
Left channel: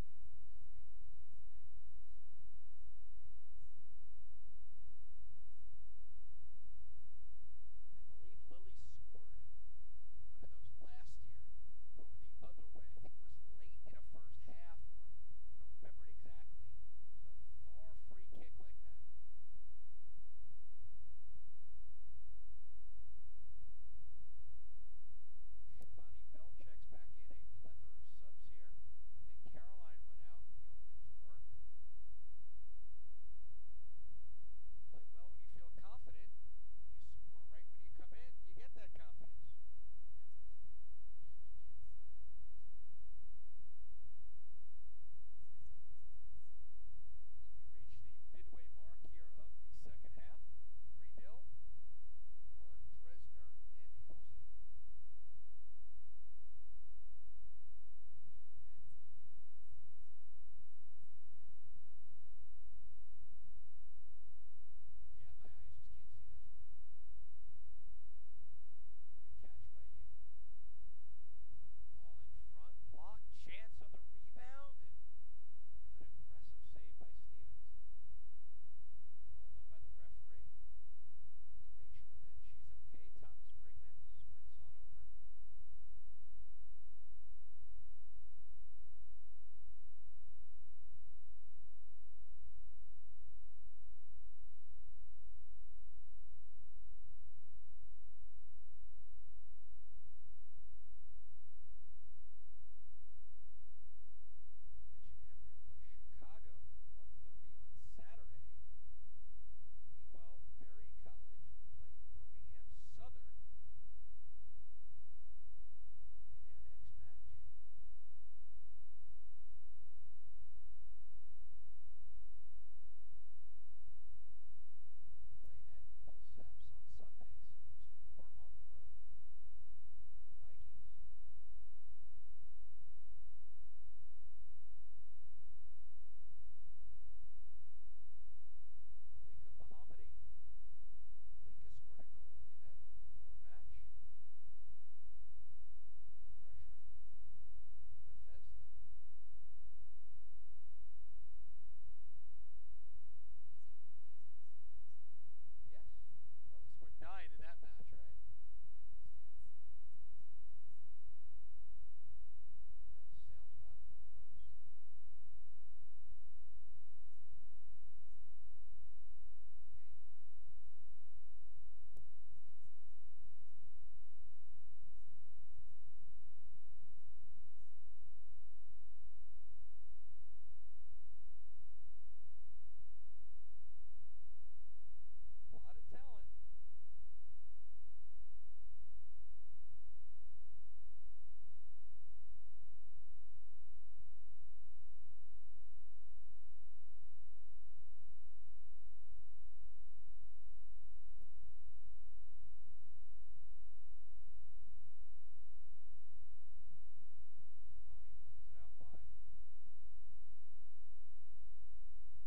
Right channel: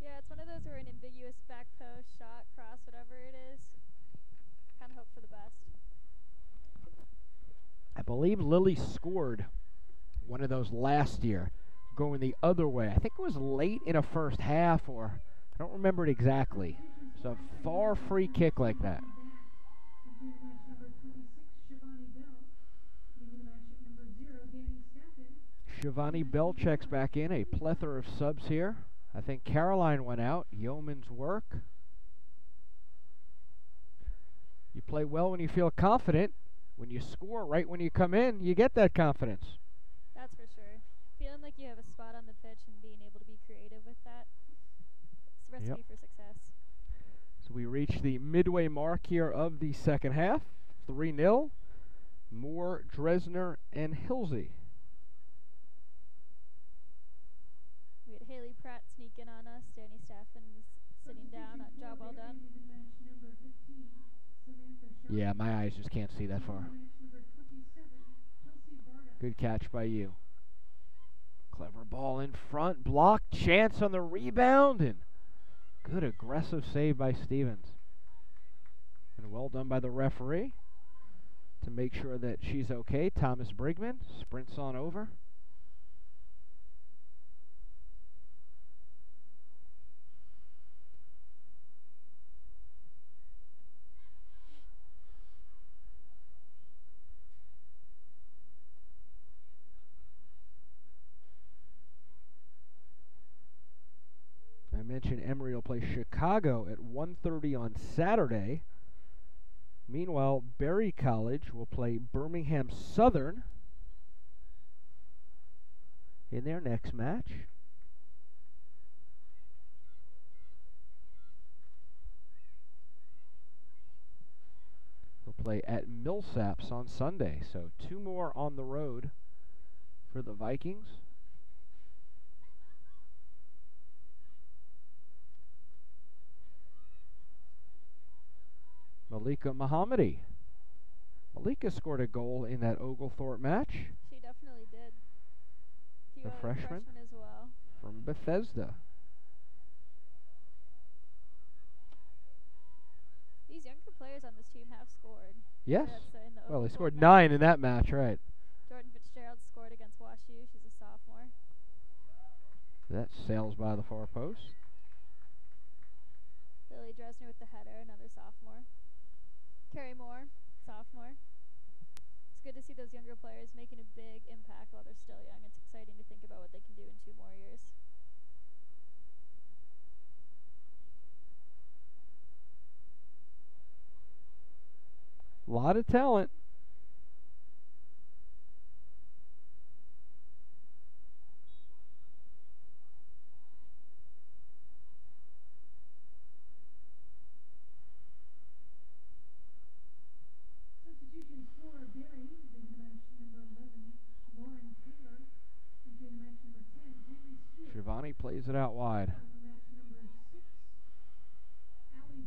Yeah, it's one of those where an ambiguous back post, shot, cross, whatever it is. Kind of hope for the best. I believe Lily scored one of those last year, going the other way. I think it was late in a first half, or I don't remember it exactly. It's a far free kick like that. Shivani Bell checks back in. A plethora of subs here. I think Caroline went out. Yeoman's work. You play well when you feel confident. When you score right when you come in, you get that confidence. That's for sure. Feeling like you have a spot on the pitch and being able to be creative with that. It's a recipe for success. So we reach the midway mark here of the second half. 3-0. Moore, Dresner, and Hilsee. We had Haley Pratt sneak in on us. Danny Staffen's sitting down. Job well done. Yeah, my eyes just can't see that far. Good catch by you. Clever ball in front. Block. Chance on the rebound. And good aggressive save by Stevens. And well done by the referee to make sure that she's okay. Thomas Brigman sprints on over. I mentioned Emory will play Chicago at 1:30 on Saturday. Meanwhile, Berry College will play Birmingham Southern in their next match. They'll play at Millsaps on Sunday, so 2 more on the road for the Vikings. Malika Mohammadi. Malika scored a goal in that Oglethorpe match. She definitely did. The freshman as well. from Bethesda. These younger players on this team have scored. Yes. Well, they Oglethorpe scored match. 9 in that match, right? Jordan Fitzgerald scored against Walsh. She's a sophomore. That sails by the far post. Lily Dresner with the header, another sophomore. Carrie Moore, sophomore. It's good to see those younger players making a big impact while they're still young. It's exciting to think about what they can do in 2 more years. A lot of talent. Shivani plays it out wide.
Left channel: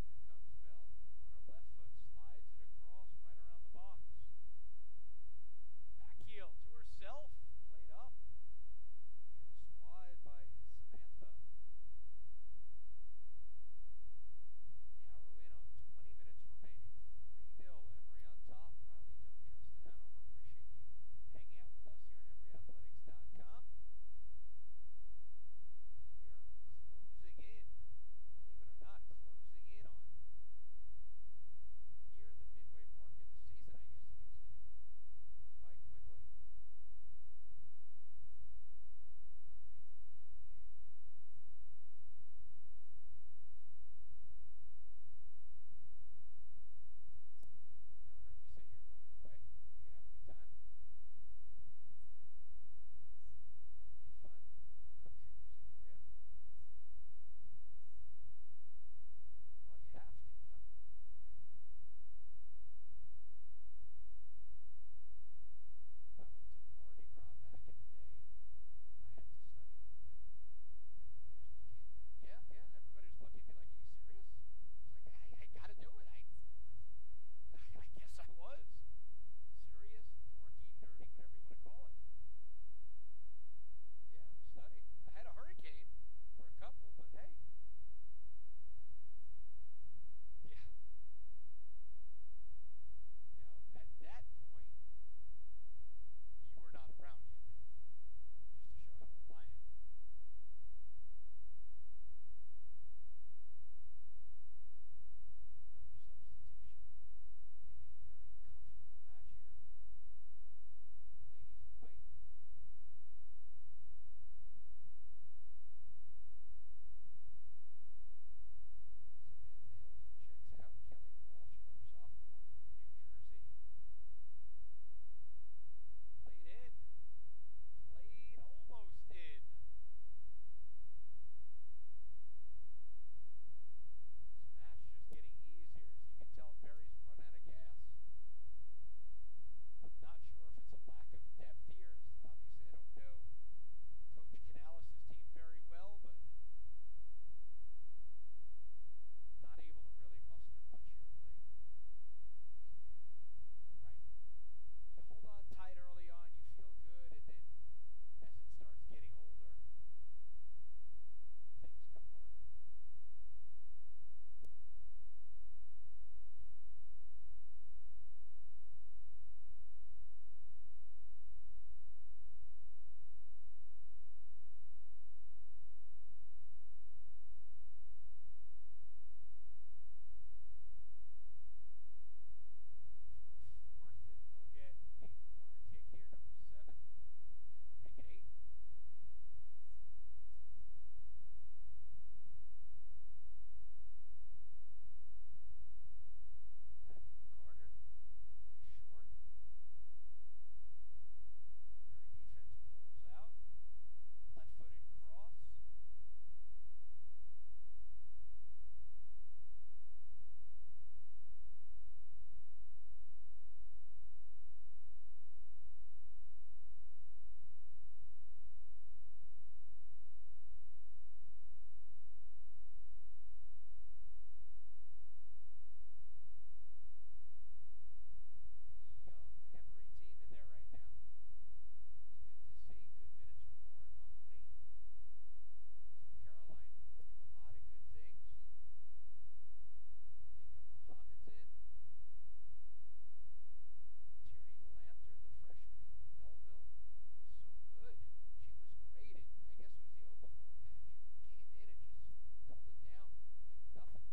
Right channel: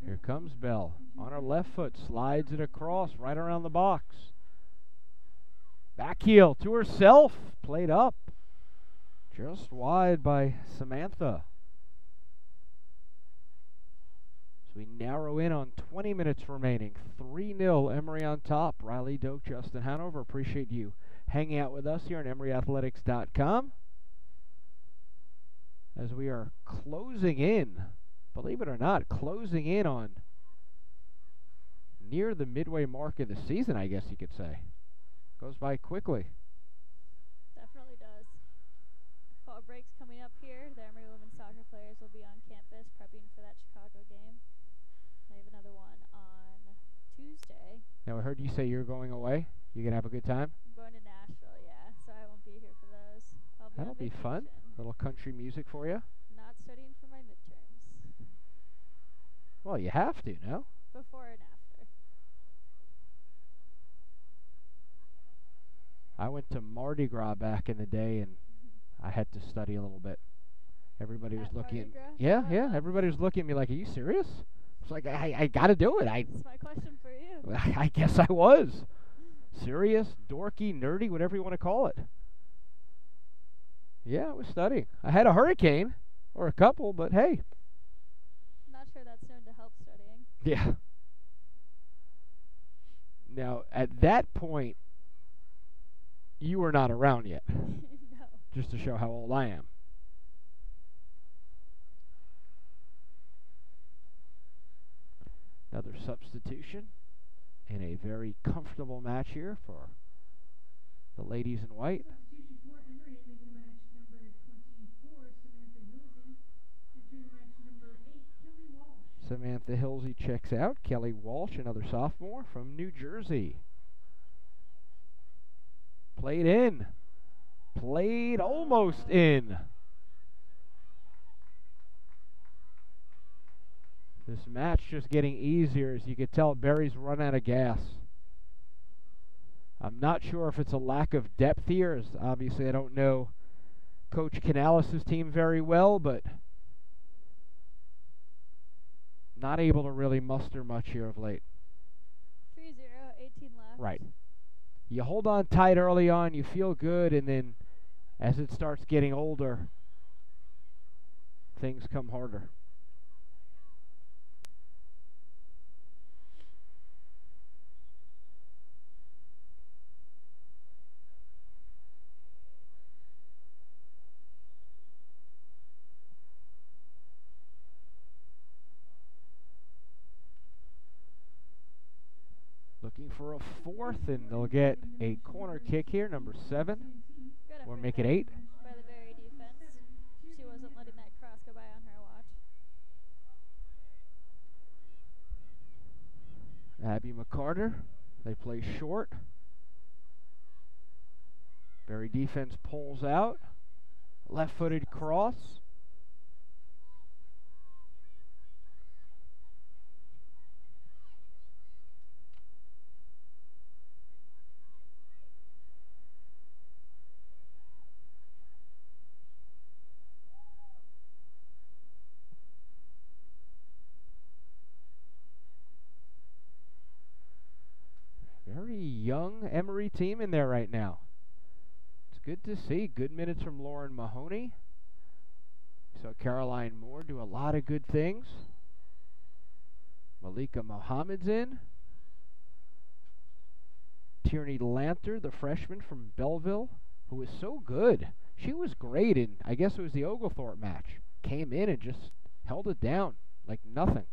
Here comes Bell. On her left foot, slides it across, right around the box. Back heel to herself, played up. Just wide by Samantha. So we narrow in on 20 minutes remaining. 3-0, Emory on top. Riley Doak, Justin Hanover, appreciate you hanging out with us here on EmoryAthletics.com. As we are closing in, believe it or not, closing in on near the midway mark of the season, I guess you could say. Goes by quickly. Definitely does. Fall break's coming up here. The Emory women's soccer players will be on campus prepping for that Chicago game. They have another one on Tuesday. Now, I heard you say you're going away. You gonna have a good time? I'm going to Nashville, yeah, so I won't be here for those. That'll be fun. Little country music for you. Not studying for my midterms. Well, you have to, no? Before and after. I went to Mardi Gras back in the day, and I had to study a little bit. Everybody was looking at me. Yeah. Everybody was looking at me like, "Are you serious?" It's like, I got to do it. That's my question for you. I guess I was. Serious, dorky, nerdy, whatever you want to call it. Yeah, I was studying. I had a hurricane, or a couple, but hey. Not sure that's known to help studying. Yeah. Now, at that point, you were not around yet. No. Just to show how old I am. Another substitution in a very comfortable match here for the ladies in white. Substitution for Emory making the match number 24, Samantha Hilsee. Entering the match number 8, Kelly Walsh. Samantha Hilsee checks out. Kelly Walsh, another sophomore from New Jersey. Played in. Played almost in. This match just getting easier. As you can tell, Barry's run out of gas. I'm not sure if it's a lack of depth here, as obviously I don't know Coach Canales' team very well, but not able to really muster much here of late. 3-0, 18 left. Right. You hold on tight early on, you feel good, and then as it starts getting older, things come harder. Looking for a fourth, and they'll get a corner kick here, number 7, or make it 8. By the Berry defense. She wasn't letting that cross go by on her watch. Abby McCarter, they play short. Berry defense pulls out. Left-footed cross. Very young Emory team in there right now. It's good to see. Good minutes from Lauren Mahoney. So Caroline Moore do a lot of good things. Malika Mohammed's in. Tierney Lanter, the freshman from Belleville, who was so good. She was great in, I guess it was the Oglethorpe match. Came in and just held it down like nothing.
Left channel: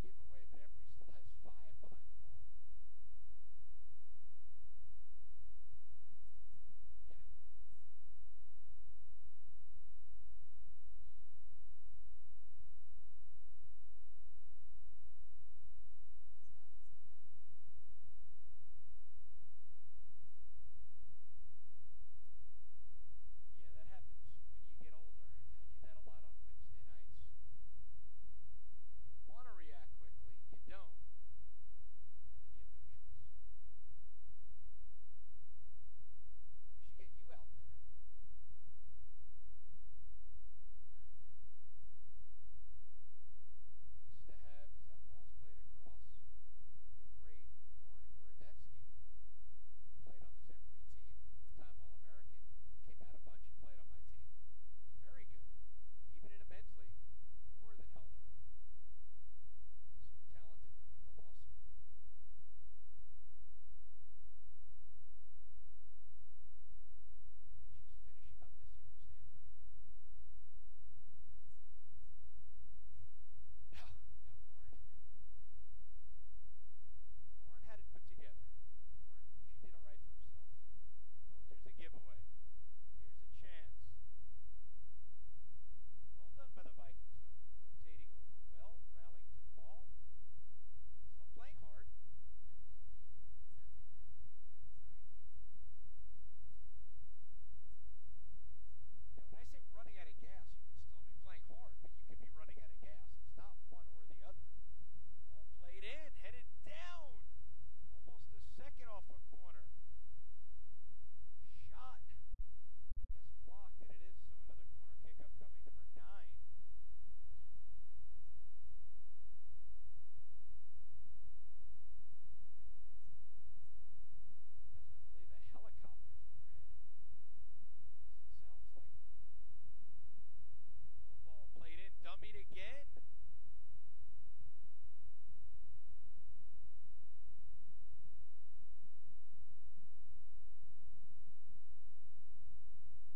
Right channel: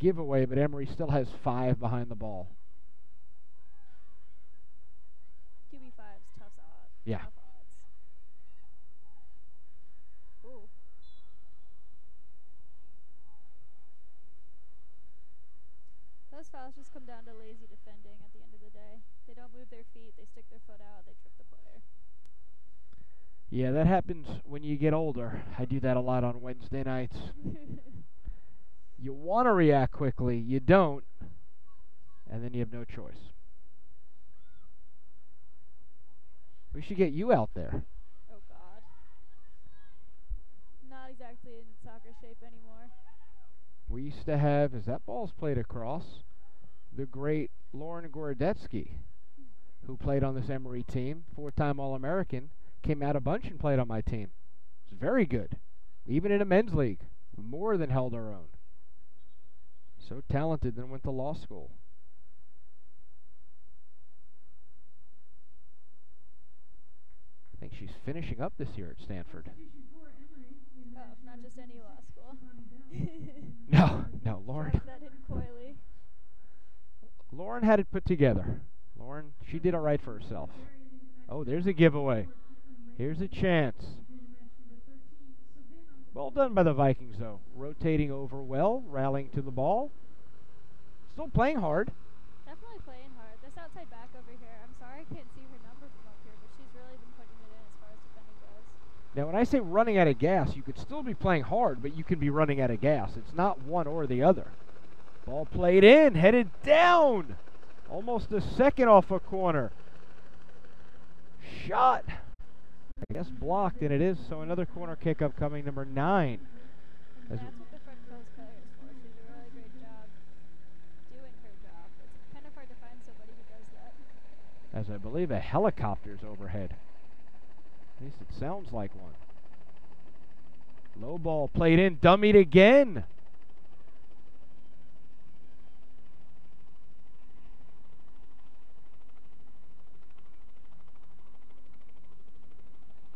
Giveaway, but Emory still has 5 behind the ball. QB5's tough odds. Yeah. Tough odds. Ooh. Those fouls just come down to lazy defending at the end of the day. They don't move their feet, they stick their foot out, they trip the player. Yeah, that happens when you get older. I do that a lot on Wednesday nights. You want to react quickly, you don't, and then you have no choice. We should get you out there. Oh, God. Not exactly in soccer shape anymore. We used to have, as that ball's played across, the great Lauren Gorodetsky, who played on this Emory team, 4-time All-American, came out a bunch and played on my team. very good, even in a men's league. More than held her own. So talented, then went to law school. I think she's finishing up this year at Stanford. Oh, not just any law school. No, Lauren. Drop that in coyly. Lauren had it put together. Lauren, she did all right for herself. Oh, there's a giveaway. Here's a chance. Well done by the Vikings, though. Rotating over well, rallying to the ball. Still playing hard. Definitely playing hard. This outside back over here, I'm sorry I can't see her number from up here, but she's really been putting it in as far as defending goes. Now, when I say running out of gas, you could still be playing hard, but you can be running out of gas. It's not one or the other. Ball played in, headed down. Almost a second off a corner. Shot. I guess blocked, and it is. So another corner kick upcoming, number 9. That's what the front post player is for. She did a really great job doing her job. It's kind of hard to find somebody who does that. As I believe a helicopter's overhead. At least it sounds like one. Low ball played in, dummied again.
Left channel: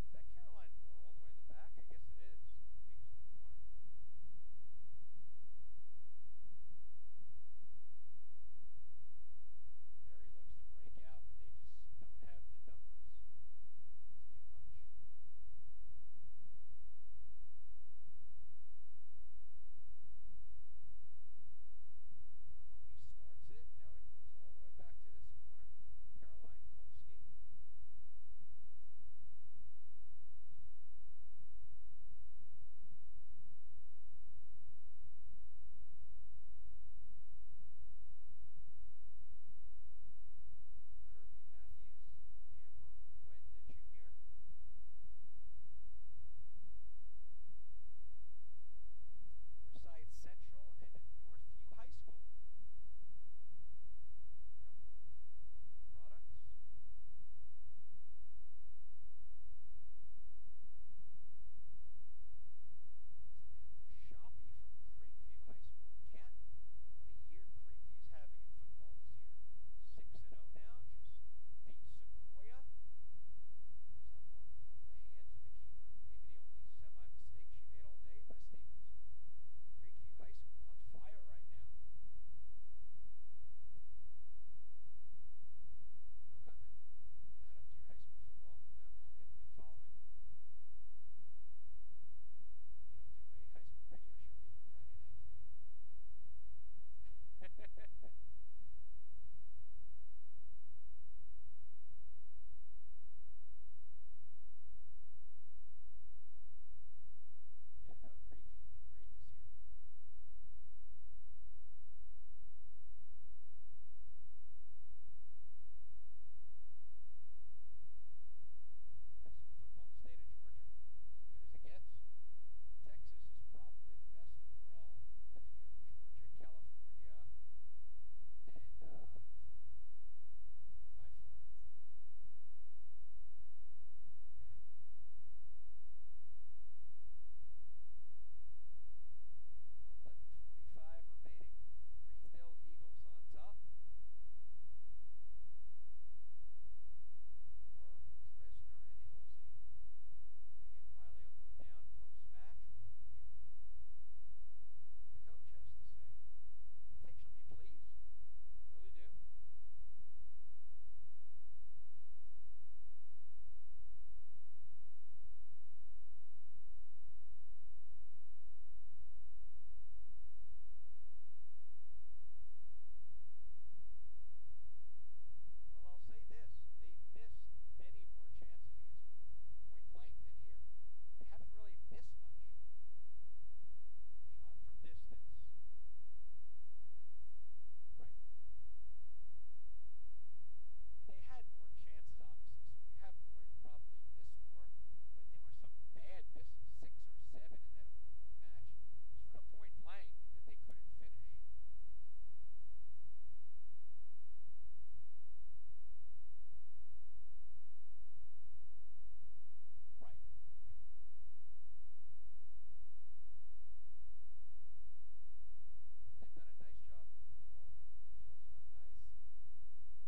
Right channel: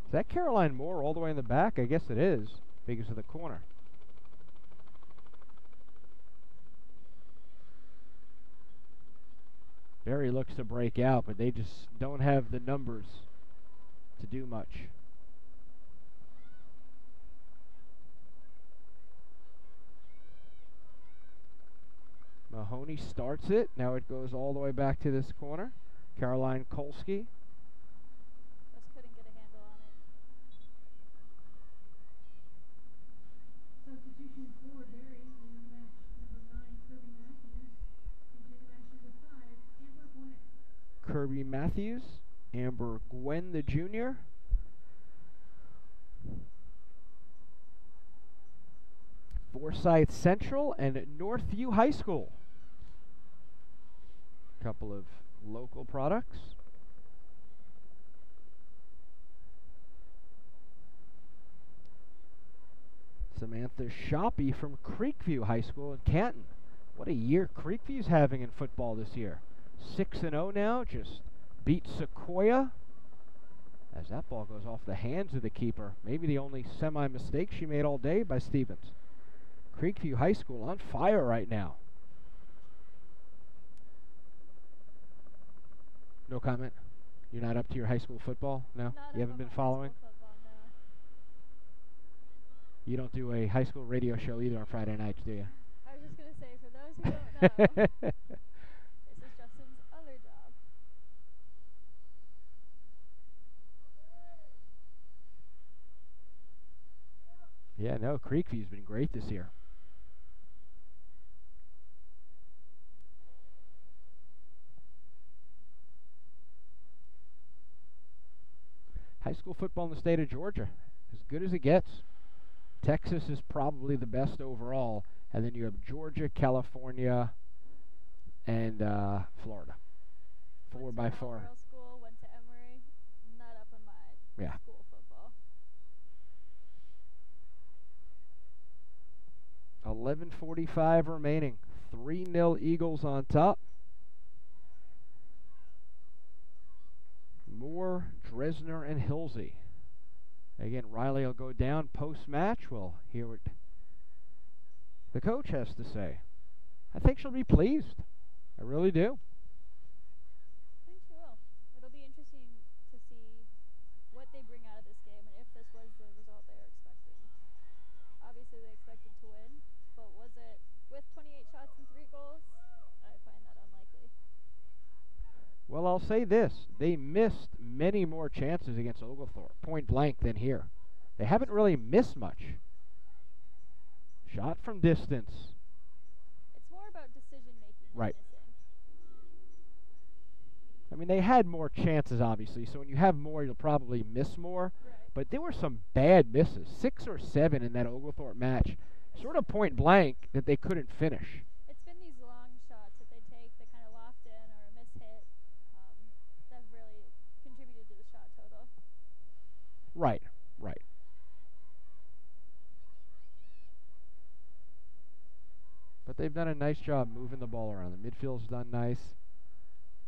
Is that Caroline Moore all the way in the back? I guess it is, because of the corner. Barry looks to break out, but they just don't have the numbers to do much. Mahoney starts it. Now it goes all the way back to this corner. Caroline Kolsky. Just couldn't get a handle on it. Substitution for Barry in match number 9, Kirby Matthews. Into match number 5, Amber Gwen. Kirby Matthews, Amber Gwen, the junior. Forsyth Central and Northview High School. Couple of local products. Samantha Hilsee from Creekview High School in Canton. What a year Creekview's having in football this year. 6-0 now, just beat Sequoia. As that ball goes off the hands of the keeper. Maybe the only semi-mistake she made all day by Stevens. Creekview High School on fire right now. No comment? You're not up to your high school football? No? You haven't been following? Football, no. You don't do a high school radio show either on Friday nights, do you? I was just going to say, for those who don't know, this is Justin's other job. Yeah, no, Creekview's been great this year. High school football in the state of Georgia, as good as it gets. Texas is probably the best overall, and then you have Georgia, California, and Florida. 4 by 4. Girls school, went to Emory, not up on my school football. 11:45 remaining. 3-0 Eagles on top. Moore, Dresner, and Hilsee. Again, Riley will go down post-match. We'll hear what the coach has to say. I think she'll be pleased. I really do. I think she will. It'll be interesting to see what they bring out of this game and if this was the result they were expecting. Obviously, they expected to win, but was it with 28 shots and 3 goals? I find that unlikely. Well, I'll say this. They missed many more chances against Oglethorpe, point blank, than here. They haven't really missed much. Shot from distance. It's more about decision-making than Right. missing. I mean, they had more chances, obviously, so when you have more, you'll probably miss more. Right. But there were some bad misses, 6 or 7 in that Oglethorpe match, sort of point blank, that they couldn't finish. It's been these long shots that they take that kind of loft in or a miss hit that have really contributed to the shot total. Right, right. they've done a nice job moving the ball around. The midfield's done nice.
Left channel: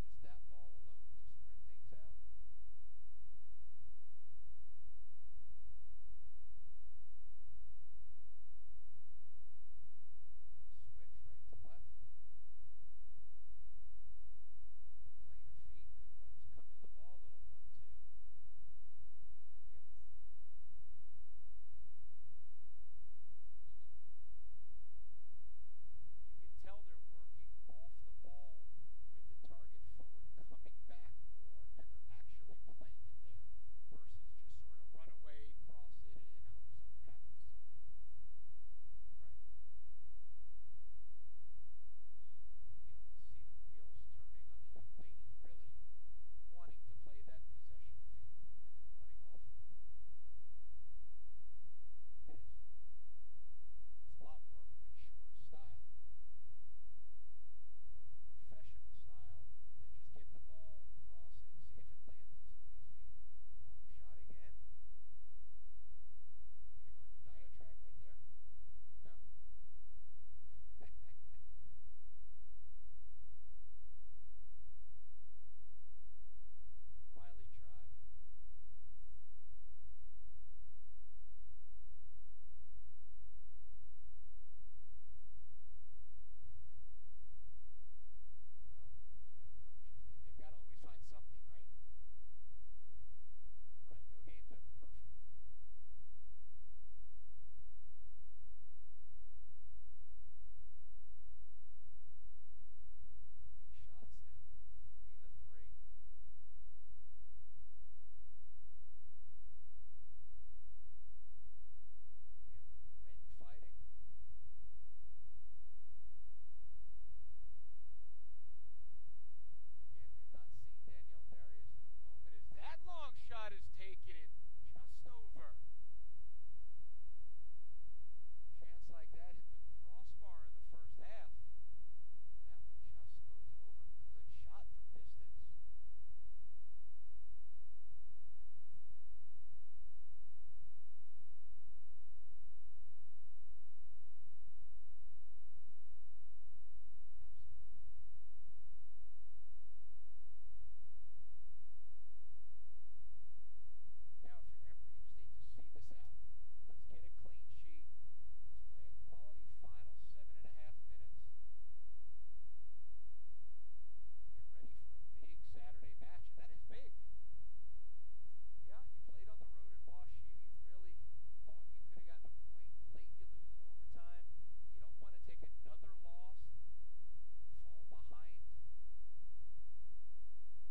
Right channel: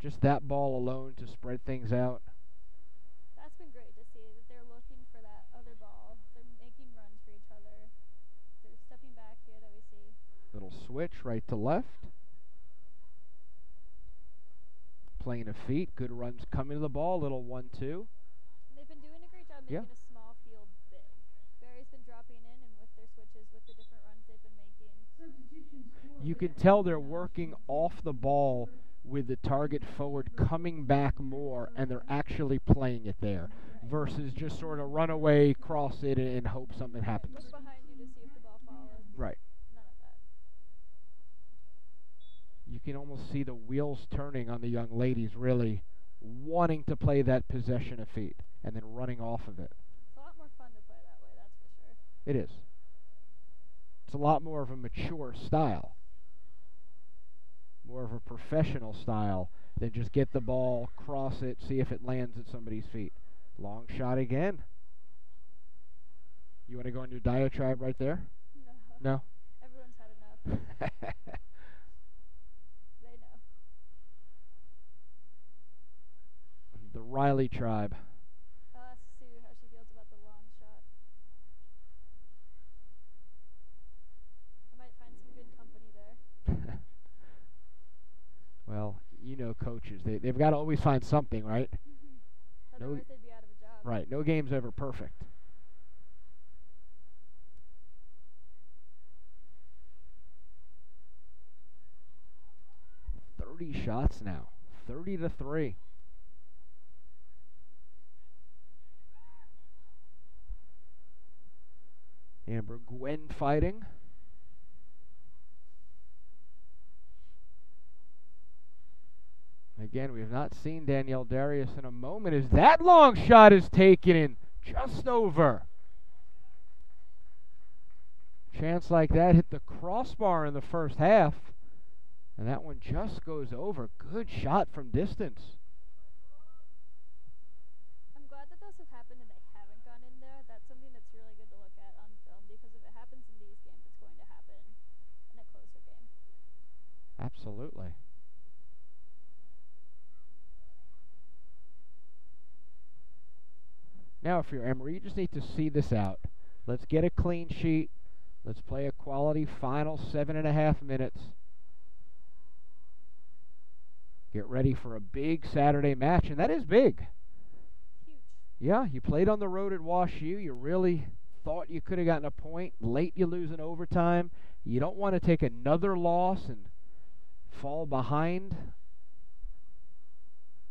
Just that ball alone to spread things out. That's been great to see that they're looking for that other ball. They're making runs for each other. They're stepping back here that we see. Little switch right to left. Playing a feet. Good runs coming to the ball. Little 1-2. They've been doing a great job making a small field big. Barry's been dropping in, and with their switches, with the different runs they've been making. You can tell they're working off the ball with the target forward coming back more, and they're actually playing it there versus just sort of run away, cross it, and hope something happens. Look behind you to see if the ball follows. Right. None of that. You can almost see the wheels turning on the young ladies, really wanting to play that possession of feet and then running off of it. It's a lot more fun to play that way, that's for sure. It is. It's a lot more of a mature style. More of a professional style than just get the ball, cross it, see if it lands at somebody's feet. Long shot again. You want to go on your diatribe right there? No. No? Everyone's had enough. They know. The Riley tribe. I'll ask Sue how she feels about the long shot. I might find some good company there. Well, you know coaches. They've got to always find something, right? Otherwise they'd be out of a job. Right. No game's ever perfect. Shots now. 30-3. Amber Gwen fighting. Again, we have not seen Danielle Darius in a moment as that long shot is taken in just over. Chance like that hit the crossbar in the first half. And that one just goes over. Good shot from distance. I'm glad that those have happened and they haven't gone in there. That's something that's really good to look at on film because if it happens in these games, it's going to happen in a closer game. Absolutely. Now, if you're Emory, you just need to see this out. Let's get a clean sheet. Let's play a quality final 7.5 minutes. Get ready for a big Saturday match, and that is big. Huge. Yeah, you played on the road at Wash U. You really thought you could have gotten a point. Late you lose in overtime. You don't want to take another loss and fall behind. To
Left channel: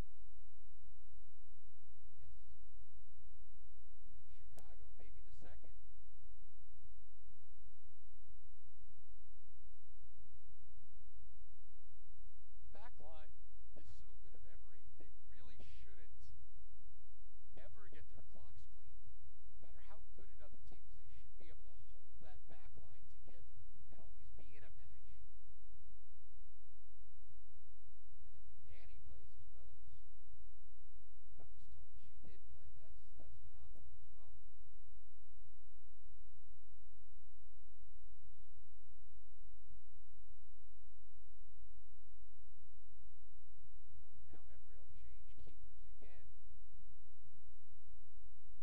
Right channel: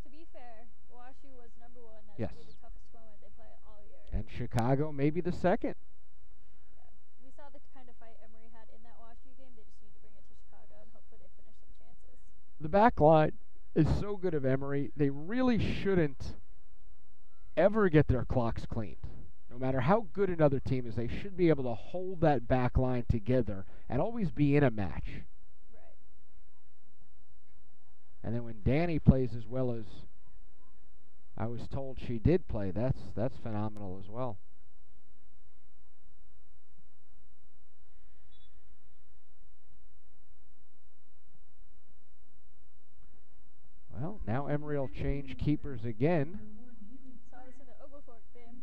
be fair, Wash U was number one. That should be the toughest moment they play all year. And Chicago maybe the second. Yeah. We saw the kind of fight Emory had in that Wash U game. They just need to bring it to Chicago, and hopefully they finish some chances. The back line is so good of Emory. They really shouldn't ever get their clocks cleaned. No matter how good another team is, they should be able to hold that back line together and always be in a match. Right. And then when Danny plays as well as I was told she did play, that's phenomenal as well. Well, now Emory will change keepers again. Saw this in the Oglethorpe game.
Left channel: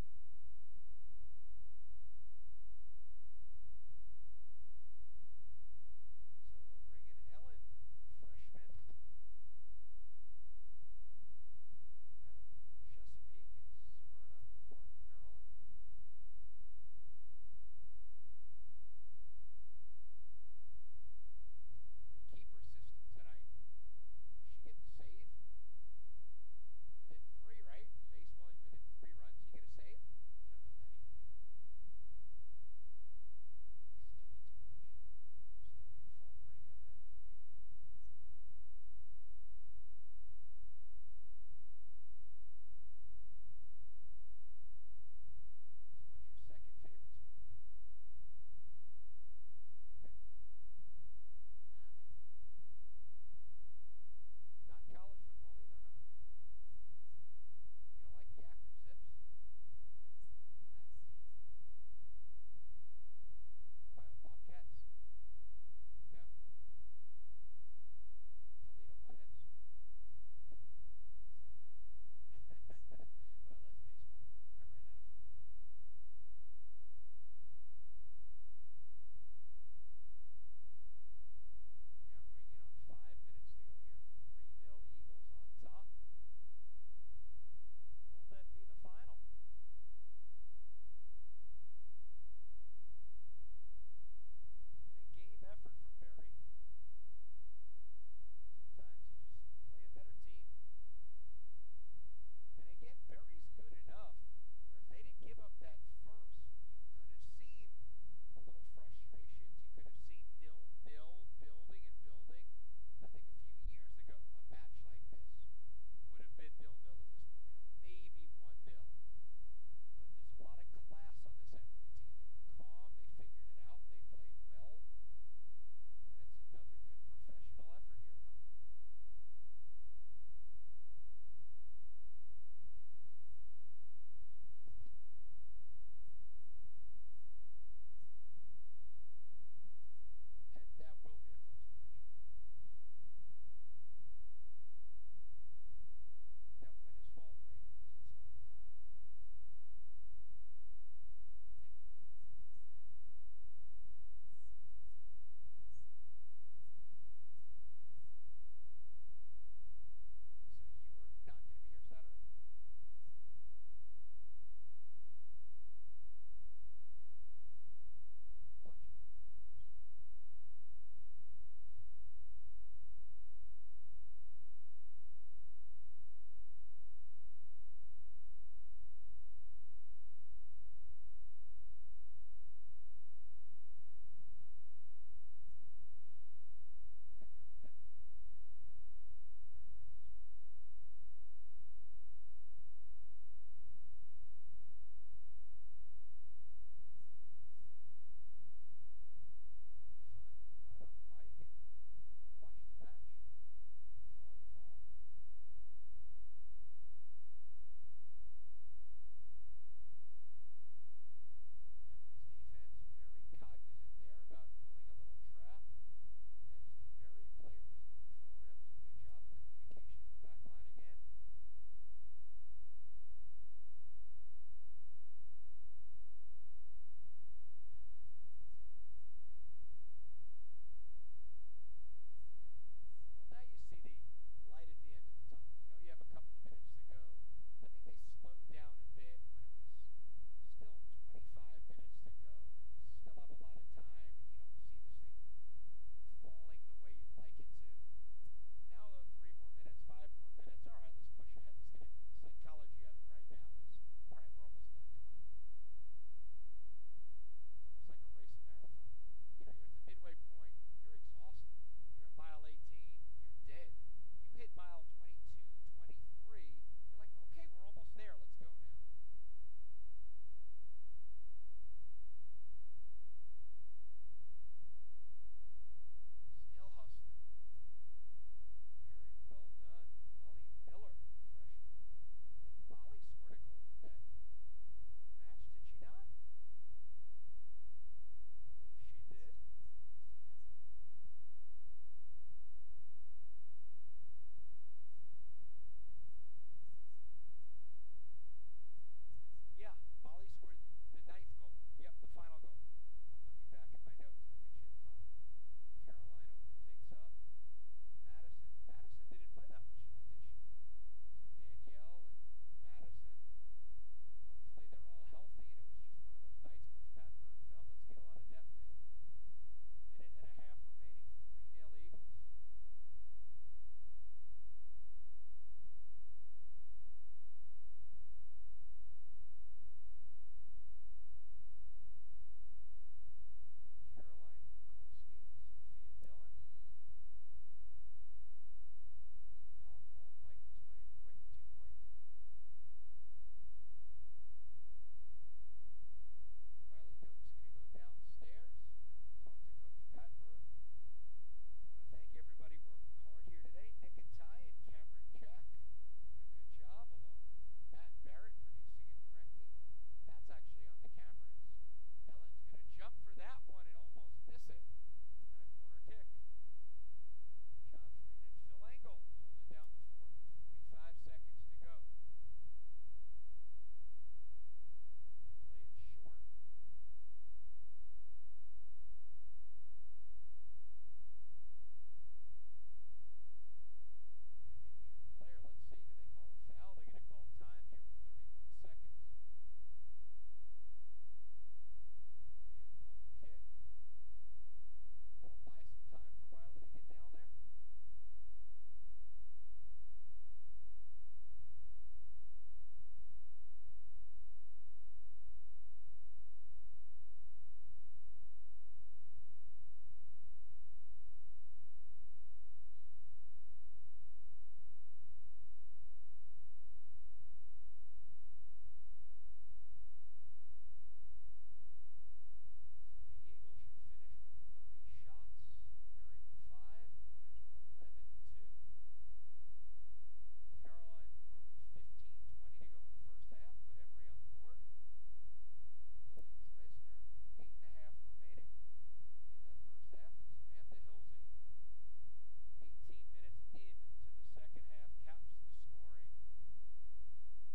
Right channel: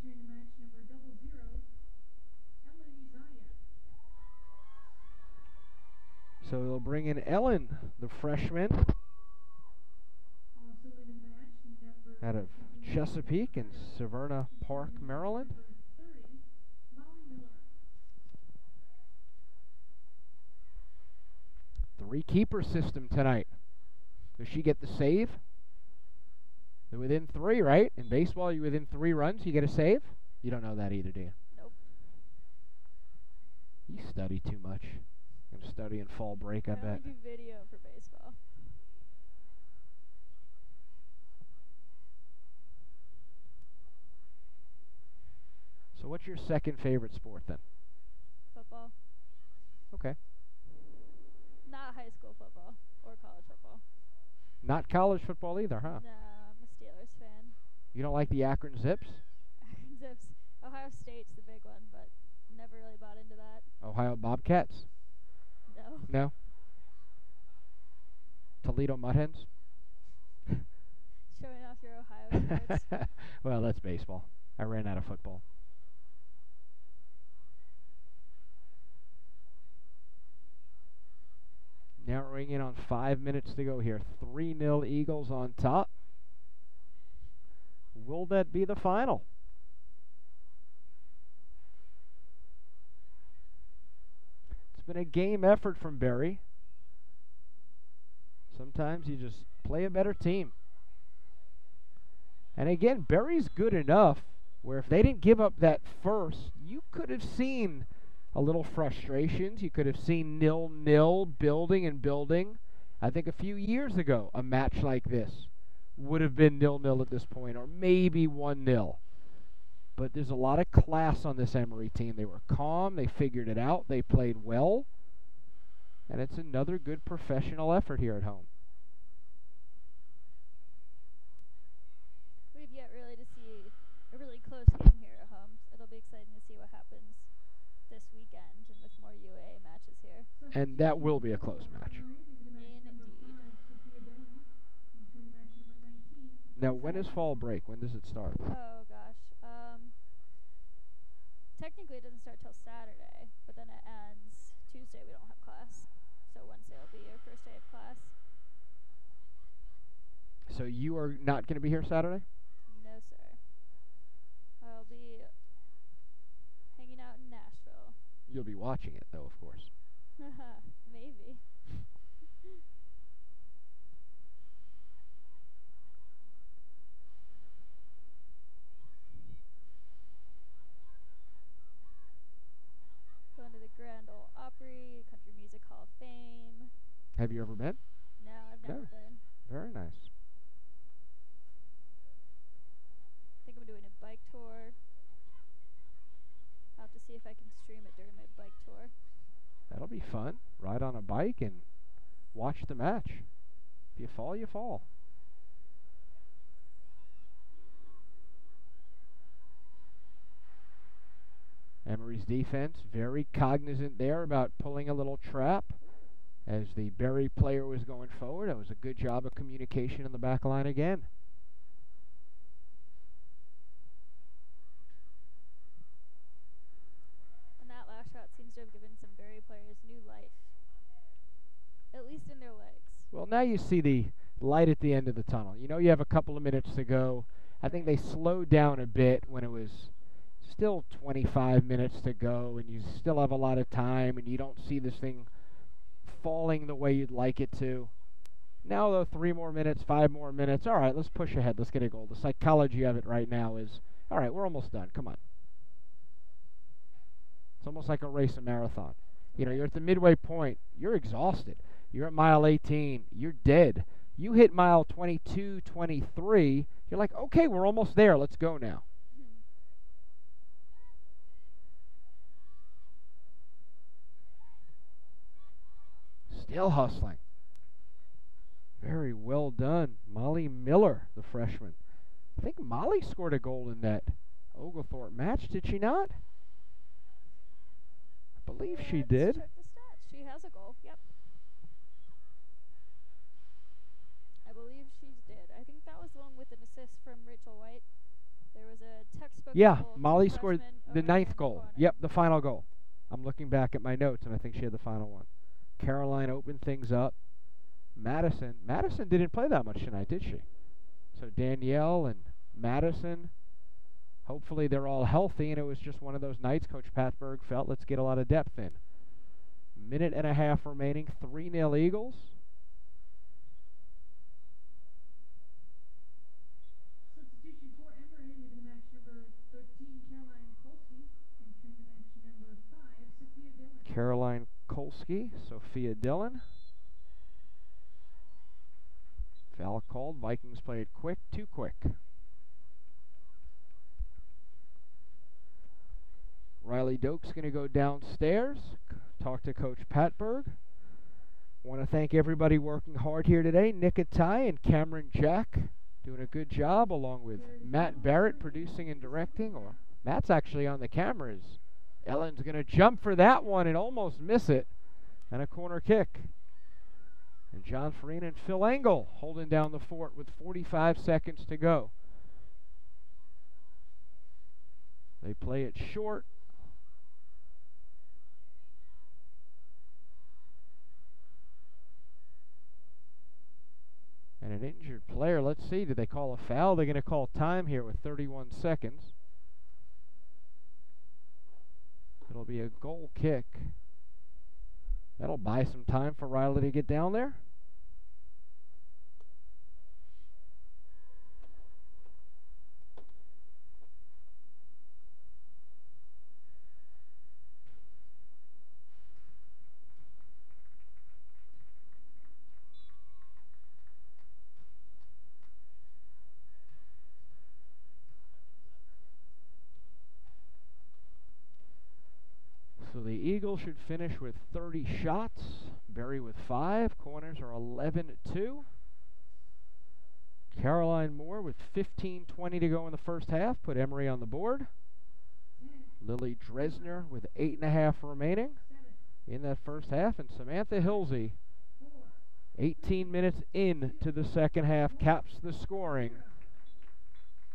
So they'll bring in Ellen, the freshman, out of Chesapeake in Severna Park, Maryland. Three-keeper system tonight. Does she get the save? They're within 3, right? In baseball, you're within 3 runs, you get a save? You don't know that either, do you? Nope. You study too much. I'm studying fall break, I bet. I do video for baseball. So what's your second favorite sport then? Football. Okay. Not high school football or college football. Not college football either, huh? No, I'm a Steelers fan. You don't like the Akron Zips? Akron Zips. Ohio State's the big one, but never really bought into that. Ohio Bobcats? No. No? Toledo Mudhens? Showing off your Ohio sports. Well, that's baseball. I ran out of football. Narrowing in on 5 minutes to go here. 3-0 Eagles on top. Will that be the final? It's been a game effort from Berry. Sometimes you just play a better team. And again, Berry's good enough where if they didn't give up that first, you could have seen a little frustrations. You could have seen 0-0 building and building. I think a few years ago, a match like this would have been 0-0 at this point, or maybe 1-0. But there's a lot of class on this Emory team. They were calm. They figured it out. They played well. And it's another good professional effort here at home. We've yet really to see a really close game here at home. It'll be exciting to see what happens this weekend and with more UAA matches here. And that will be a close match. Now, when is fall break? When does it start? Oh, gosh. Technically, it doesn't start till Saturday, but then it ends Tuesday. We don't have class. So Wednesday will be your first day of class. So you are not going to be here Saturday? No, sir. I'll be hanging out in Nashville. You'll be watching it, though, of course. Maybe. Going to the Grand Ole Opry, Country Music Hall of Fame. Have you ever been? No, I've never been. Very nice. I think I'm doing a bike tour. I'll have to see if I can stream it during my bike tour. That'll be fun. Ride on a bike and watch the match. If you fall, you fall. Emory's defense very cognizant there about pulling a little trap as the Berry player was going forward. It was a good job of communication in the back line again. And that last shot seems to have given some Berry players new life, at least in their legs. Well, now you see the light at the end of the tunnel. You know you have a couple of minutes to go. I think they slowed down a bit when it was still 25 minutes to go and you still have a lot of time and you don't see this thing falling the way you'd like it to. Now, though, 3 more minutes, 5 more minutes. All right, let's push ahead. Let's get a goal. The psychology of it right now is, all right, we're almost done. Come on. It's almost like a race, a marathon. You know, you're at the midway point. You're exhausted. You're at mile 18. You're dead. You hit mile 22, 23. You're like, okay, we're almost there. Let's go now. Still hustling. Very well done. Molly Miller, the freshman. I think Molly scored a goal in that Oglethorpe match, did she not? I believe she did. Check the stats. She has a goal. Yep. I believe she did. I think that was the one with an assist from Rachel White. There was a textbook. Yeah, Molly scored the 9th goal. Yep, the final goal. I'm looking back at my notes, and I think she had the final one. Caroline opened things up. Madison didn't play that much tonight, did she? So Danielle and Madison, hopefully they're all healthy, and it was just one of those nights Coach Patberg felt, let's get a lot of depth in. Minute and a half remaining, 3-0 Eagles. Substitution for Emory, leaving the match number 13, Caroline Kolsky, entering the match number 5, Sophia Dillon. Caroline Kolsky, Sophia Dillon. Foul called. Vikings played quick, too quick. Riley Doak's going to go downstairs, talk to Coach Patberg. Want to thank everybody working hard here today. Nick Atai and Cameron Jack doing a good job, along with Matt Barrett producing and directing. Or Matt's actually on the cameras. Ellen's going to jump for that one and almost miss it. And a corner kick. And John Farina and Phil Engel holding down the fort with 45 seconds to go. They play it short. And an injured player. Let's see, did they call a foul? They're going to call time here with 31 seconds. It'll be a goal kick. That'll buy some time for Riley to get down there. So the Eagles should finish with 30 shots. Berry with 5. Corners are 11-2. Caroline Moore with 15:20 to go in the first half. Put Emory on the board. Lily Dresner with 8.5 remaining in that first half. And Samantha Hilsee, 18 minutes into the second half, caps the scoring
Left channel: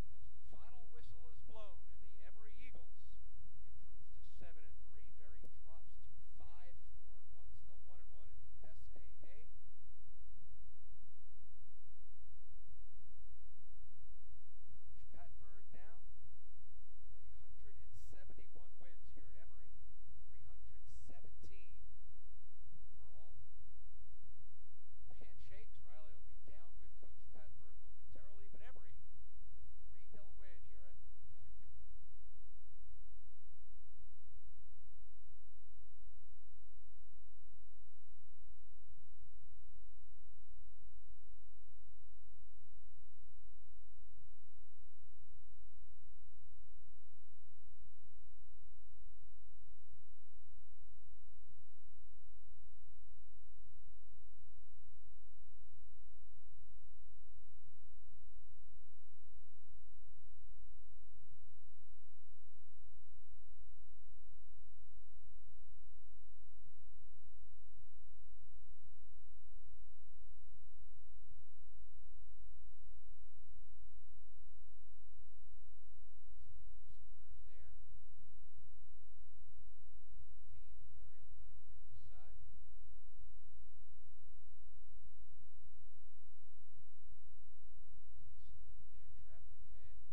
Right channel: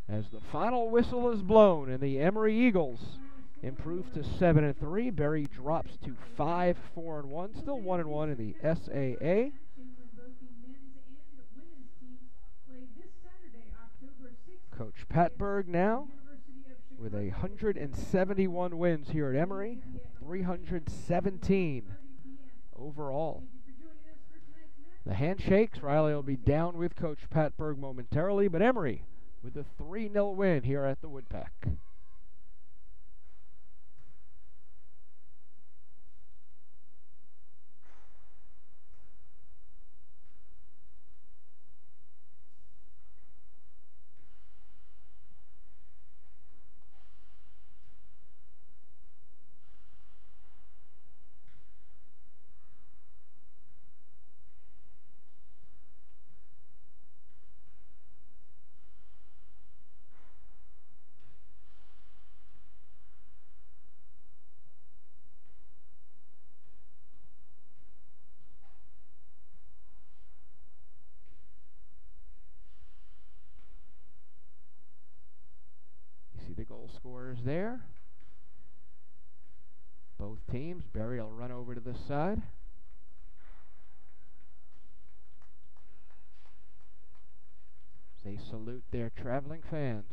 as the final whistle is blown and the Emory Eagles improve to 7-3. Berry drops to 5-4-1, still 1-1 in the SAA. Coach Patberg now with 171 wins here at Emory, 317 overall. The handshakes, Riley will be down with Coach Patberg momentarily, but Emory with a 3-0 win here at the Woodpeck. The goal scorers there. Both teams. Berry will run over to this side. They salute their traveling fans.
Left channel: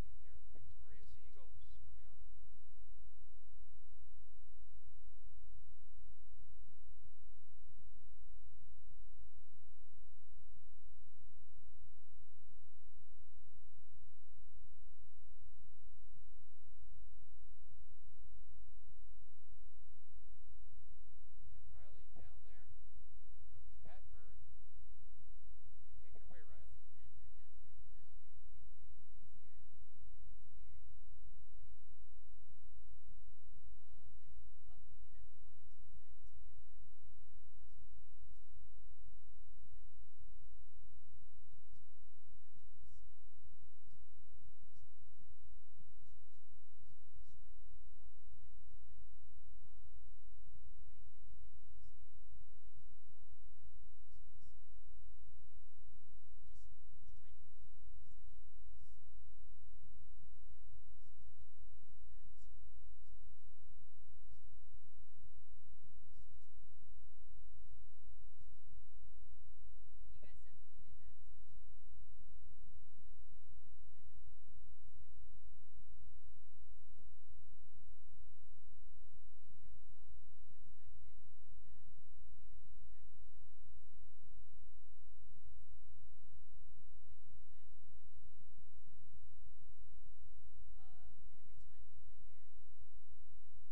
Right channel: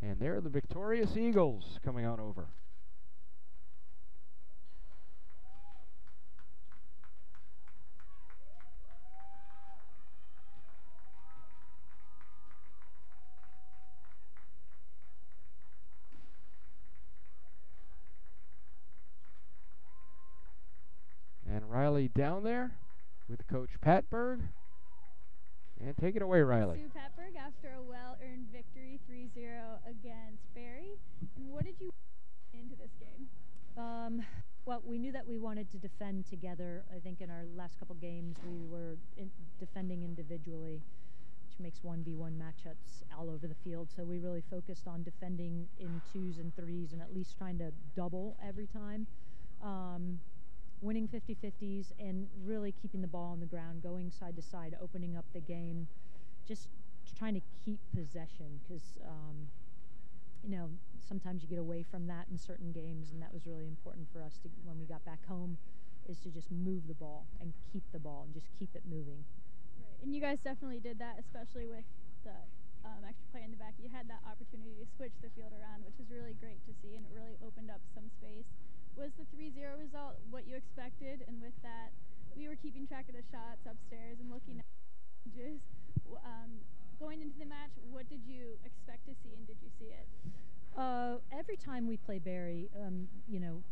And there are the victorious Eagles coming on over. And Riley down there with Coach Patberg. And take it away, Riley. Sue Patberg after a well-earned victory 3-0 against Berry. And what did you into this game? Well, we knew that we wanted to defend together. I think in our last couple games we were defending individually, which makes 1v1 matchups all over the field. So we really focused on defending in 2s and 3s and at least trying to double every time. Winning 50-50s and really keeping the ball on the ground, going side to side, opening up the game, just trying to keep possession because, you know, sometimes you get away from that in certain games, and that was really important for us to, when we got back home, is to just move the ball and keep the ball and just keep it moving. Right. And you guys definitely did that, especially with the extra play in the back. You had that opportunity to switch the field around, which was really great to see, and it really opened up some space. Was the 3-0 result what you expected? And with that, we were keeping track of the shots upstairs and looking at just going into the match. What did you expect to see, and did you see it? Every time we play Berry, you know,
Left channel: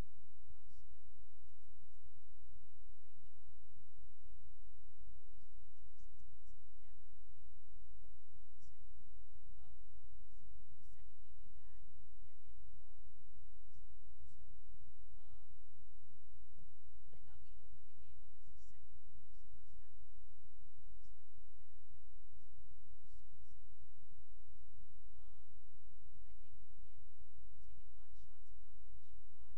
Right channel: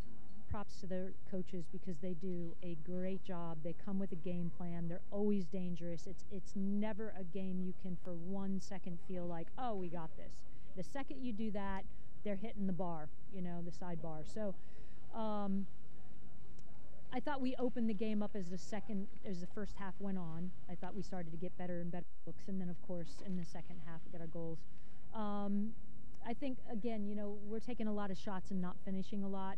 props to their coaches because they do a great job. They come with a game plan. They're always dangerous. It's never a game you can for 1 second feel like, oh, we got this. The second you do that, they're hitting the bar, you know, the sidebar. So I thought we opened the game up as the first half went on. I thought we started to get better and better looks, and then of course in the second half we got our goals. I think again, we're taking a lot of shots and not finishing a lot.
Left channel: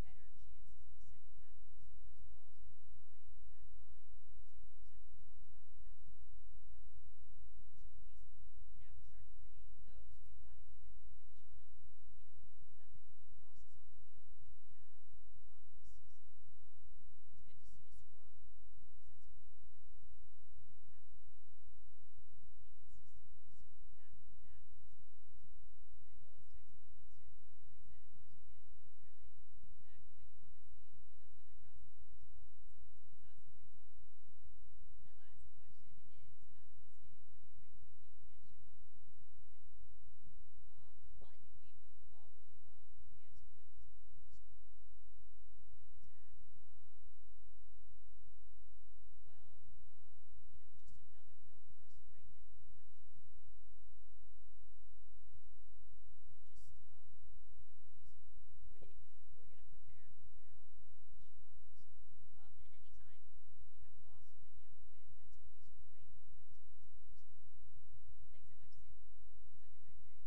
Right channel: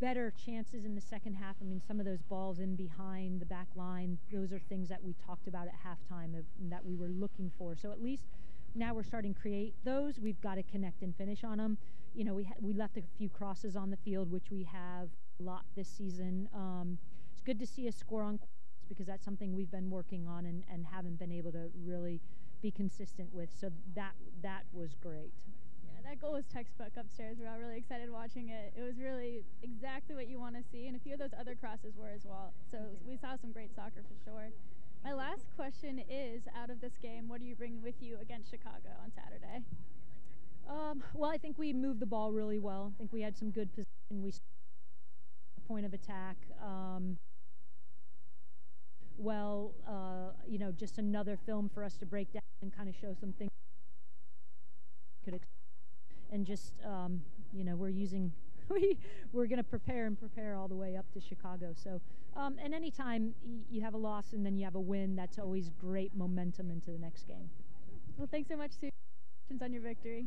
Better chances in the second half. I mean, some of those balls in behind the back line, those are things that we talked about at halftime that we were looking for. So at least now we're starting to create those. We've got to connect and finish on them. We left a few crosses on the field, which we have a lot this season. It's good to see us score on because that's something we've been working on and haven't been able to really be consistent with. So that was great. Yeah, that goal was textbook upstairs. We're all really excited watching it. It was really exactly what you want to see, and a few of those other crosses were as well. So we saw some great soccer for sure. My last question is, out of this game, what do you bring with you against Chicago on Saturday? Well, I think we moved the ball really well. I think we had some good position. We point of attack. Just another film for us to break down and kind of show some things. And just, we're going to prepare all the way up to Chicago. So, and anytime you have a loss and then you have a win, that's always great momentum into the next game. Well, thanks so much, Sue. Congratulations on your victory.